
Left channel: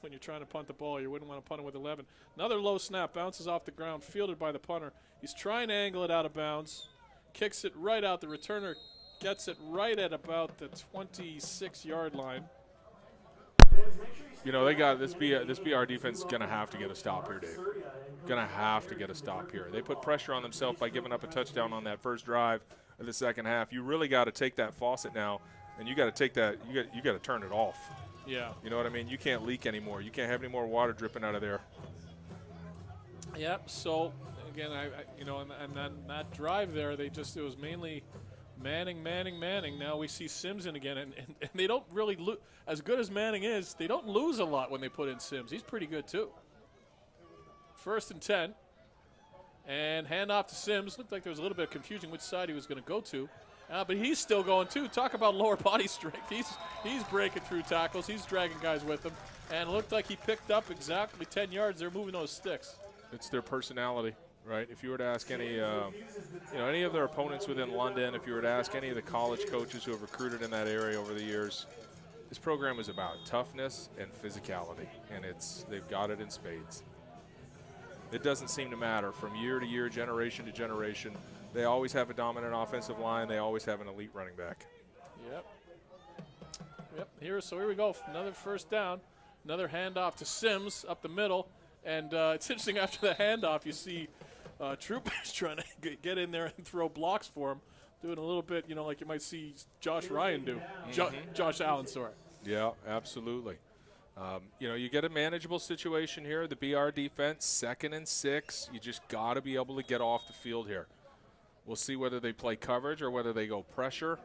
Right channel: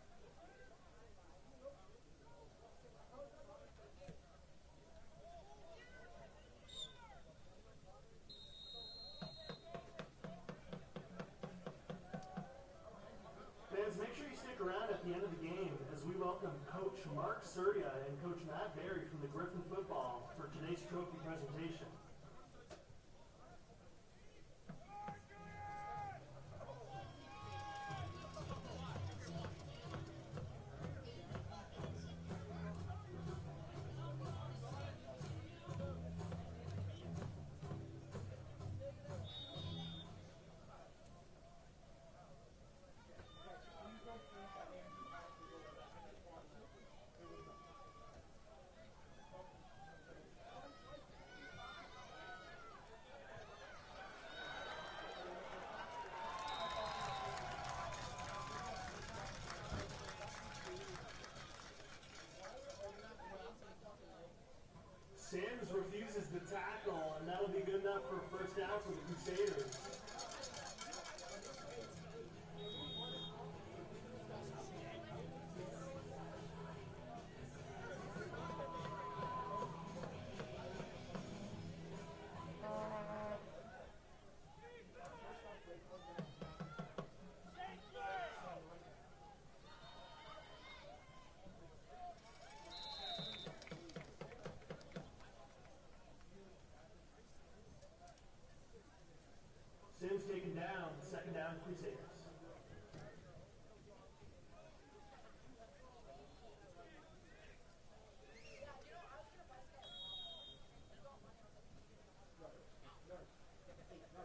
when you're trying to punt the ball. You wouldn't want to punt it with 11. Another low snap, bounces off the ground, fielded by the punter. He's trying to angle it out of bounds, kicks it right out. The returner gets it right at about the 26-yard line. You know, they got this BR defense is going to have to get a stop here, Dave. Going to have to get a stop here. They put pressure on themselves by giving up a touchdown on that first drive of the second half. You really got to take that faucet now, and you got to take that. You got to turn it off. Yeah. You know what I mean? You can't leak anymore. You can't have any more water dripping out of there. Yep. So again, you know, and then that drive there, it was mainly Manning. Now we see Sims in again, and they don't really lose. As good as Manning is, they don't lose a lot when they put in Sims. He's pretty good too. 1st and 10, and handoff to Sims. Looked like there was a little bit of confusion which side he was going to go to, but he's still going too. Talk about lower body strength. He's breaking through tackles. He's dragging guys with him, and it looked like he picked up exactly 10 yards. They're moving those sticks. It's their personality, right? If you were to ask any of their opponents within London, if you were to ask any of the college coaches who have recruited in that area over the years, this program is about toughness and physicality, and they've got it in spades. It doesn't seem to matter from year to year, generation to generation. They always have a dominant offensive line. They always have an elite running back. Yep. Here we go. Another first down. Another handoff to Sims up the middle. And it's interesting, after the handoff, you see troopers trying to get in there and throw blocks for him, doing a little bit, you know, like you might see Josh Ryan do. Josh Allen, sorry. Yeah, absolutely. You know, you get a manageable situation here. The BR defense, 2nd and 6. You just got to be able to get off the field here. We'll see whether they play coverage or whether they go pressure,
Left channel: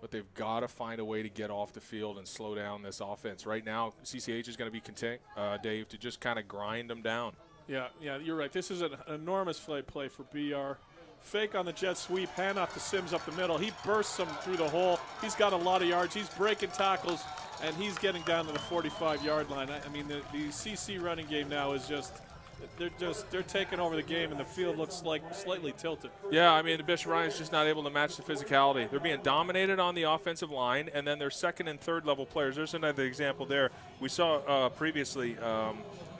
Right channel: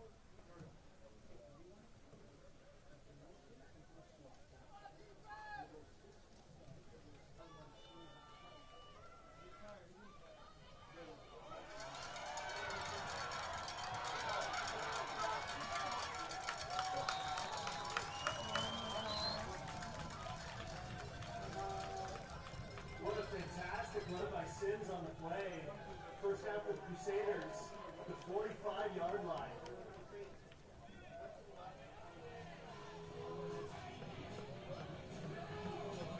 but they've got to find a way to get off the field and slow down this offense. Right now, CCH is going to be content, Dave, to just kind of grind them down. Yeah, you're right. This is an enormous play for BR. Fake on the jet sweep, hand off to Sims up the middle. He bursts him through the hole. He's got a lot of yards. He's breaking tackles, and he's getting down to the 45-yard line. I mean, the CC running game now is they're taking over the game, and the field looks like slightly tilted. Yeah, I mean, the Bishop Ryan's just not able to match the physicality. They're being dominated on the offensive line, and then their 2nd and 3rd level players. There's another example there. We saw previously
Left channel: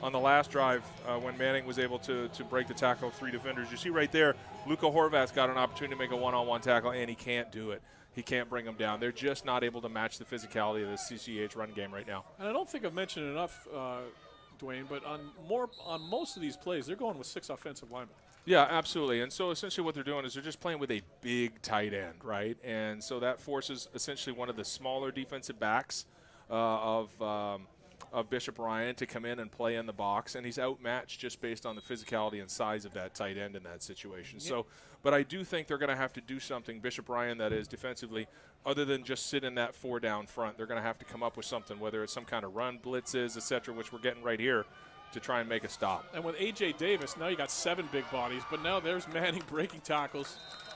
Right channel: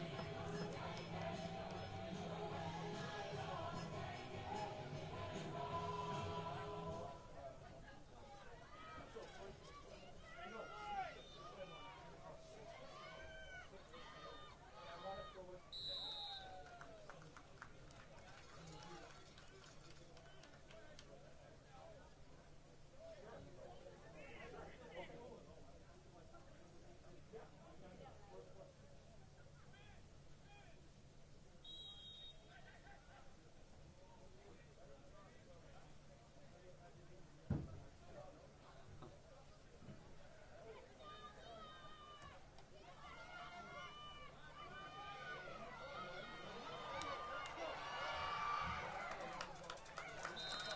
on the last drive when Manning was able to break the tackle of 3 defenders. You see right there, Luka Horvath's got an opportunity to make a one-on-one tackle, and he can't do it. He can't bring them down. They're just not able to match the physicality of the CCH run game right now. And I don't think I've mentioned enough, Dwayne, but on most of these plays, they're going with 6 offensive linemen. Yeah, absolutely. And so essentially what they're doing is they're just playing with a big tight end, right? And so that forces essentially one of the smaller defensive backs of Bishop Ryan to come in and play in the box, and he's outmatched just based on the physicality and size of that tight end in that situation. Yeah. So, but I do think they're going to have to do something, Bishop Ryan, that is defensively other than just sit in that 4 down front. They're going to have to come up with something, whether it's some kind of run, blitzes, etc., which we're getting right here to try and make a stop. And with A.J. Davis, now you got 7 big bodies, but now there's Manning breaking tackles,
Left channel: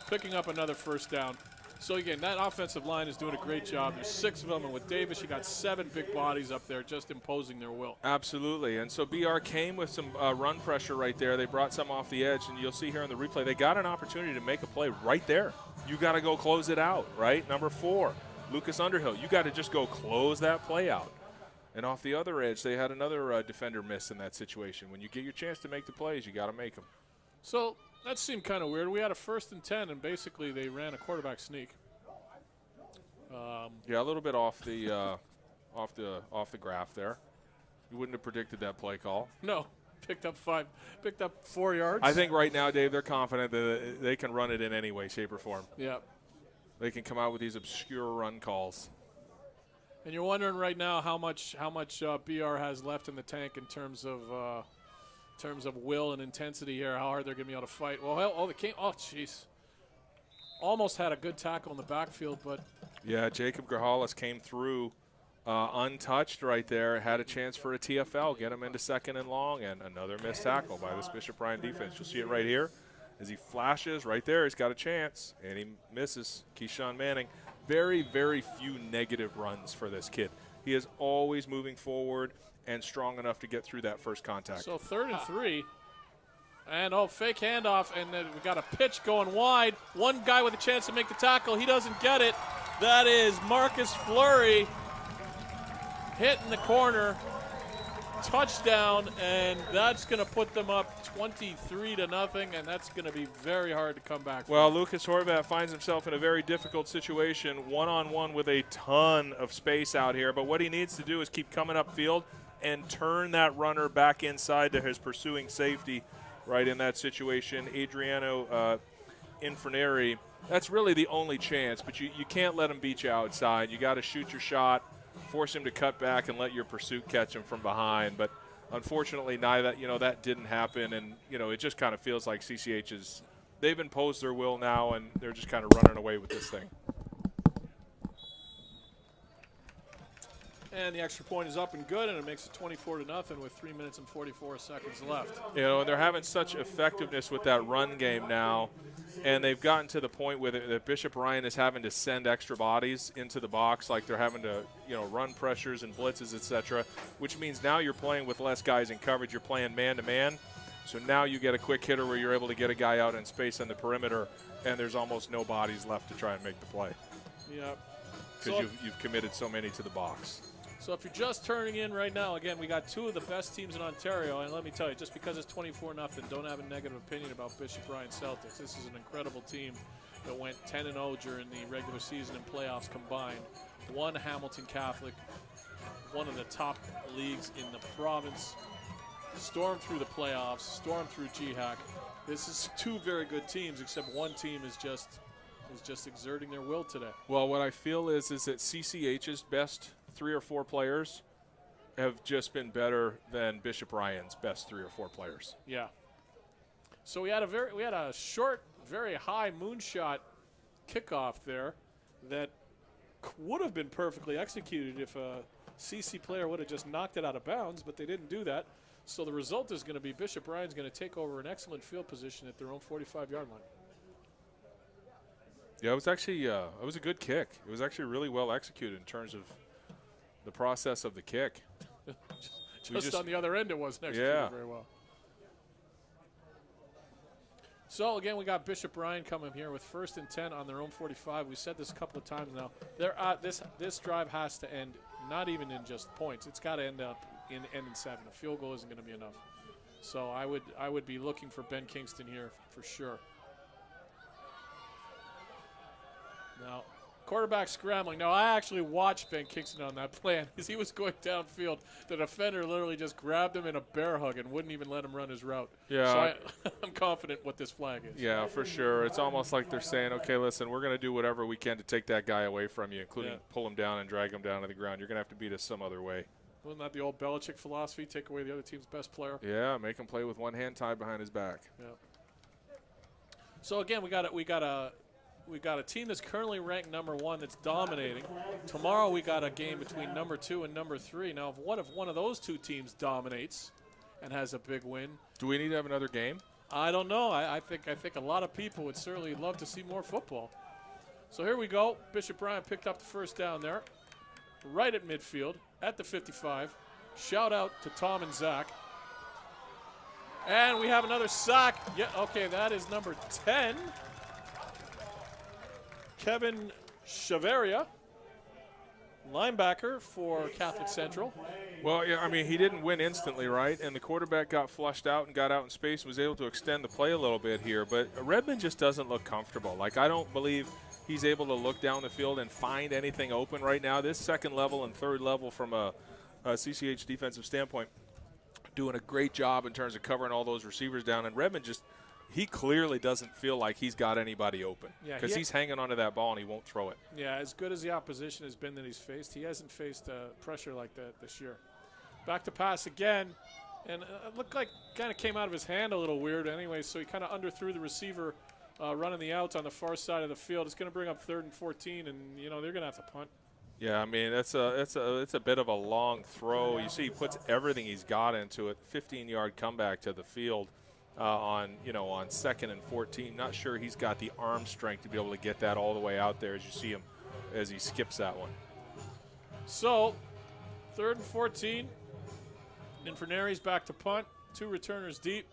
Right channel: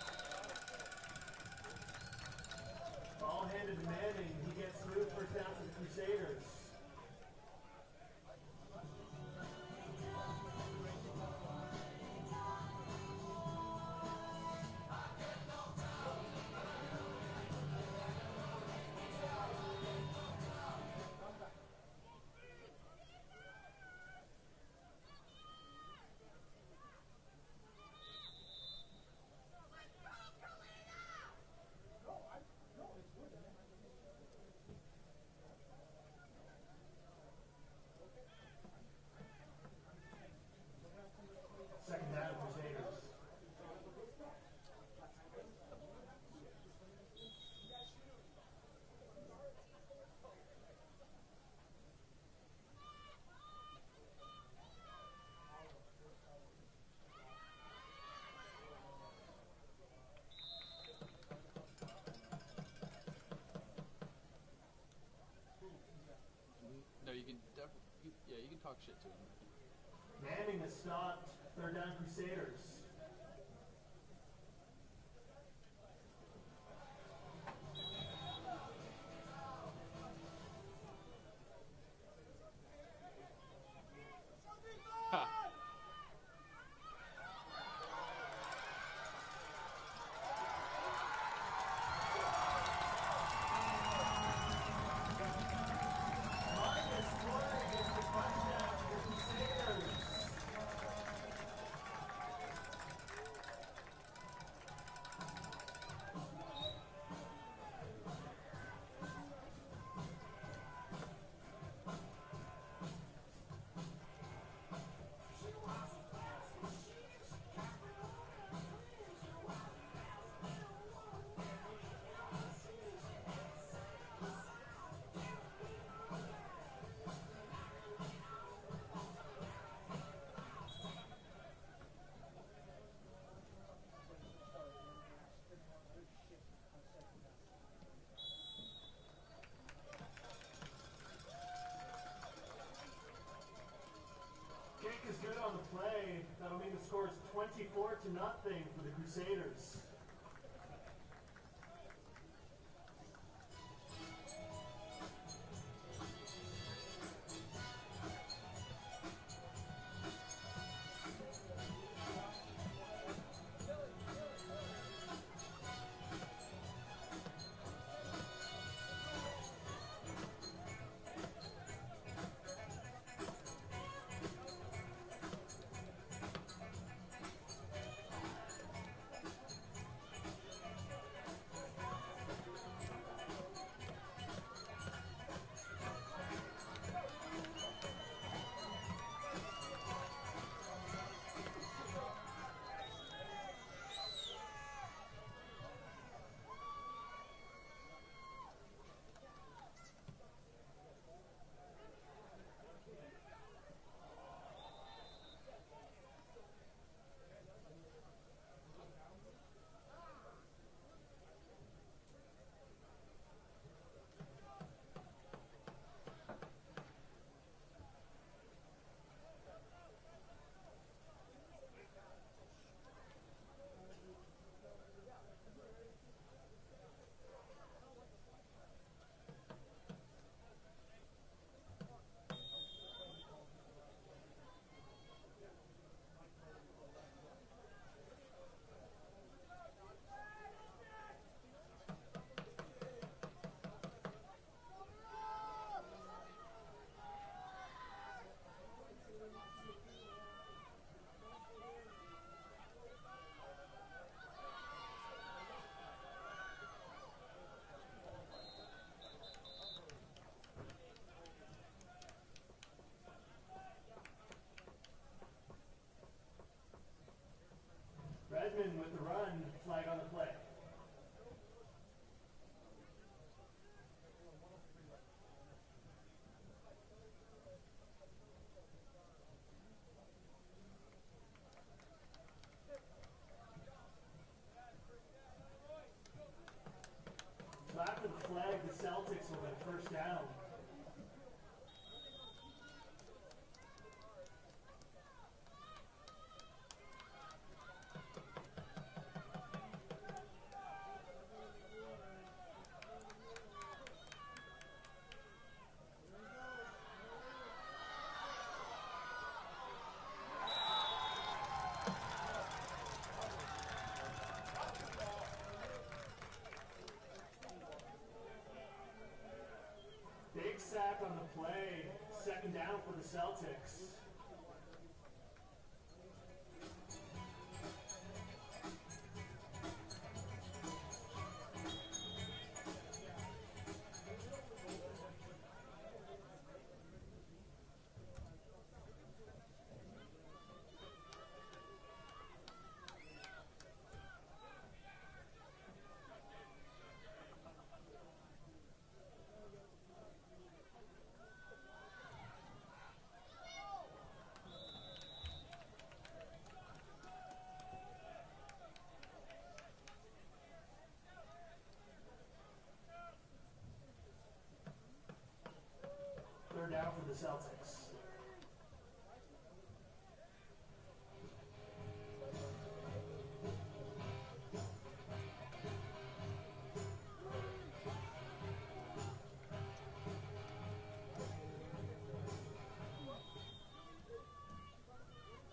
picking up another first down. So again, that offensive line is doing a great job. There's 6 of them, and with Davis, you got 7 big bodies up there just imposing their will. Absolutely, and so BR came with some run pressure right there. They brought some off the edge, and you'll see here in the replay, they got an opportunity to make a play right there. You got to go close it out, right? Number 4, Lucas Underhill. You got to just go close that play out. And off the other edge, they had another defender miss in that situation. When you get your chance to make the plays, you got to make them. So that seemed kind of weird. We had a 1st and 10, and basically they ran a quarterback sneak. Yeah, a little bit off the graph there. You wouldn't have predicted that play call. No, picked up 4 yards. I think right now, Dave, they're confident that they can run it in any way, shape, or form. Yeah. They can come out with these obscure run calls. And you're wondering right now how much BR has left in the tank in terms of will and intensity here. How hard they're going to be able to fight. Well, jeez. Almost had a good tackle in the backfield, but yeah, Jacob Grajales came through untouched right there. Had a chance for a TFL, get him into 2nd and long, and another missed tackle by this Bishop Ryan defense. You'll see it right here as he flashes right there. He's got a chance, and he misses. Keyshawn Manning. Very, very few negative runs for this kid. He is always moving forward and strong enough to get through that first contact. So 3rd and 3. And fake handoff, and then we got a pitch going wide. One guy with a chance to make the tackle. He doesn't get it. That is Marcus Fleury hit in the corner. Touchdown, and that's going to put them up 23-0, and that's going to be very hard to come back from. Well, Lucas Horvat finds himself in a very difficult situation, one-on-one with a ton of space out here. But what he needs to do is keep coming upfield and turn that runner back inside to his pursuing safety. Right in that situation, Adriano Inferneri, that's really the only chance, but you can't let him beat you outside. You got to shoot your shot, force him to cut back, and let your pursuit catch him from behind. But unfortunately, that didn't happen, and it just kind of feels like CCH they've imposed their will now, and they're just kind of running away with this thing. And the extra point is up and good, and it makes it 24-0 with 3 minutes and 44 seconds left. And they're having such effectiveness with that run game now, and they've gotten to the point where that Bishop Ryan is having to send extra bodies into the box, like they're having to, run pressures and blitzes, etc., which means now you're playing with less guys in coverage. You're playing man-to-man. So now you get a quick hitter where you're able to get a guy out in space on the perimeter, and there's almost no bodies left to try and make the play. Yeah. Because you've committed so many to the box. So if you're just turning in right now, again, we got 2 of the best teams in Ontario, and let me tell you, just because it's 24-0, don't have a negative opinion about Bishop Ryan Celtics. This is an incredible team that went 10-0 during the regular season and playoffs combined. Won Hamilton Catholic, one of the top leagues in the province. Stormed through the playoffs, stormed through GHAC. This is 2 very good teams, except one team is just exerting their will today. Well, what I feel is that CCH's best 3 or 4 players have just been better than Bishop Ryan's best 3 or 4 players. Yeah. So we had a short, very high moonshot kickoff there that would have been perfectly executed if a CC player would have just knocked it out of bounds, but they didn't do that. So the result is going to be Bishop Ryan's going to take over an excellent field position at their own 45-yard line. Yeah, it was actually it was a good kick. It was actually really well executed in terms of the process of the kick. just on the other end, it wasn't executed very well. So again, we got Bishop Ryan coming here with 1st and 10 on their own 45. We said this a couple of times now. This drive has to end not even in just points. It's got to end up in 7. The field goal isn't going to be enough. So I would be looking for Ben Kingston here for sure. Now, quarterback scrambling. Now, I actually watched Ben Kingston on that play because he was going downfield. The defender literally just grabbed him in a bear hug and wouldn't even let him run his route. Yeah. So I'm confident what this flag is. Yeah, for sure. It's almost like they're saying, okay, listen, we're going to do whatever we can to take that guy away from you, including pull him down and drag him down to the ground. You're going to have to beat us some other way. Wasn't that the old Belichick philosophy? Take away the other team's best player. Yeah, make him play with one hand tied behind his back. Yeah. So again, we got we got a team that's currently ranked #1 that's dominating. Tomorrow we got a game between #2 and #3. Now, if one of those two teams dominates and has a big win, do we need to have another game? I don't know. I think a lot of people would certainly love to see more football. So here we go. Bishop Bryant picked up the first down there, right at midfield, at the 55. Shout out to Tom and Zach. And we have another sack. Yeah, okay, that is number 10. Kevin Chaveria, linebacker for Catholic Central. Well, yeah, I mean, he didn't win instantly, right? And the quarterback got flushed out and got out in space and was able to extend the play a little bit here. But Redmond just doesn't look comfortable. Like, I don't believe he's able to look down the field and find anything open right now. This second level and third level from a CCH defensive standpoint, doing a great job in terms of covering all those receivers down. And Redmond just, he clearly doesn't feel like he's got anybody open because he's hanging onto that ball and he won't throw it. Yeah, as good as the opposition has been that he's faced, he hasn't faced pressure like that this year. Back to pass again, and it looked like kind of came out of his hand a little weird anyway, so he kind of underthrew the receiver running the outs on the far side of the field. It's going to bring up 3rd and 14, and, you know, they're going to have to punt. Yeah, I mean, it's a bit of a long throw. You see he puts everything he's got into it. 15-yard comeback to the field on 2nd and 14. Not sure he's got the arm strength to be able to get that all the way out there as you see him as he skips that one. So, 3rd and 14. Inferneri's back to punt. 2 returners deep.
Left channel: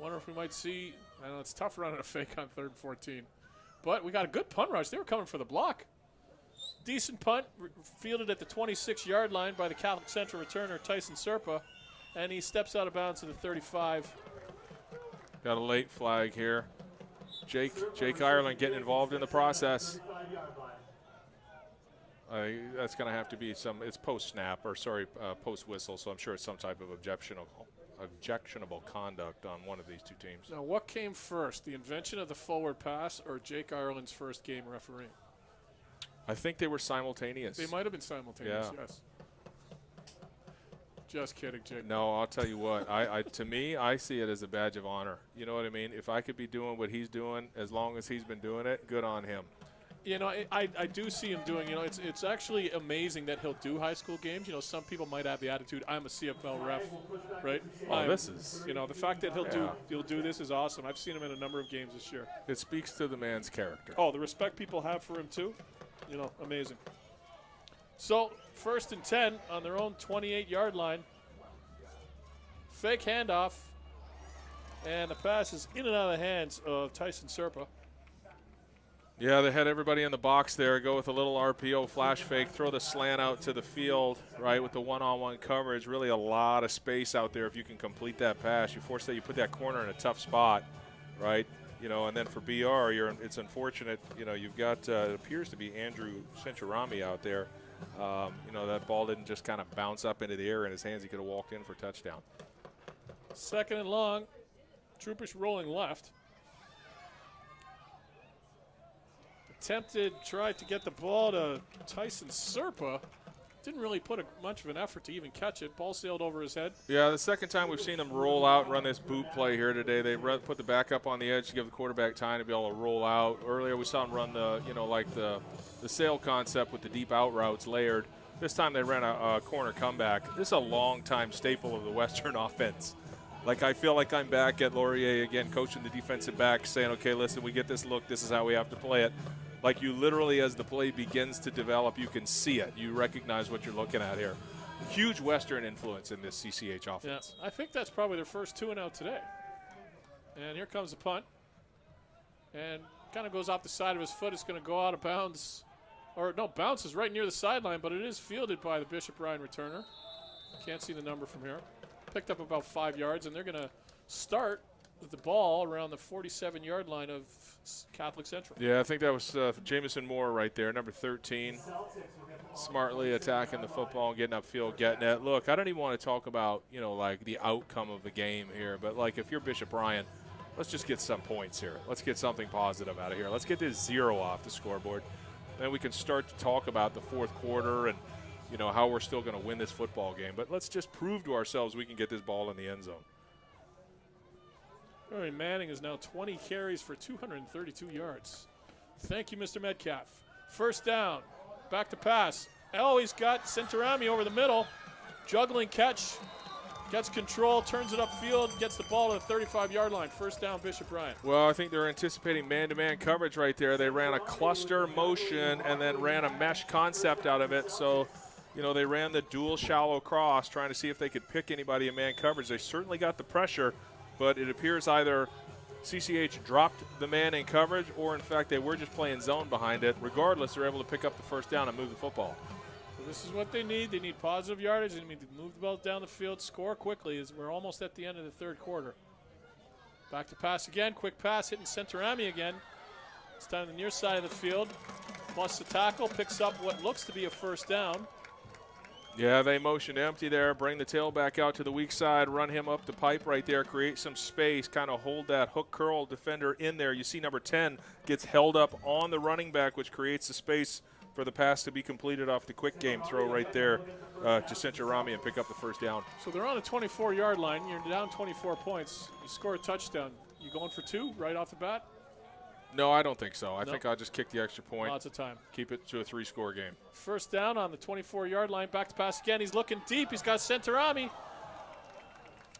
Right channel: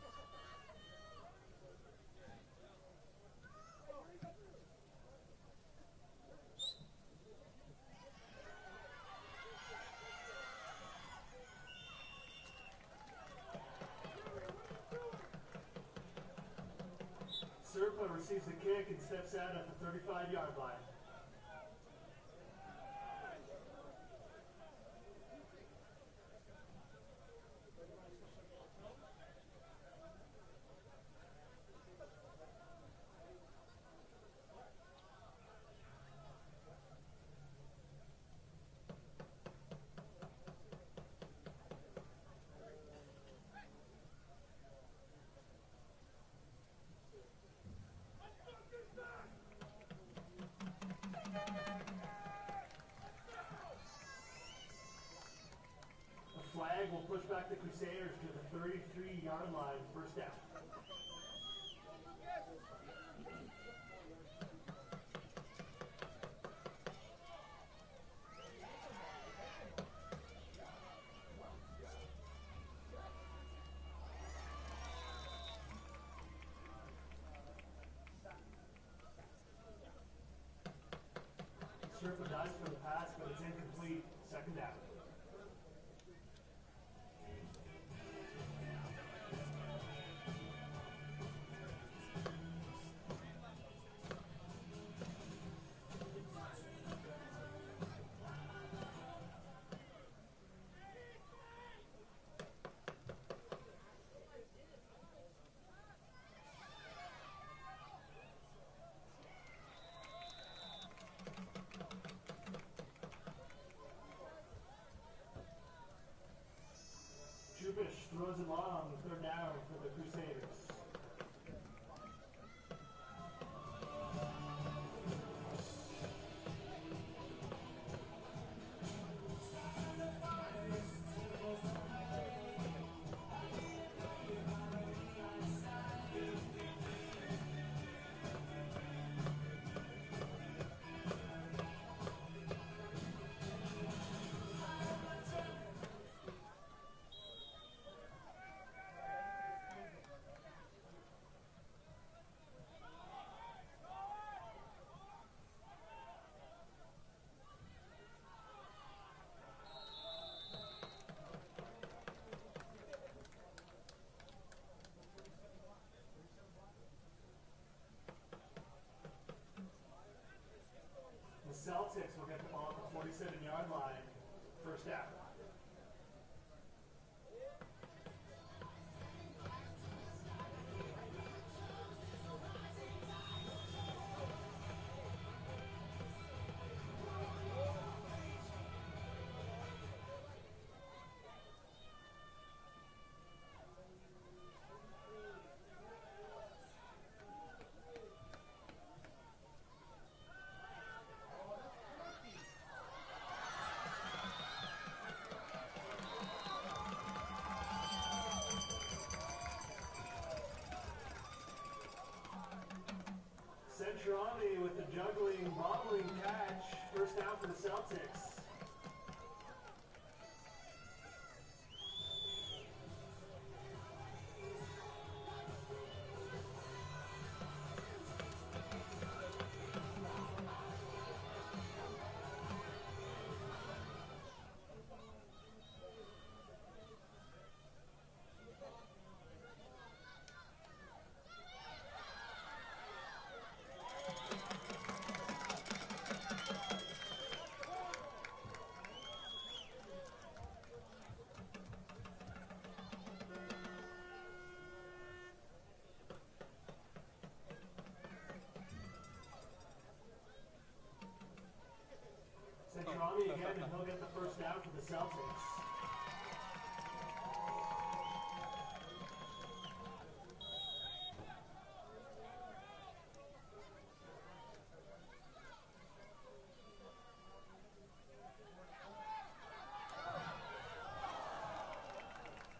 Wonder if we might see, I know it's tough running a fake on 3rd and 14. But we got a good punt rush. They were coming for the block. Decent punt, fielded at the 26-yard line by the Catholic Central returner, Tyson Serpa. And he steps out of bounds to the 35. Got a late flag here. Jake Ireland getting involved in the process. That's going to have to be it's post-snap, or sorry, post-whistle, so I'm sure it's some type of objectionable conduct on one of these two teams. Now, what came first, the invention of the forward pass or Jake Ireland's first game refereeing? I think they were simultaneous. They might have been simultaneous, yes. Just kidding, Jake. No, I'll tell you what. To me, I see it as a badge of honor. You know what I mean? If I could be doing what he's doing as long as he's been doing it, good on him. You know, I do see him doing, it's actually amazing that he'll do high school games. You know, some people might have the attitude, I'm a CFL ref, right? This is, the fact that he'll do this is awesome. I've seen him in a number of games this year. It speaks to the man's character. Oh, the respect people have for him too, amazing. So, 1st and 10 on their own 28-yard line. Fake handoff, and the pass is in and out of the hands of Tyson Serpa. Yeah, they had everybody in the box there. Go with a little RPO flash fake, throw the slant out to the field, right, with the one-on-one coverage. Really a lot of space out there if you can complete that pass. You put that corner in a tough spot, right? And then for BR, it's unfortunate. You've got it appears to be Andrew Centurami out there. That ball didn't just kind of bounce up into the air in his hands. He could have walked in for a touchdown. 2nd and long. Troopers rolling left. Tried to get the ball to Tyson Serpa. Didn't really put much of an effort to even catch it. Ball sailed over his head. Yeah, the second time we've seen them roll out and run this boot play here today. They put the back up on the edge to give the quarterback time to be able to roll out. Earlier we saw them run the sail concept with the deep out routes layered. This time they ran a corner comeback. This is a long-time staple of the Western offense. Like, I feel like I'm back at Laurier again, coaching the defensive backs, saying, okay, listen, we get this look. This is how we have to play it. Like, you literally, as the play begins to develop, you can see it. You recognize what you're looking at here. Huge Western influence in this CCH offense. Yeah, I think that's probably their first 2-and-out today. And here comes the punt. And kind of goes off the side of his foot. It's going to go out of bounds. Or, no, bounces right near the sideline, but it is fielded by the Bishop Ryan returner. Can't see the number from here. Picked up about 5 yards, and they're going to start with the ball around the 47-yard line of Catholic Central. Yeah, I think that was Jamison Moore right there, number 13. Smartly attacking the football and getting upfield, getting it. Look, I don't even want to talk about, like the outcome of the game here, but like if you're Bishop Ryan, let's just get some points here. Let's get something positive out of here. Let's get this 0 off the scoreboard. And then we can start to talk about the 4th quarter and, how we're still going to win this football game. But let's just prove to ourselves we can get this ball in the end zone. Manning is now 20 carries for 232 yards. Thank you, Mr. Metcalf. First down. Back to pass. Oh, he's got Centurami over the middle. Juggling catch. Gets control, turns it upfield, gets the ball to the 35-yard line. First down, Bishop Bryant. Well, I think they're anticipating man-to-man coverage right there. They ran a cluster motion and then ran a mesh concept out of it. So, you know, they ran the dual shallow cross, trying to see if they could pick anybody in man coverage. They certainly got the pressure, but it appears either CCH dropped the man in coverage or, in fact, they were just playing zone behind it. Regardless, they're able to pick up the first down and move the football. This is what they need. They need positive yardage. They need to move the ball down the field, score quickly as we're almost at the end of the third quarter. Back to pass again. Quick pass hitting Centurami again. It's down the near side of the field. Plus the tackle, picks up what looks to be a first down. Yeah, they motion empty there, bring the tailback out to the weak side, run him up the pipe right there, create some space, kind of hold that hook curl defender in there. You see number 10 gets held up on the running back, which creates the space for the pass to be completed off the quick game throw right there to Centurami and pick up the first down. So they're on a 24-yard line. You're down 24 points. You score a touchdown. You going for 2 right off the bat? No, I don't think so. I think I'll just kick the extra point. Lots of time. Keep it to a 3-score game. First down on the 24-yard line. Back to pass again. He's looking deep. He's got Centurami.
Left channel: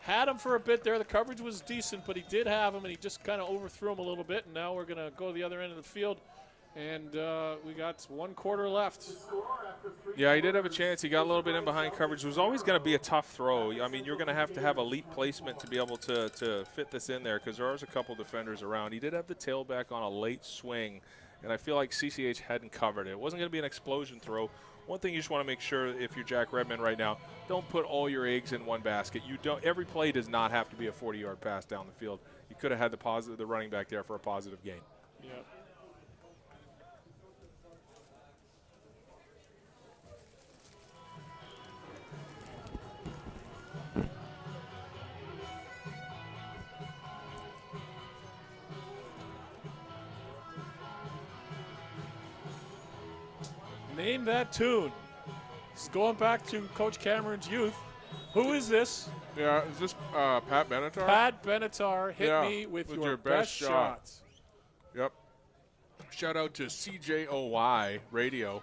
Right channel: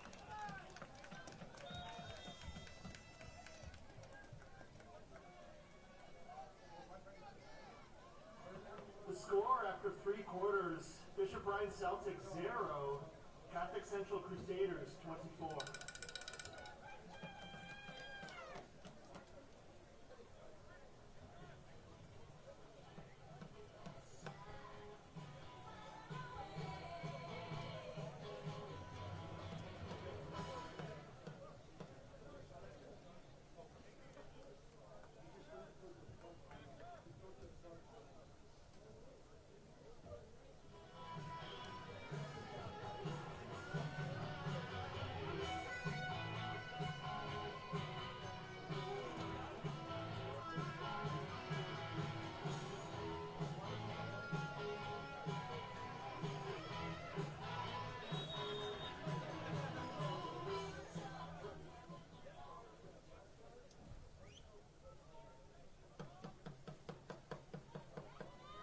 Had him for a bit there. The coverage was decent, but he did have him, and he just kind of overthrew him a little bit. And now we're going to go to the other end of the field. And we got 1 quarter left. Yeah, he did have a chance. He got a little bit in behind coverage. It was always going to be a tough throw. I mean, you're going to have elite placement to be able to fit this in there because there's a couple defenders around. He did have the tailback on a late swing, and I feel like CCH hadn't covered it. It wasn't going to be an explosion throw. One thing you just want to make sure, if you're Jack Redmond right now, don't put all your eggs in one basket. You don't. Every play does not have to be a 40-yard pass down the field. You could have had the running back there for a positive gain. Name that tune. It's going back to Coach Cameron's youth. Who is this? Yeah, is this Pat Benatar? Pat Benatar, hit me with your best shots. Yep. Shout out to CJOY Radio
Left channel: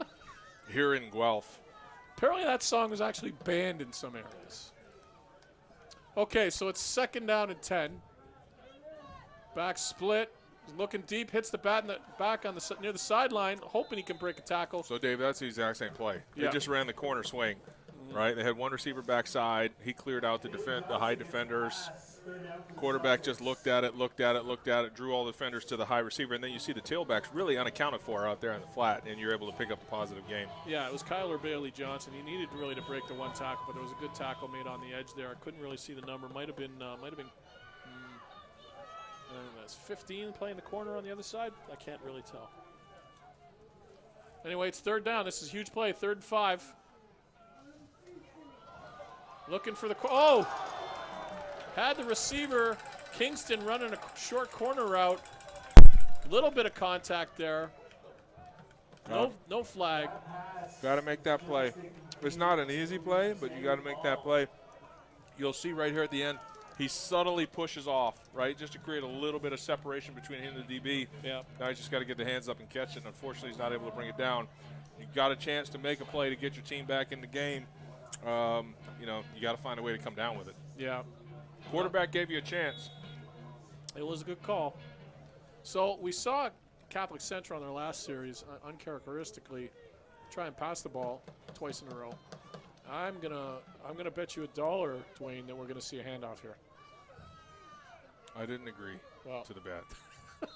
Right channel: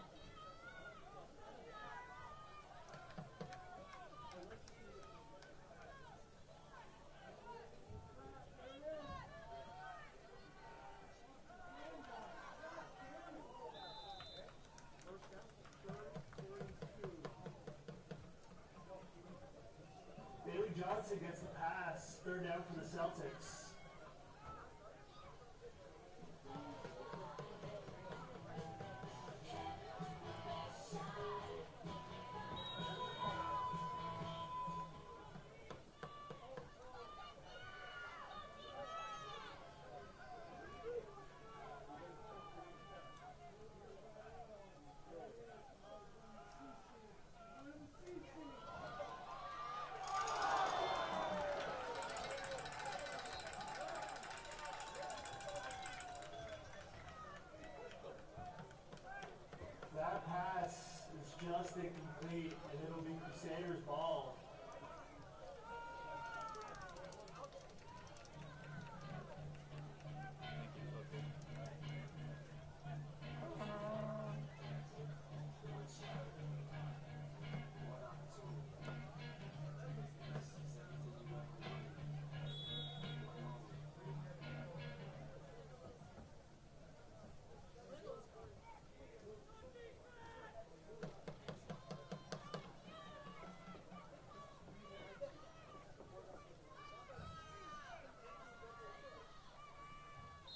here in Guelph. Apparently that song was actually banned in some areas. Okay, so it's second down and 10. Back split. Looking deep, hits the bat in the back on the near the sideline, hoping he can break a tackle. So, Dave, that's the exact same play. Yeah. They just ran the corner swing, right? They had one receiver backside. He cleared out the high defenders. Quarterback just looked at it, drew all the defenders to the high receiver, and then you see the tailbacks really unaccounted for out there in the flat, and you're able to pick up a positive game. Yeah, it was Kyler Bailey Johnson. He needed really to break the one tackle, but it was a good tackle made on the edge there. I couldn't really see the number. Might have been 15 playing the corner on the other side. I can't really tell. Anyway, it's third down. This is a huge play. 3rd and 5. Looking for the had the receiver Kingston running a short corner route. Little bit of contact there. No flag. Got to make that play. It's not an easy play, but you got to make that play. You'll see right here at the end, he subtly pushes off, right, just to create a little bit of separation between him and the DB. Yeah. Now he's just got to get the hands up and catch it. Unfortunately, he's not able to bring it down. You've got a chance to make a play to get your team back in the game. You got to find a way to come down with it. Yeah. Quarterback gave you a chance. It was a good call. So we saw Catholic Central in their last series, uncharacteristically, try and pass the ball twice in a row. I'm gonna bet you $1, Dwayne, that we're gonna see a handoff here. I didn't agree to the bet.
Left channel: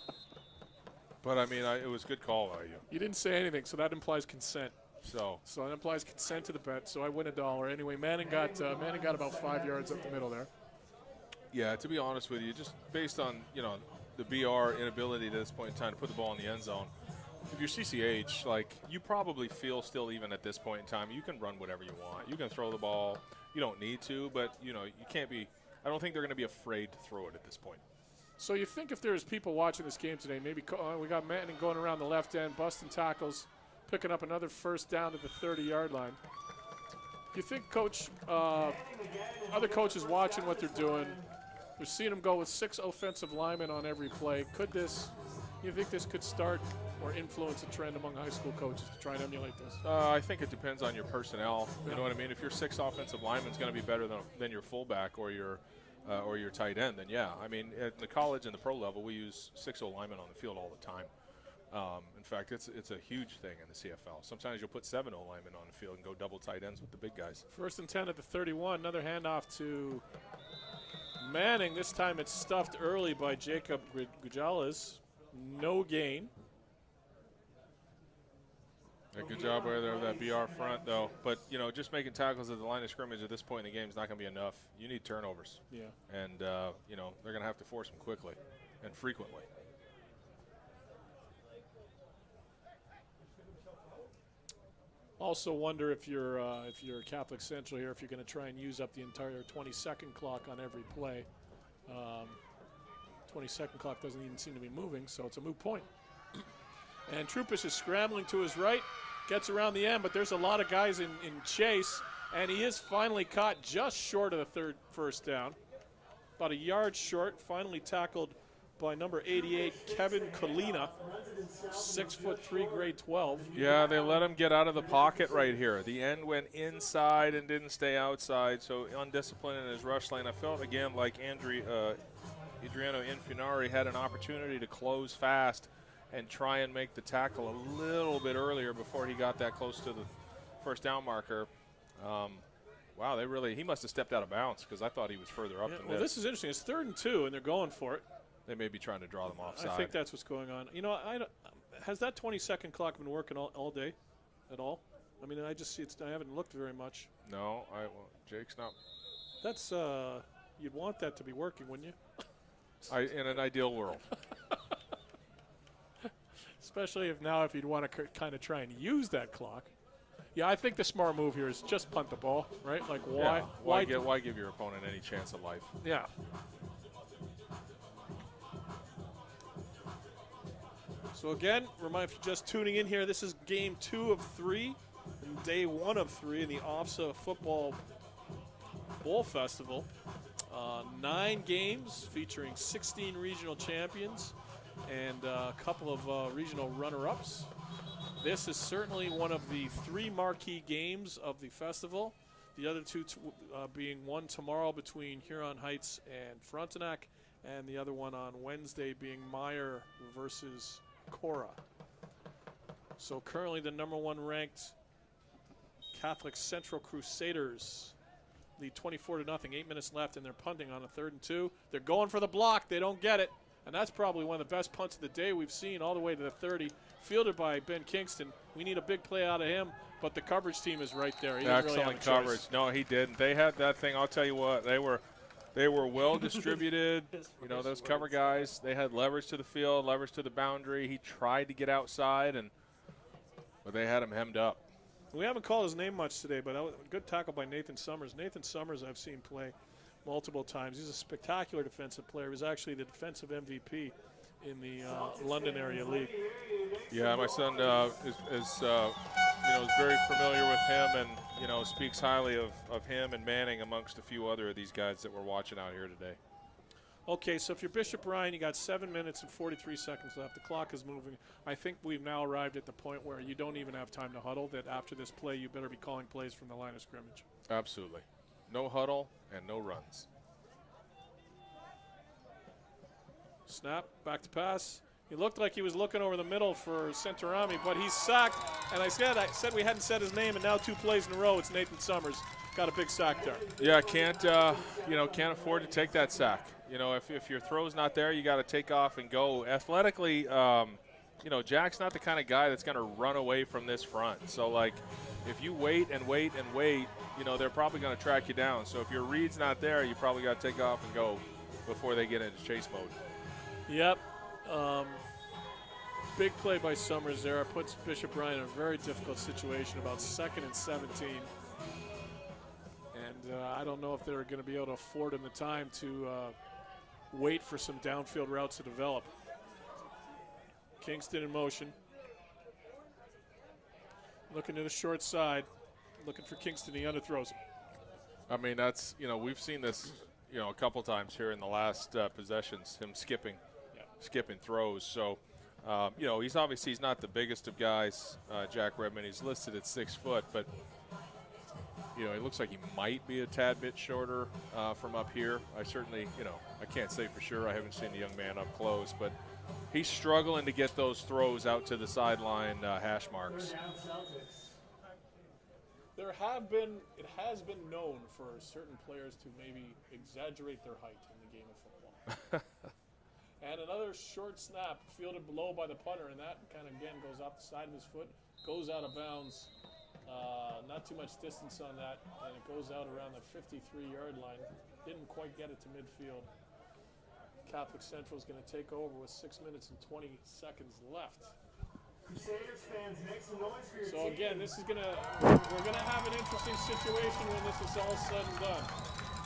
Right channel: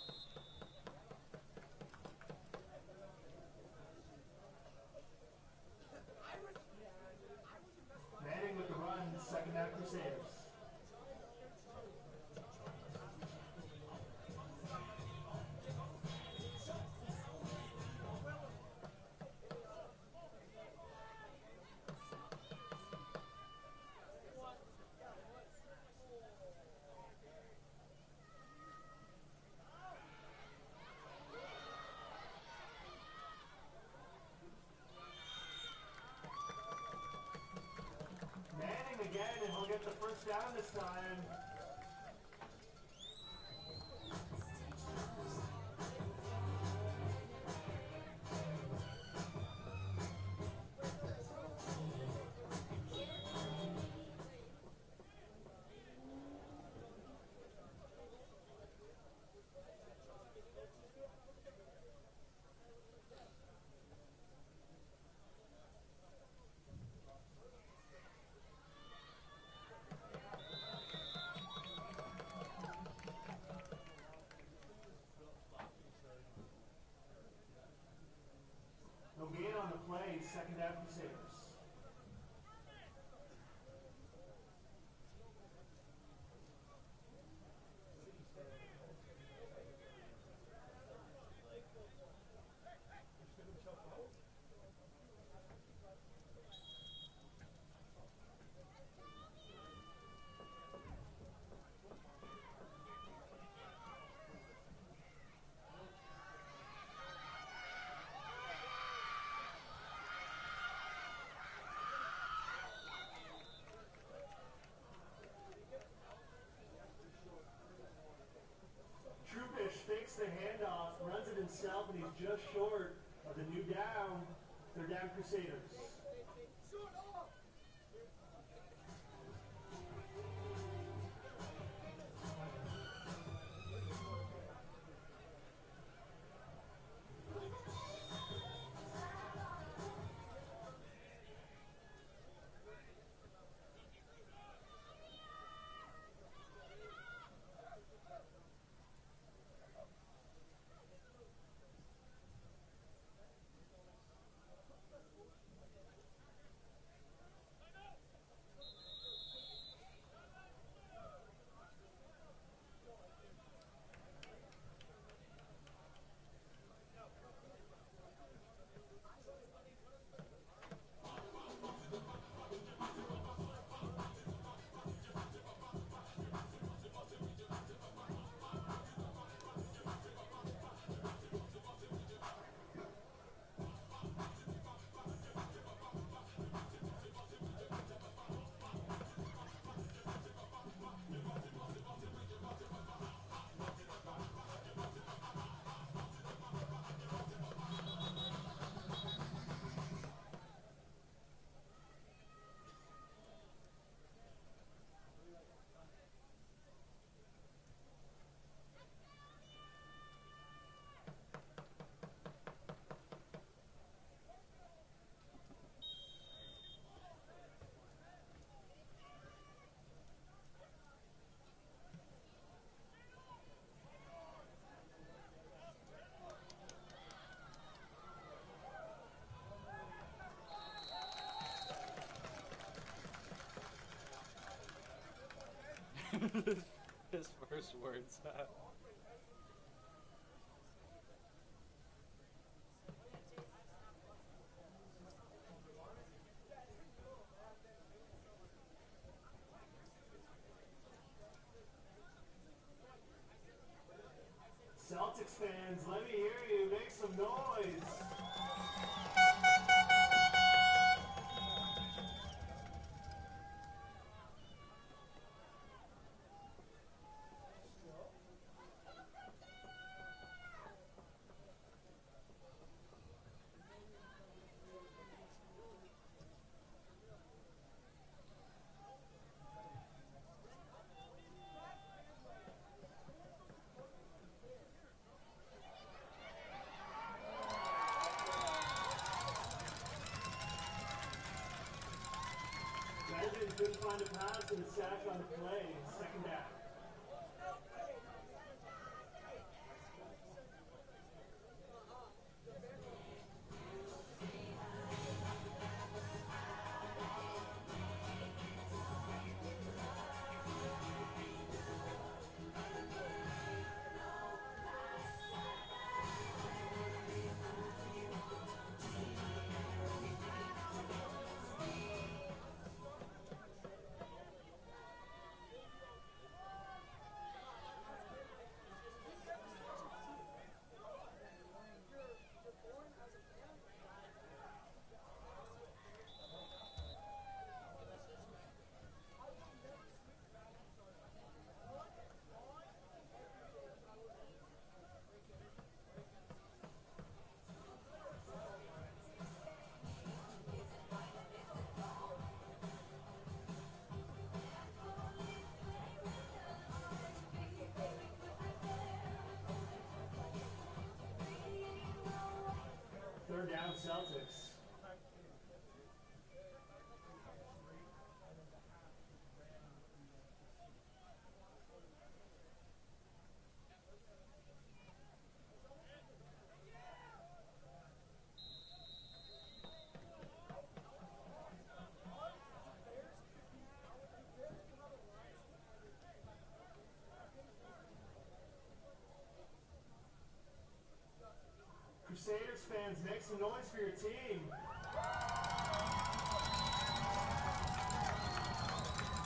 But I mean, it was a good call by you. You didn't say anything, so that implies consent. So that implies consent to the bet. So I win $1. Anyway, Manning got about 5 yards up the middle there. Yeah, to be honest with you, just based on the BR inability at this point in time to put the ball in the end zone. If you're CCH, you probably feel still, even at this point in time, you can run whatever you want. You can throw the ball. You don't need to, but you can't be. I don't think they're going to be afraid to throw it at this point. So you think if there's people watching this game today, maybe we got Manning going around the left end, busting tackles, picking up another first down at the 30-yard line. Do you think, Coach, other coaches watching what they're doing, We've seen him go with 6 offensive linemen on every play. You think this could start or influence a trend among high school coaches to try and emulate this? I think it depends on your personnel. You know what I mean? If your 6 offensive linemen is going to be better than your fullback or your tight end, then yeah. I mean, at the college and the pro level, we use 6 linemen on the field all the time. In fact, it's a huge thing in the CFL. Sometimes you'll put 7 linemen on the field and go double tight ends with the big guys. 1st and 10 at the 31. Another handoff to Manning. This time it's stuffed early by Jacob Gujales. No gain. Good job right there with that BR front, though. But, you know, just making tackles at the line of scrimmage at this point in the game is not going to be enough. You need turnovers. Yeah. And, you know, they're going to have to force them quickly and frequently. Also wonder if you're Catholic Central here, if you're going to try and use up the entire 20-second clock on every play. 20-second clock doesn't even seem to be moving, so it's a moot point. And Trupas is scrambling to his right, gets around the end, but there's a lot of guys in chase, and he is finally caught just short of the first down. About a yard short, finally tackled by number 88, Kevin Colina, 6'3", grade 12. Yeah, they let him get out of the pocket right here. The end went inside and didn't stay outside, so undisciplined in his rush lane. I felt again like Adriano Infinari had an opportunity to close fast and try and make the tackle a little bit earlier before he got that close to the first down marker. Wow, he must have stepped out of bounds because I thought he was further up than well, this is interesting. It's 3rd and 2, and they're going for it. They may be trying to draw them offside. I think that's what's going on. You know, has that 20-second clock been working all day at all? I mean, I just see I haven't looked very much. No, Jake's not. That's you'd want that to be working, wouldn't you? In an ideal world. Especially if you'd want to kind of try and use that clock. Yeah, I think the smart move here is just punt the ball, right? Like why give your opponent any chance of life? Yeah. So again, remind if you're just tuning in here, this is game 2 of 3, day 1 of 3 in the Ofsaa Football Bowl Festival. 9 games featuring 16 regional champions and a couple of regional runner-ups. This is certainly one of the 3 marquee games of the festival. The other 2 being one tomorrow between Huron Heights and Frontenac, and the other one on Wednesday being Meyer versus Cora. So currently the number 1 ranked Catholic Central Crusaders lead 24-0, 8 minutes left, and they're punting on a 3rd and 2. They're going for the block, they don't get it. And that's probably one of the best punts of the day we've seen, all the way to the 30, fielded by Ben Kingston. We need a big play out of him, but the coverage team is right there. Excellent coverage. No, he didn't. They had that thing, I'll tell you what, they were well distributed. You know, those cover guys, they had leverage to the field, leverage to the boundary. He tried to get outside, but they had him hemmed up. We haven't called his name much today, but a good tackle by Nathan Summers. Nathan Summers I've seen play multiple times. He's a spectacular defensive player. He was actually the defensive MVP in the London area league. Yeah, my son is very familiar with him, and speaks highly of him and Manning amongst a few other of these guys that we're watching out here today. Okay, so if you're Bishop Ryan, you got 7 minutes and 43 seconds left. The clock is moving. I think we've now arrived at the point where you don't even have time to huddle, that after this play you better be calling plays from the line of scrimmage. Absolutely. No huddle and no runs. Snap, back to pass. He looked like he was looking over the middle for Centorami, but he's sacked. And I said we hadn't said his name, and now 2 plays in a row, it's Nathan Summers. Got a big sack there. Yeah, can't afford to take that sack. If your throw's not there, you got to take off and go. Athletically, Jack's not the kind of guy that's going to run away from this front. So, like, if you wait and wait and wait, they're probably going to track you down. So if your read's not there, you probably got to take off and go before they get into chase mode. Yep. Big play by Summers there. Puts Bishop Ryan in a very difficult situation, about 2nd and 17. And I don't know if they're going to be able to afford him the time to wait for some downfield routes to develop. Kingston in motion. Looking to the short side. Looking for Kingston. He underthrows. I mean, that's, we've seen this a couple times here in the last possessions, him skipping throws. So, he's not the biggest of guys, Jack Redmond. He's listed at 6 foot, but it looks like he might be a tad bit shorter from up here. I certainly, I can't say for sure. I haven't seen the young man up close, but he's struggling to get those throws out to the sideline hash marks. Third down Celtics. It has been known for certain players to maybe exaggerate their height in the game of football. And another short snap fielded low by the punter, and that kind of, again, goes off the side of his foot, goes out of bounds. Not too much distance on that, and it goes out around the 53-yard line. Didn't quite get it to midfield. Catholic Central is going to take over with 6 minutes and 20 seconds left. Crusaders fans, make some noise for your so team. Again, we're gonna have an interesting situation when this is all said and done.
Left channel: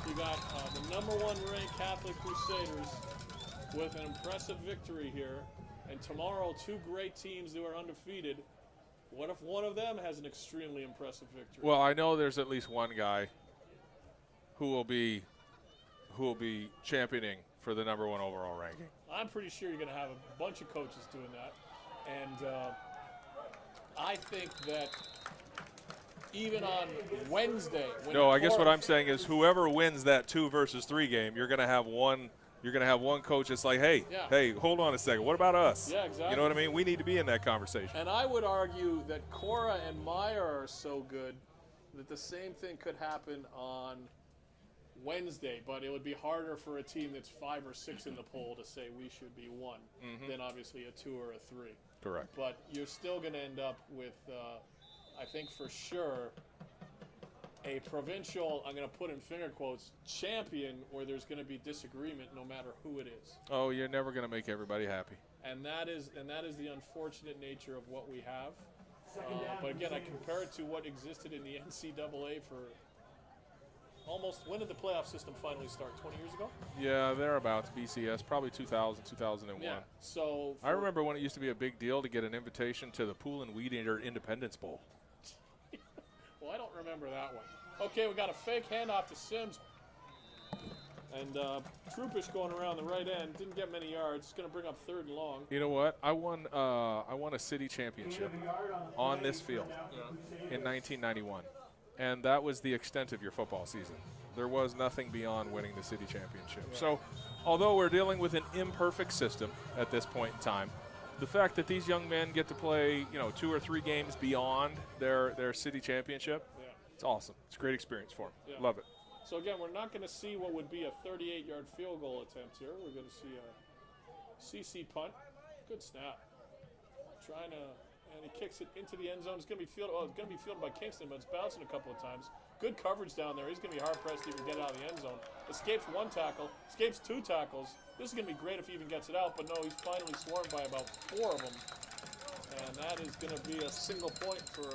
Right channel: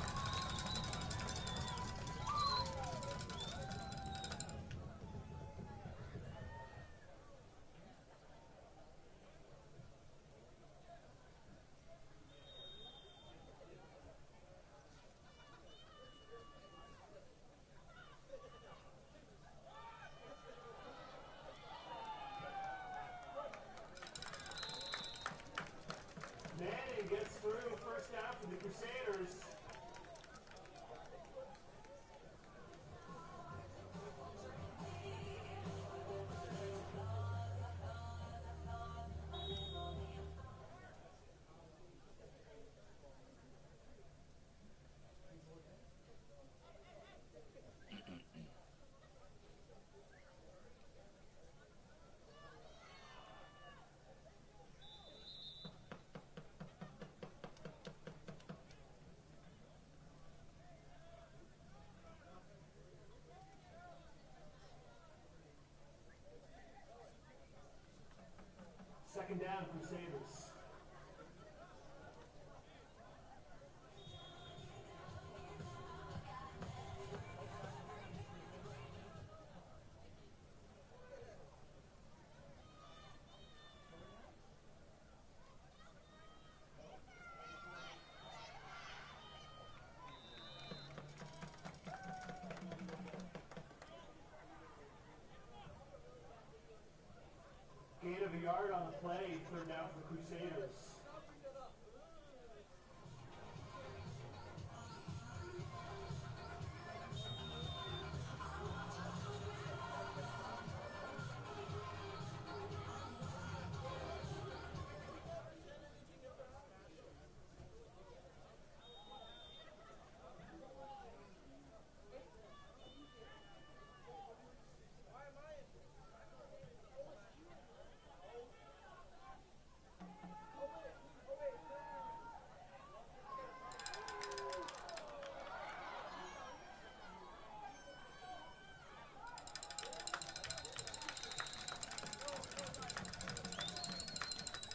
You got the #1 ranked Catholic Crusaders with an impressive victory here, and tomorrow 2 great teams who are undefeated. What if one of them has an extremely impressive victory? Well, I know there's at least one guy who will be championing for the #1 overall ranking. I'm pretty sure you're going to have a bunch of coaches doing that. And I think that even on Wednesday. No, I guess what I'm saying is whoever wins that 2 versus 3 game, you're going to have one. You're going to have one coach that's like, hey, hold on a second. What about us? Yeah, exactly. You know what I mean? We need to be in that conversation. And I would argue that Cora and Meyer are so good that the same thing could happen on Wednesday, but it would be harder for a team that's 5 or 6 in the poll to say we should be 1 than obviously a 2 or a 3. Correct. But you're still going to end up with, I think for sure, a provincial, I'm going to put in finger quotes, champion where there's going to be disagreement no matter who it is. Oh, you're never going to make everybody happy. And that is the unfortunate nature of what we have. Second down. But again, I compare it to what existed in the NCAA for almost, when did the playoff system finally start? 20 years ago? Yeah, thereabouts, BCS, probably 2000, 2001. Yeah, so I remember when it used to be a big deal to get an invitation to the Pool and Weed Eater Independence Bowl. Well, I don't remember that one. Okay, we got a fake handoff to Sims. And Troopish going around the right end, didn't get many yards. It's going to bring up 3rd and long. You know what? I won a city championship on this field in 1991. And that was the extent of your football season. There was nothing beyond winning the city championship. So, although we're dealing with an imperfect system at this point in time, the fact that these young men get to play, 2 or 3 games beyond their city championship, it's awesome. It's a great experience for them. Yeah. Love it. So again, we're not going to see what would be a 38-yard field goal attempt here. We're going to see a CC punt. Good snap. Trying to, and he kicks it into the end zone. It's going to be fielded. Well, it's going to be fielded by Kingston, but it's bouncing a couple of times. Good coverage down there. He's going to be hard pressed to even get out of the end zone. Escapes 1 tackle. Escapes 2 tackles. This is going to be great if he even gets it out, but no, he's finally swarmed by about 4 of them. And that is going to be a single point for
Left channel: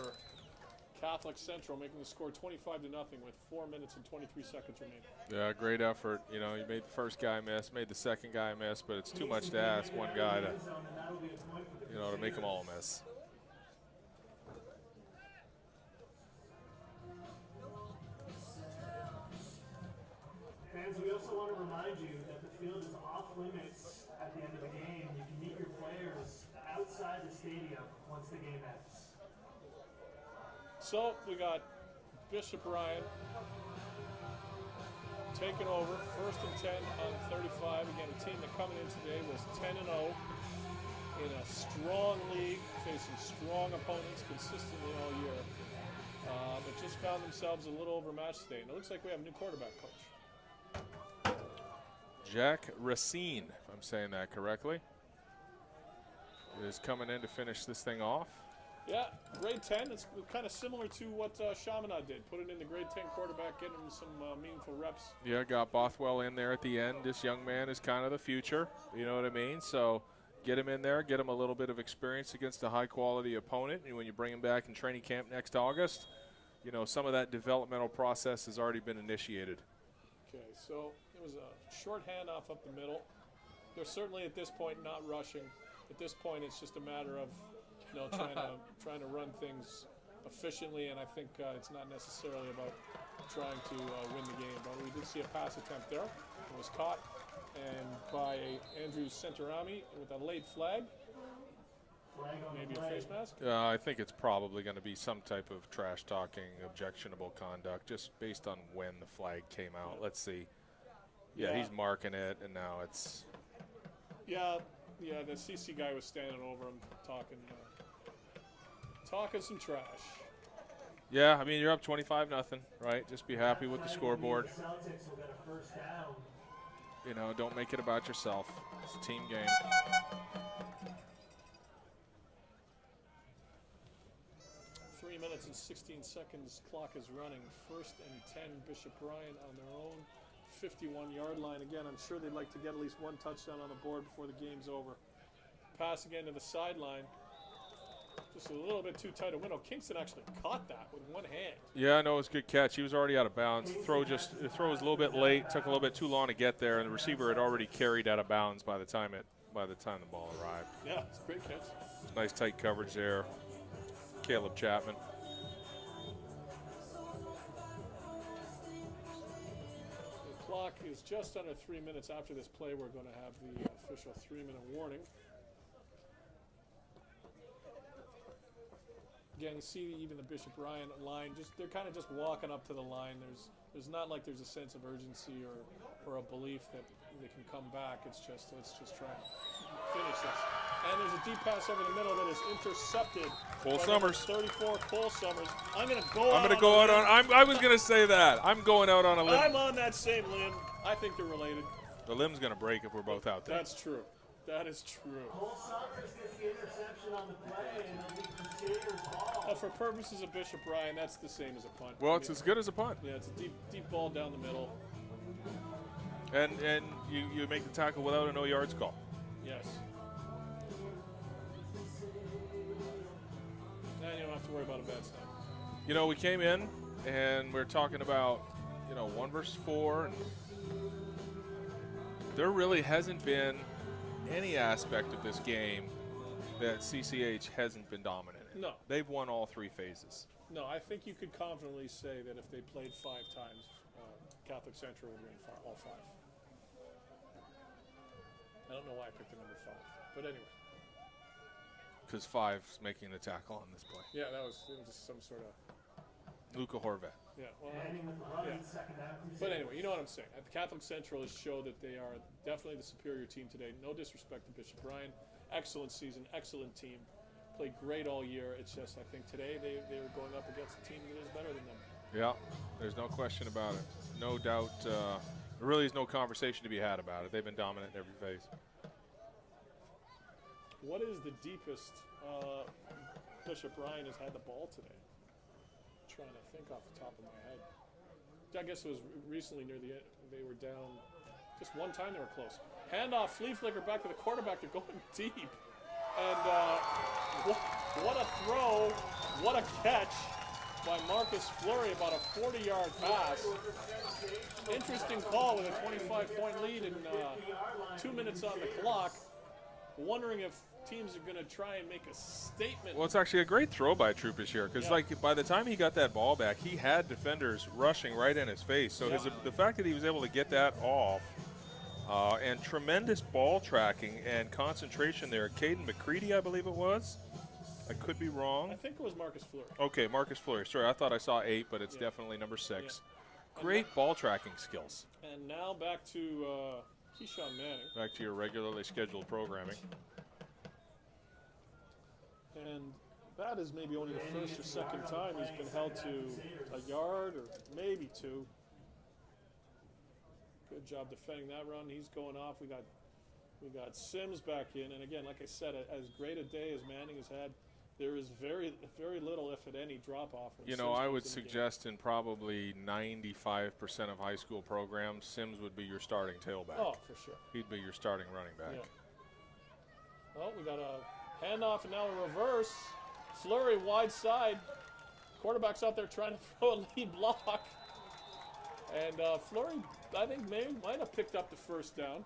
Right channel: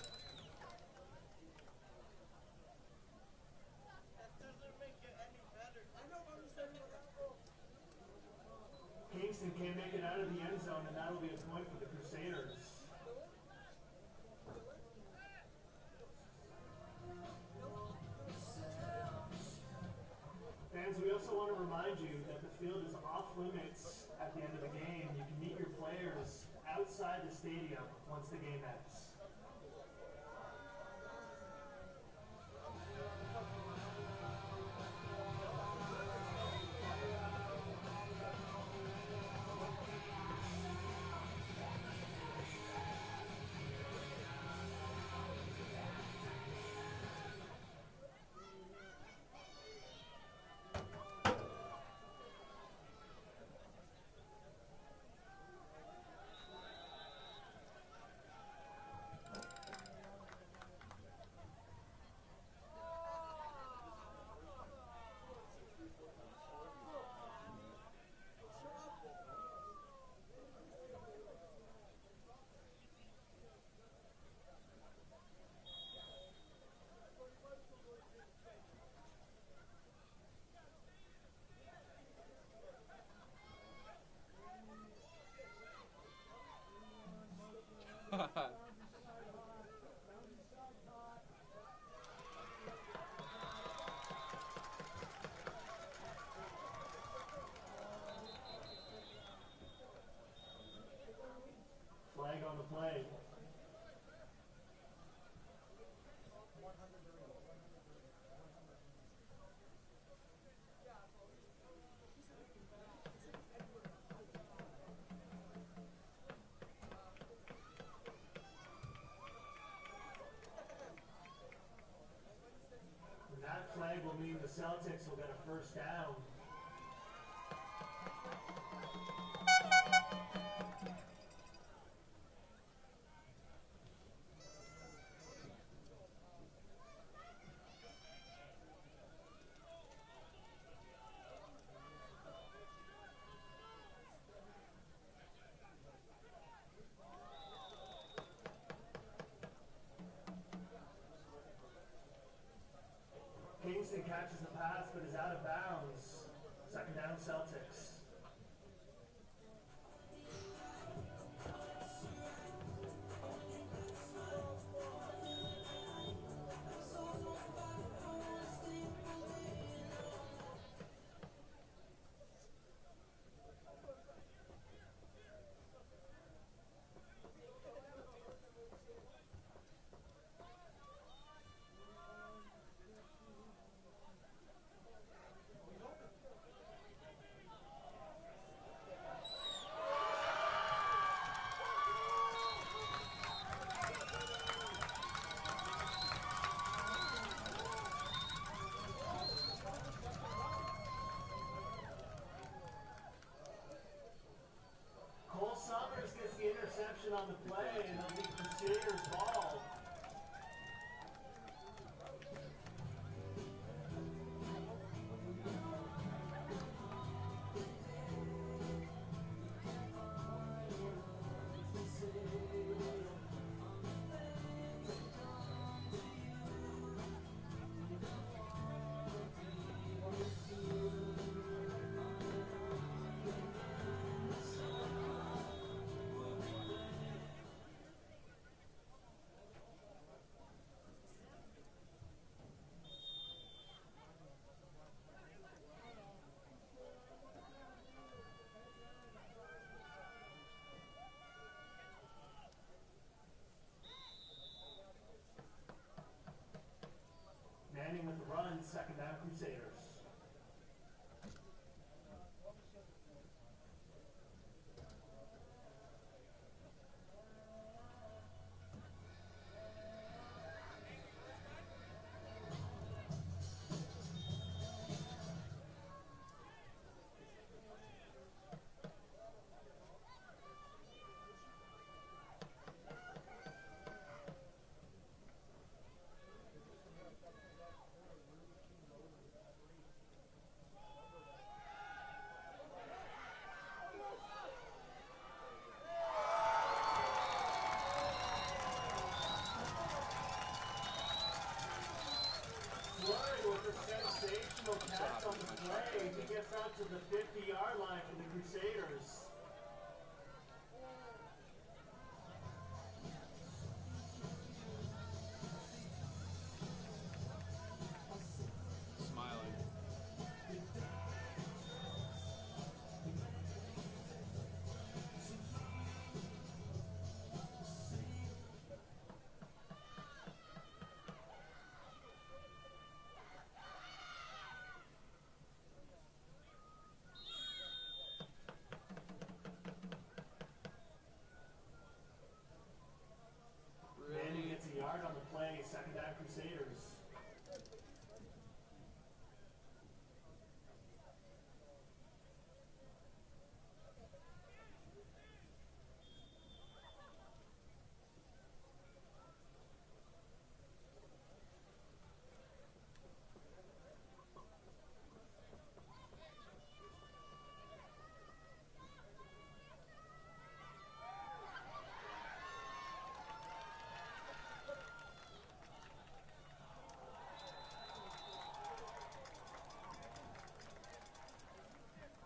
Catholic Central, making the score 25-0 with 4 minutes and 23 seconds remaining. Yeah, great effort. You made the first guy miss, made the second guy miss, but it's too much to ask one guy to, to make them all miss. Fans, we also want to remind you that the field is off limits at the end of the game. You can meet your players outside the stadium once the game ends. So we got Bishop Ryan taking over, 1st and 10 on 35. Again, a team that coming in today was 10-0 in a strong league, facing strong opponents consistently all year. But just found themselves a little overmatched today. And it looks like we have a new quarterback coach. Jack Racine, if I'm saying that correctly, is coming in to finish this thing off. Yeah, grade 10. It's kind of similar to what Chaminade did. Put it in the grade 10 quarterback, getting some meaningful reps. Yeah, got Bothwell in there at the end. This young man is kind of the future. You know what I mean? So get him in there, get him a little bit of experience against a high-quality opponent. And when you bring him back in training camp next August, some of that developmental process has already been initiated. Okay, so there's a short handoff up the middle. they're certainly at this point not rushing. At this point, it's just a matter of trying to run things efficiently, and I think it's not necessarily about trying to win the game. But we did see a pass attempt there. It was caught and by Andrew Centerami with a late flag. Flag on the play. I think it's probably going to be some type of trash talking, objectionable conduct, just based on when the flag came out. Let's see. Yeah, he's marking it, and now it's. Yeah, the CC guy was standing over him talking some trash. Yeah, I mean, you're up 25-0, right? Just be happy with the scoreboard. The Celtics will get a first down. You know, don't make it about yourself. It's a team game. 3 minutes and 16 seconds. Clock is running. 1st and 10. Bishop Bryan on their own 51-yard line. Again, I'm sure they'd like to get at least one touchdown on the board before the game's over. Pass again to the sideline. Just a little bit too tight a window. Kingston actually caught that with one hand. Yeah, no, it was a good catch. He was already out of bounds. The throw was a little bit late. Took a little bit too long to get there, and the receiver had already carried out of bounds by the time the ball arrived. Yeah, it's a great catch. Nice tight coverage there. Caleb Chapman. The clock is just under 3 minutes after this play. We're going to have the official 3-minute warning. Again, see even the Bishop Bryan line, they're kind of just walking up to the line. There's not like there's a sense of urgency or a belief that they can come back. It's just trying to finish it. And there's a deep pass over the middle that is intercepted. Cole Summers. 34, Cole Summers. I'm going to go out on. I was going to say that. I'm going out on a limb. I'm on that same limb. I think they're related. The limb's going to break if we're both out there. That's true. That is true. Cole Summers gets the interception on the play, and it'll be Crusaders' ball. For purposes of Bishop Bryan, that's the same as a punt. Well, it's as good as a punt. Yeah, it's a deep ball down the middle. And you make the tackle without a no yards call. Yes. And you don't have to worry about events. You know, we came in and we're talking about 1 versus 4. There really hasn't been any aspect of this game that CCH hasn't been dominant in. No. They've won all 3 phases. No, I think you could confidently say that if they played 5 times, Catholic Central would win all 5. I don't know why I picked the number 5, but anyway. Because 5's making the tackle on this play. Yeah, that was just some sort of... Luca Horvat. Yeah. Ending with the run, second down. But anyway, you know what I'm saying. At the Catholic Central has showed that they are definitely the superior team today. No disrespect to Bishop Bryan. Excellent season, excellent team. Played great all year. It's just, I think today they were going up against a team that is better than them. Yeah, there's no question about it. No doubt. There really is no conversation to be had about it. They've been dominant in every phase. What is the deepest Bishop Bryan has had the ball today? I'm trying to think off the top of my head. I guess it was recently near the end. They were down. Just one time they were close. Handoff, flea flicker back to the quarterback. They're going deep. And what a throw. What a catch by Marcus Fleury, about a 40-yard pass. Interesting call with a 25-point lead and 2 minutes on the clock. Wondering if teams are going to try and make a statement. Well, it's actually a great throw by Troopers here because, by the time he got that ball back, he had defenders rushing right in his face. So the fact that he was able to get that off and tremendous ball tracking and concentration there. Caden McCready, I believe it was. I could be wrong. I think it was Marcus Fleury. Okay, Marcus Fleury. Sorry, I thought I saw 8, but it's definitely number 6. Yeah. Great ball tracking skills. And now back to Keyshawn Manning. Back to your regularly scheduled programming. And that is maybe only the first or second time he's been held to a yard or maybe 2. Good job defending that run. He's going off. We got Sims back in, and again, like I said, as great a day as Manning has had, there is very little, if at any, drop-off. I would suggest in probably 95% of high school programs, Sims would be your starting tailback. Oh, for sure. He'd be your starting running back. Yeah. Well, we got a handoff and now a reverse. Fleury wide side. Quarterback's out there trying to throw a lead block. And Fleury, I think, might have picked up the first down.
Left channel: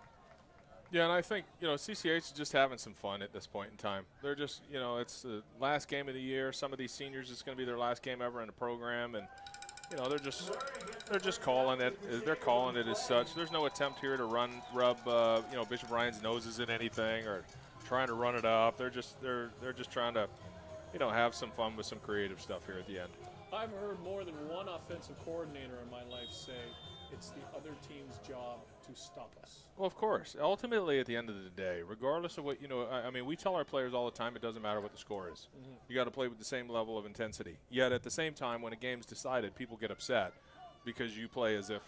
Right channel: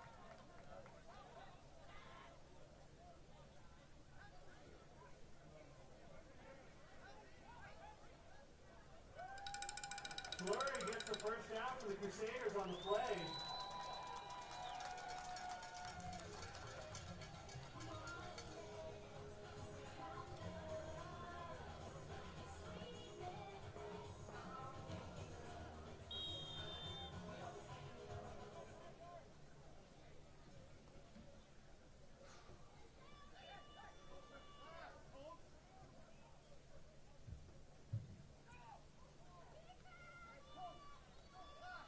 Yeah, and I think, CCH is just having some fun at this point in time. They're just, it's the last game of the year. Some of these seniors, it's going to be their last game ever in the program, and they're just calling it. They're calling it as such. There's no attempt here to rub Bishop Ryan's noses in anything or trying to run it up. They're just trying to, have some fun with some creative stuff here at the end. I've heard more than one offensive coordinator in my life say it's the other team's job to stop us. Well, of course. Ultimately, at the end of the day, regardless of what, we tell our players all the time it doesn't matter what the score is. You got to play with the same level of intensity. Yet at the same time, when a game's decided, people get upset because you play as if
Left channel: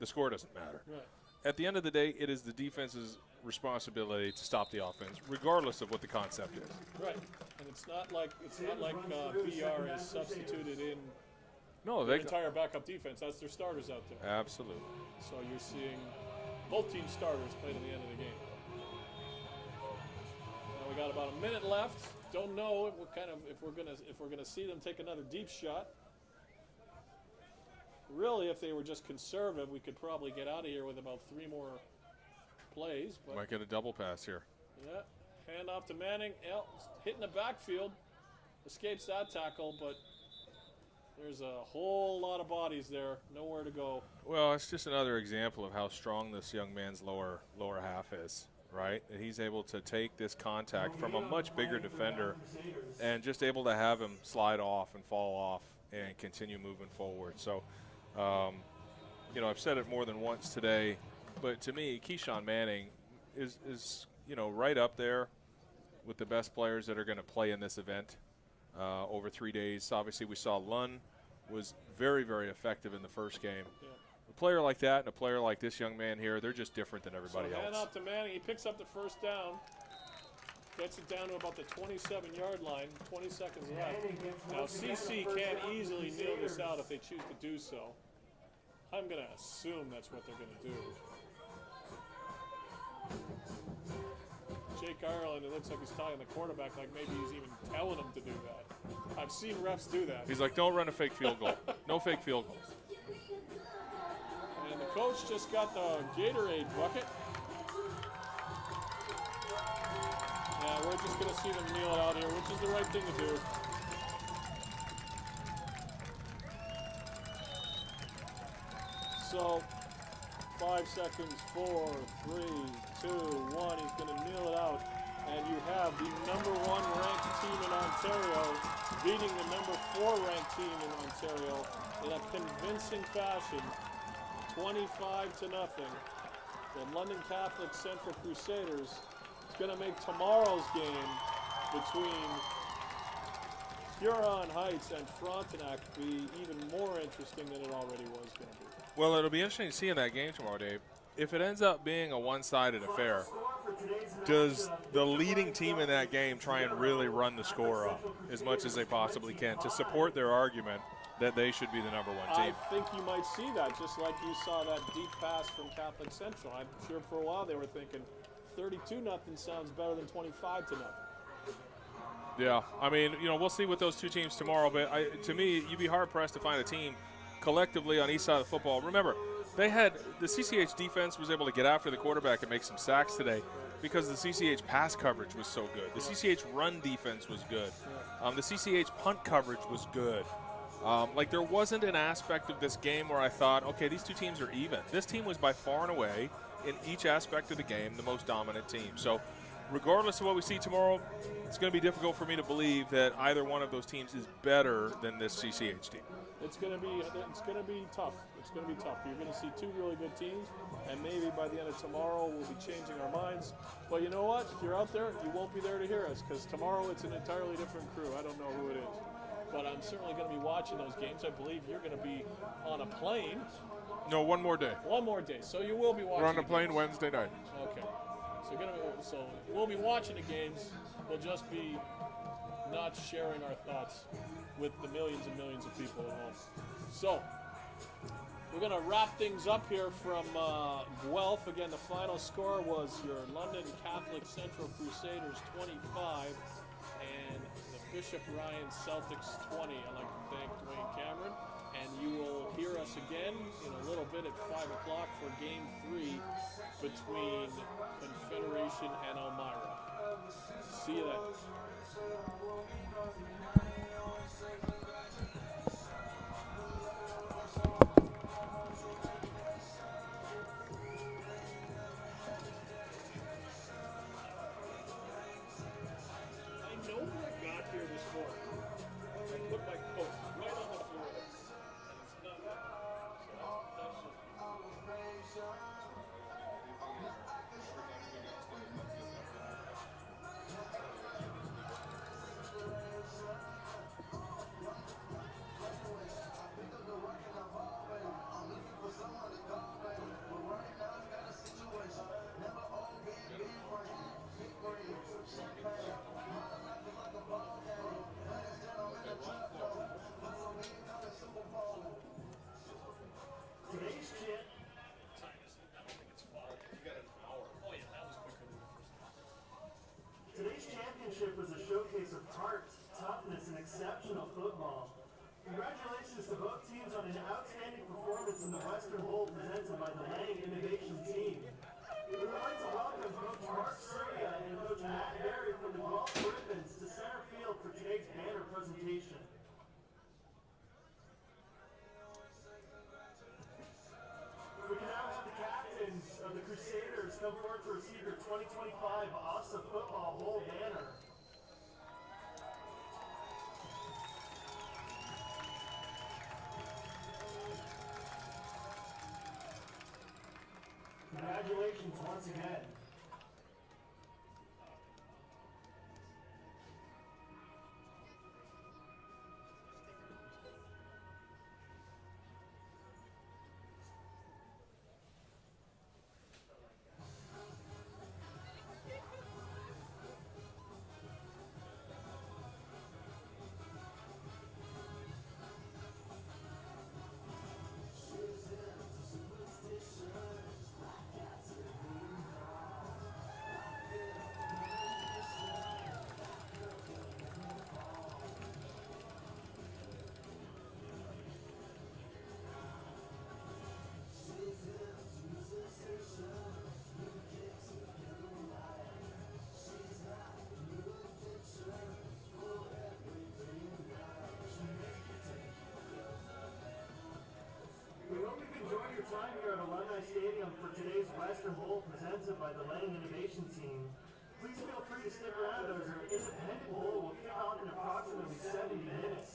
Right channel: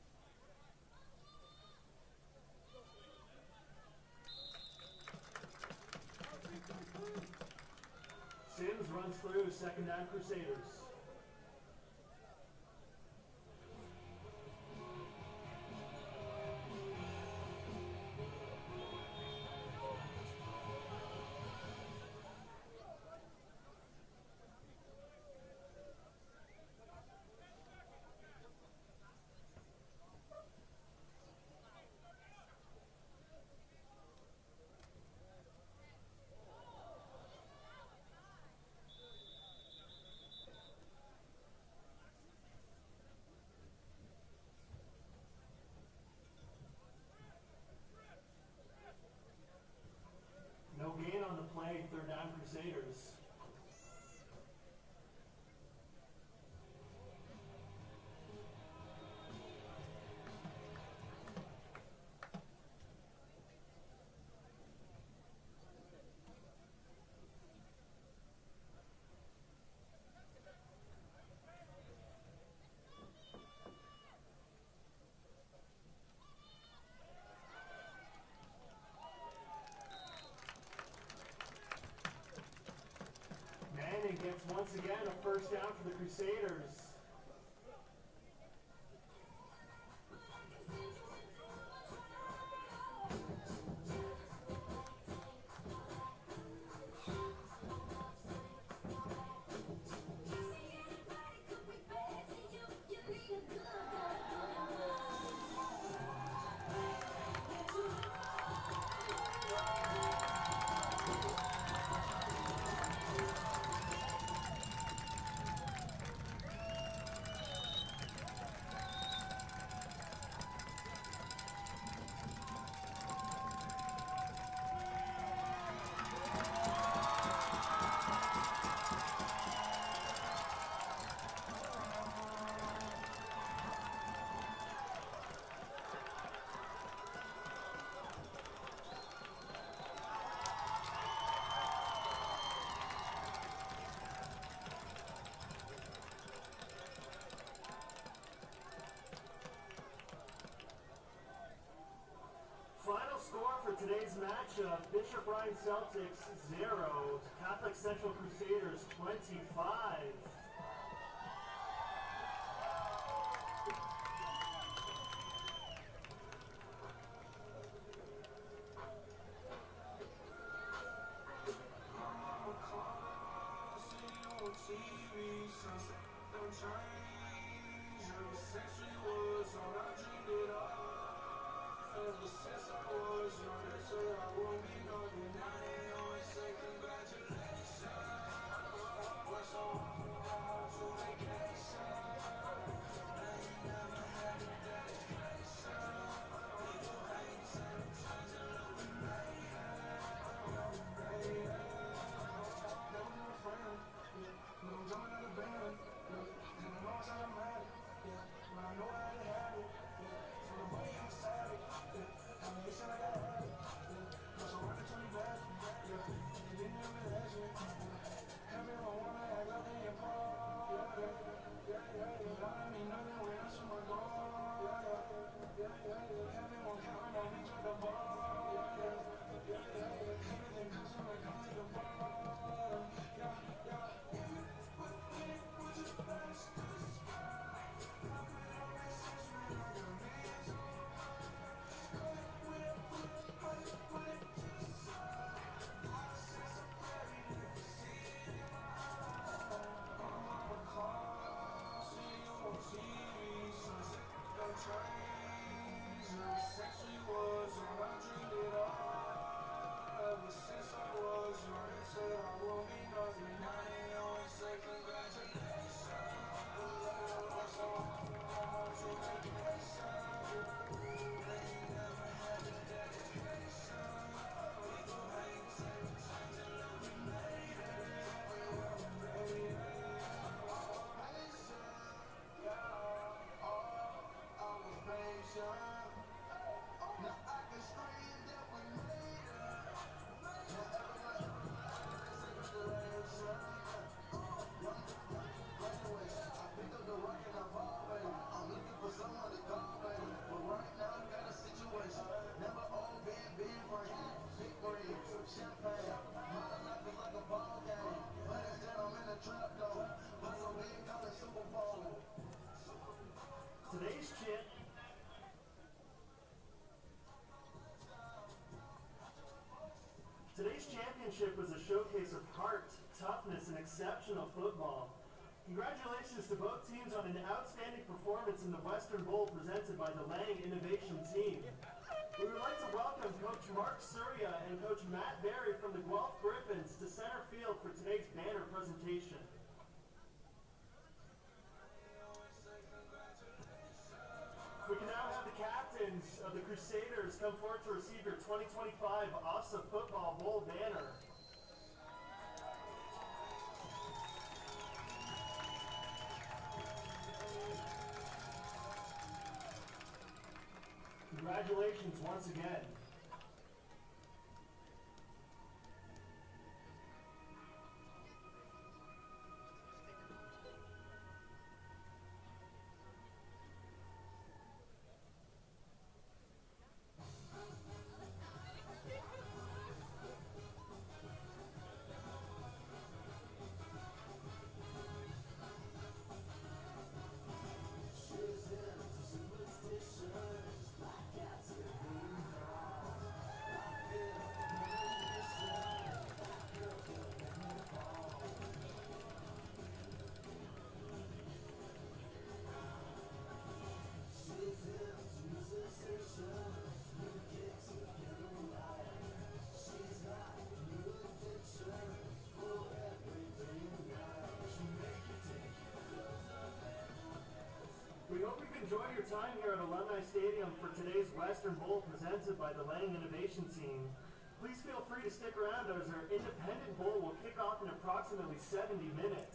the score doesn't matter. Right. At the end of the day, it is the defense's responsibility to stop the offense, regardless of what the concept is. Right. And it's not like PR is substituted in the entire backup defense. That's their starters out there. Absolutely. So you're seeing both team starters play at the end of the game. We got about a minute left. Don't know if we're gonna see them take another deep shot. Really, if they were just conservative, we could probably get out of here with about 3 more plays. But might get a double pass here. Yeah, hand off to Manning. Hitting the backfield, escapes that tackle, but there's a whole lot of bodies there, nowhere to go. Well, it's just another example of how strong this young man's lower half is, right? And he's able to take this contact from a much bigger defender and just able to have him slide off and fall off and continue moving forward. So, I've said it more than once today, but to me, Keyshawn Manning is right up there with the best players that are going to play in this event over 3 days. Obviously, we saw Lund was very, very effective in the first game. A player like that and a player like this young man here, they're just different than everybody else. Hand off to Manning. He picks up the first down. Gets it down to about the 27-yard line. 20 seconds left. Now, CC can't easily nail this out if they choose to do so. I'm going to assume that's what they're going to do. Jake Ireland, it looks like he's talking to the quarterback like maybe he's even telling him to do that. I've seen refs do that. He's like, don't run a fake field goal. No fake field goal. And the coach just got the Gatorade bucket. Yeah, we're just going to see them kneel out here, which is the right thing to do. So, 5 seconds, 4, 3, 2, 1. He's going to kneel it out. And you have the #1 ranked team in Ontario beating the #4 ranked team in Ontario in a convincing fashion, 25-0. The London Catholic Central Crusaders going to make tomorrow's game between Huron Heights and Frontenac be even more interesting than it already was. Well, it'll be interesting to see in that game tomorrow, Dave. If it ends up being a one-sided affair, does the leading team in that game try and really run the score up as much as they possibly can to support their argument that they should be the #1 team? I think you might see that, just like you saw that deep pass from Catholic Central. I'm sure for a while they were thinking 32-0 sounds better than 25-0. Yeah, we'll see with those two teams tomorrow, but to me, you'd be hard-pressed to find a team collectively on each side of the football. Remember, the CCH defense was able to get after the quarterback and make some sacks today because the CCH pass coverage was so good. The CCH run defense was good. The CCH punt coverage was good. There wasn't an aspect of this game where I thought, okay, these two teams are even. This team was by far and away, in each aspect of the game, the most dominant team. So regardless of what we see tomorrow, it's going to be difficult for me to believe that either one of those teams is better than this CCH team. It's going to be tough. It's going to be tough. You're going to see 2 really good teams, and maybe by the end of tomorrow we'll be changing our minds. But you know what? If you're out there, you won't be there to hear us because tomorrow it's an entirely different crew. I don't know who it is. But I'm certainly going to be watching those games. I believe you're going to be on a plane. No, one more day. One more day. So you will be watching. We're on a plane Wednesday night. Okay. So we'll be watching the games. We'll just be not sharing our thoughts with the millions and millions of people at home. So we're going to wrap things up here from Guelph. Again, the final score was your London Catholic Central Crusaders 25 and the Bishop Ryan Celtics 20. I'd like to thank Wayne Cameron. And you will hear us again in a little bit at 5 o'clock for Game 3 between Today's championship was a showcase of heart, toughness, and exceptional football. Congratulations to both teams on an outstanding performance in the Western Bowl presented by the Lang Innovation Team. We would like to welcome Coach Mark Surya and Coach Matt Berry from the Guelph Griffins to center field for today's banner presentation. We can now have the captains of the Crusaders come forward to receive your 2025 Ofsaa Football Bowl banner. Congratulations once again. We hope you've enjoyed your time here at Alumni Stadium for today's Western Bowl presented by the Lang Innovation Team. Please feel free to stick around as our independent bowl will kick off in approximately 70 minutes.